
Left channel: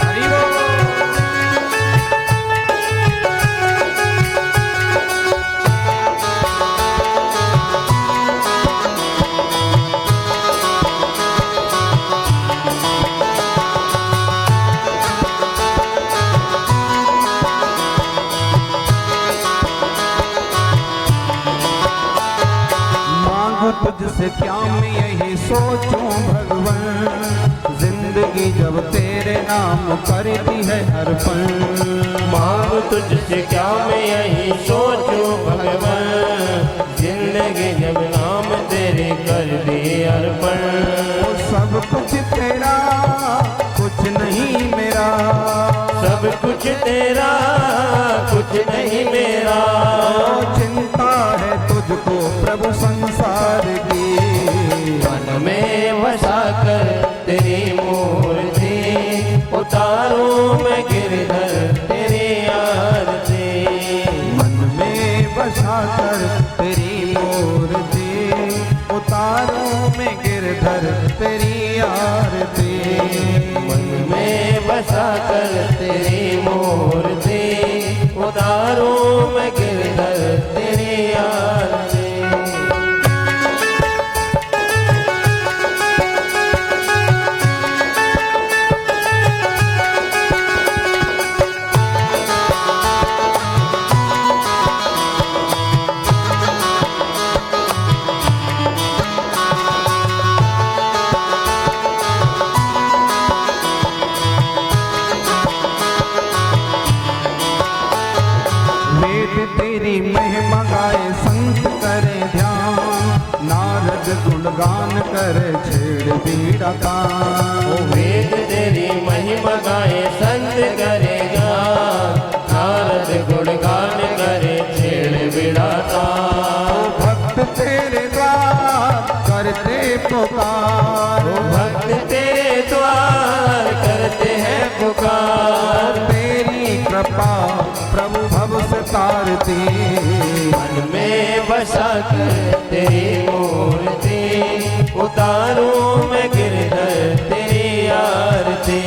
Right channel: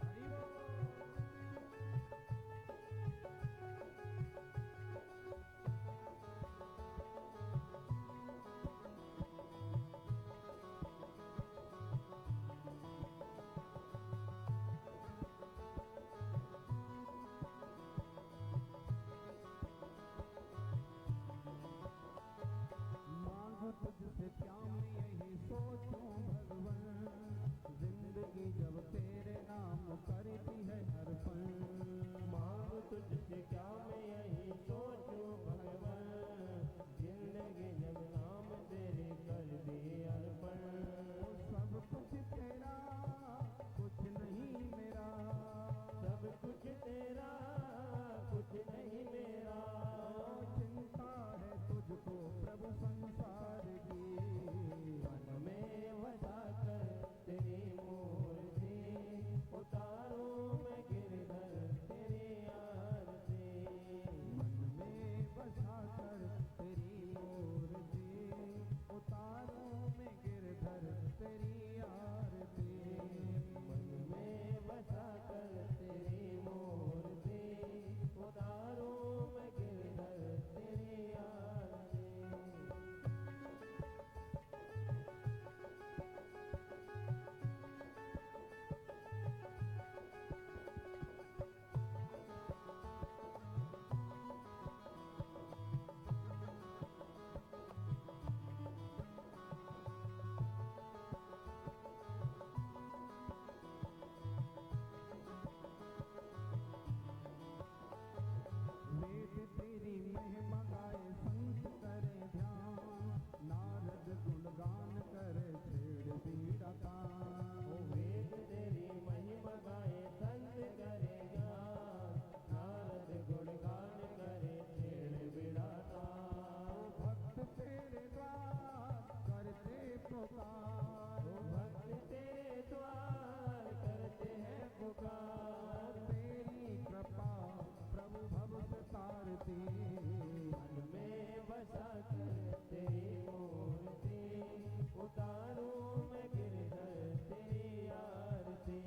हरि बोल। तुझसे क्या मैं यही सोचूं भगवन, जिंदगी जब तेरे नाम करती है हर पल। मांग तुझसे क्या मैं यही सोचूं भगवन, जिंदगी जब नाम तेरे कर दी अर्पण। सब कुछ तेरा कुछ नहीं मेरा, सब कुछ तेरा कुछ नहीं मेरा। चिंता है तुझको प्रभु संसार की, मन में बसा कर तेरी मूर्ति, उतारूं मैं गिरधर तेरी आरती। मन में बसा कर तेरी मूर्ति, उतारूं मैं गिरधर तेरी आरती। मन में बसा कर तेरी मूर्ति, उतारूं मैं गिरधर तेरी आरती। तेरी महिमा गाए संत करे ध्यान, नारद गुणगान करे छेड़ बीड़ा कान। ओ वेद तेरी महिमा गाए संत करेगा, नारद गुणगान करे छेड़ बीड़ा कान। भक्त तेरे द्वार करते पुकार, भक्त तेरे द्वार करते हैं पुकार। तेरी कृपा प्रभु भव से तारती, मन में बसा कर तेरी मूर्ति, उतारूं मैं गिरधर तेरी आरती।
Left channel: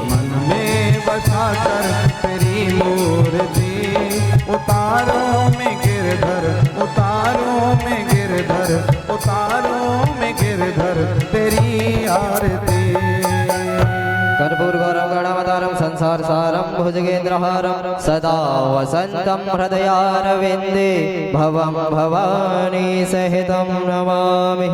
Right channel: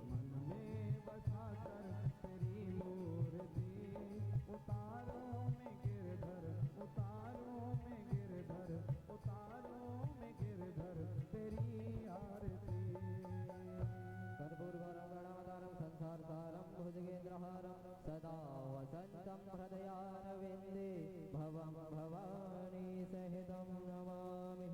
मन में बसा कर तेरी मूर्ति, उतारो मैं गिरधर, उतारो मैं गिरधर, उतारो मैं गिरधर तेरी आरती। कर्पूरगौरं गणावतारं संसार सारं भुजगेन्द्रहारं सदा वसन्तं हृदयारविन्दे भवं भवानी सहितं नमामि।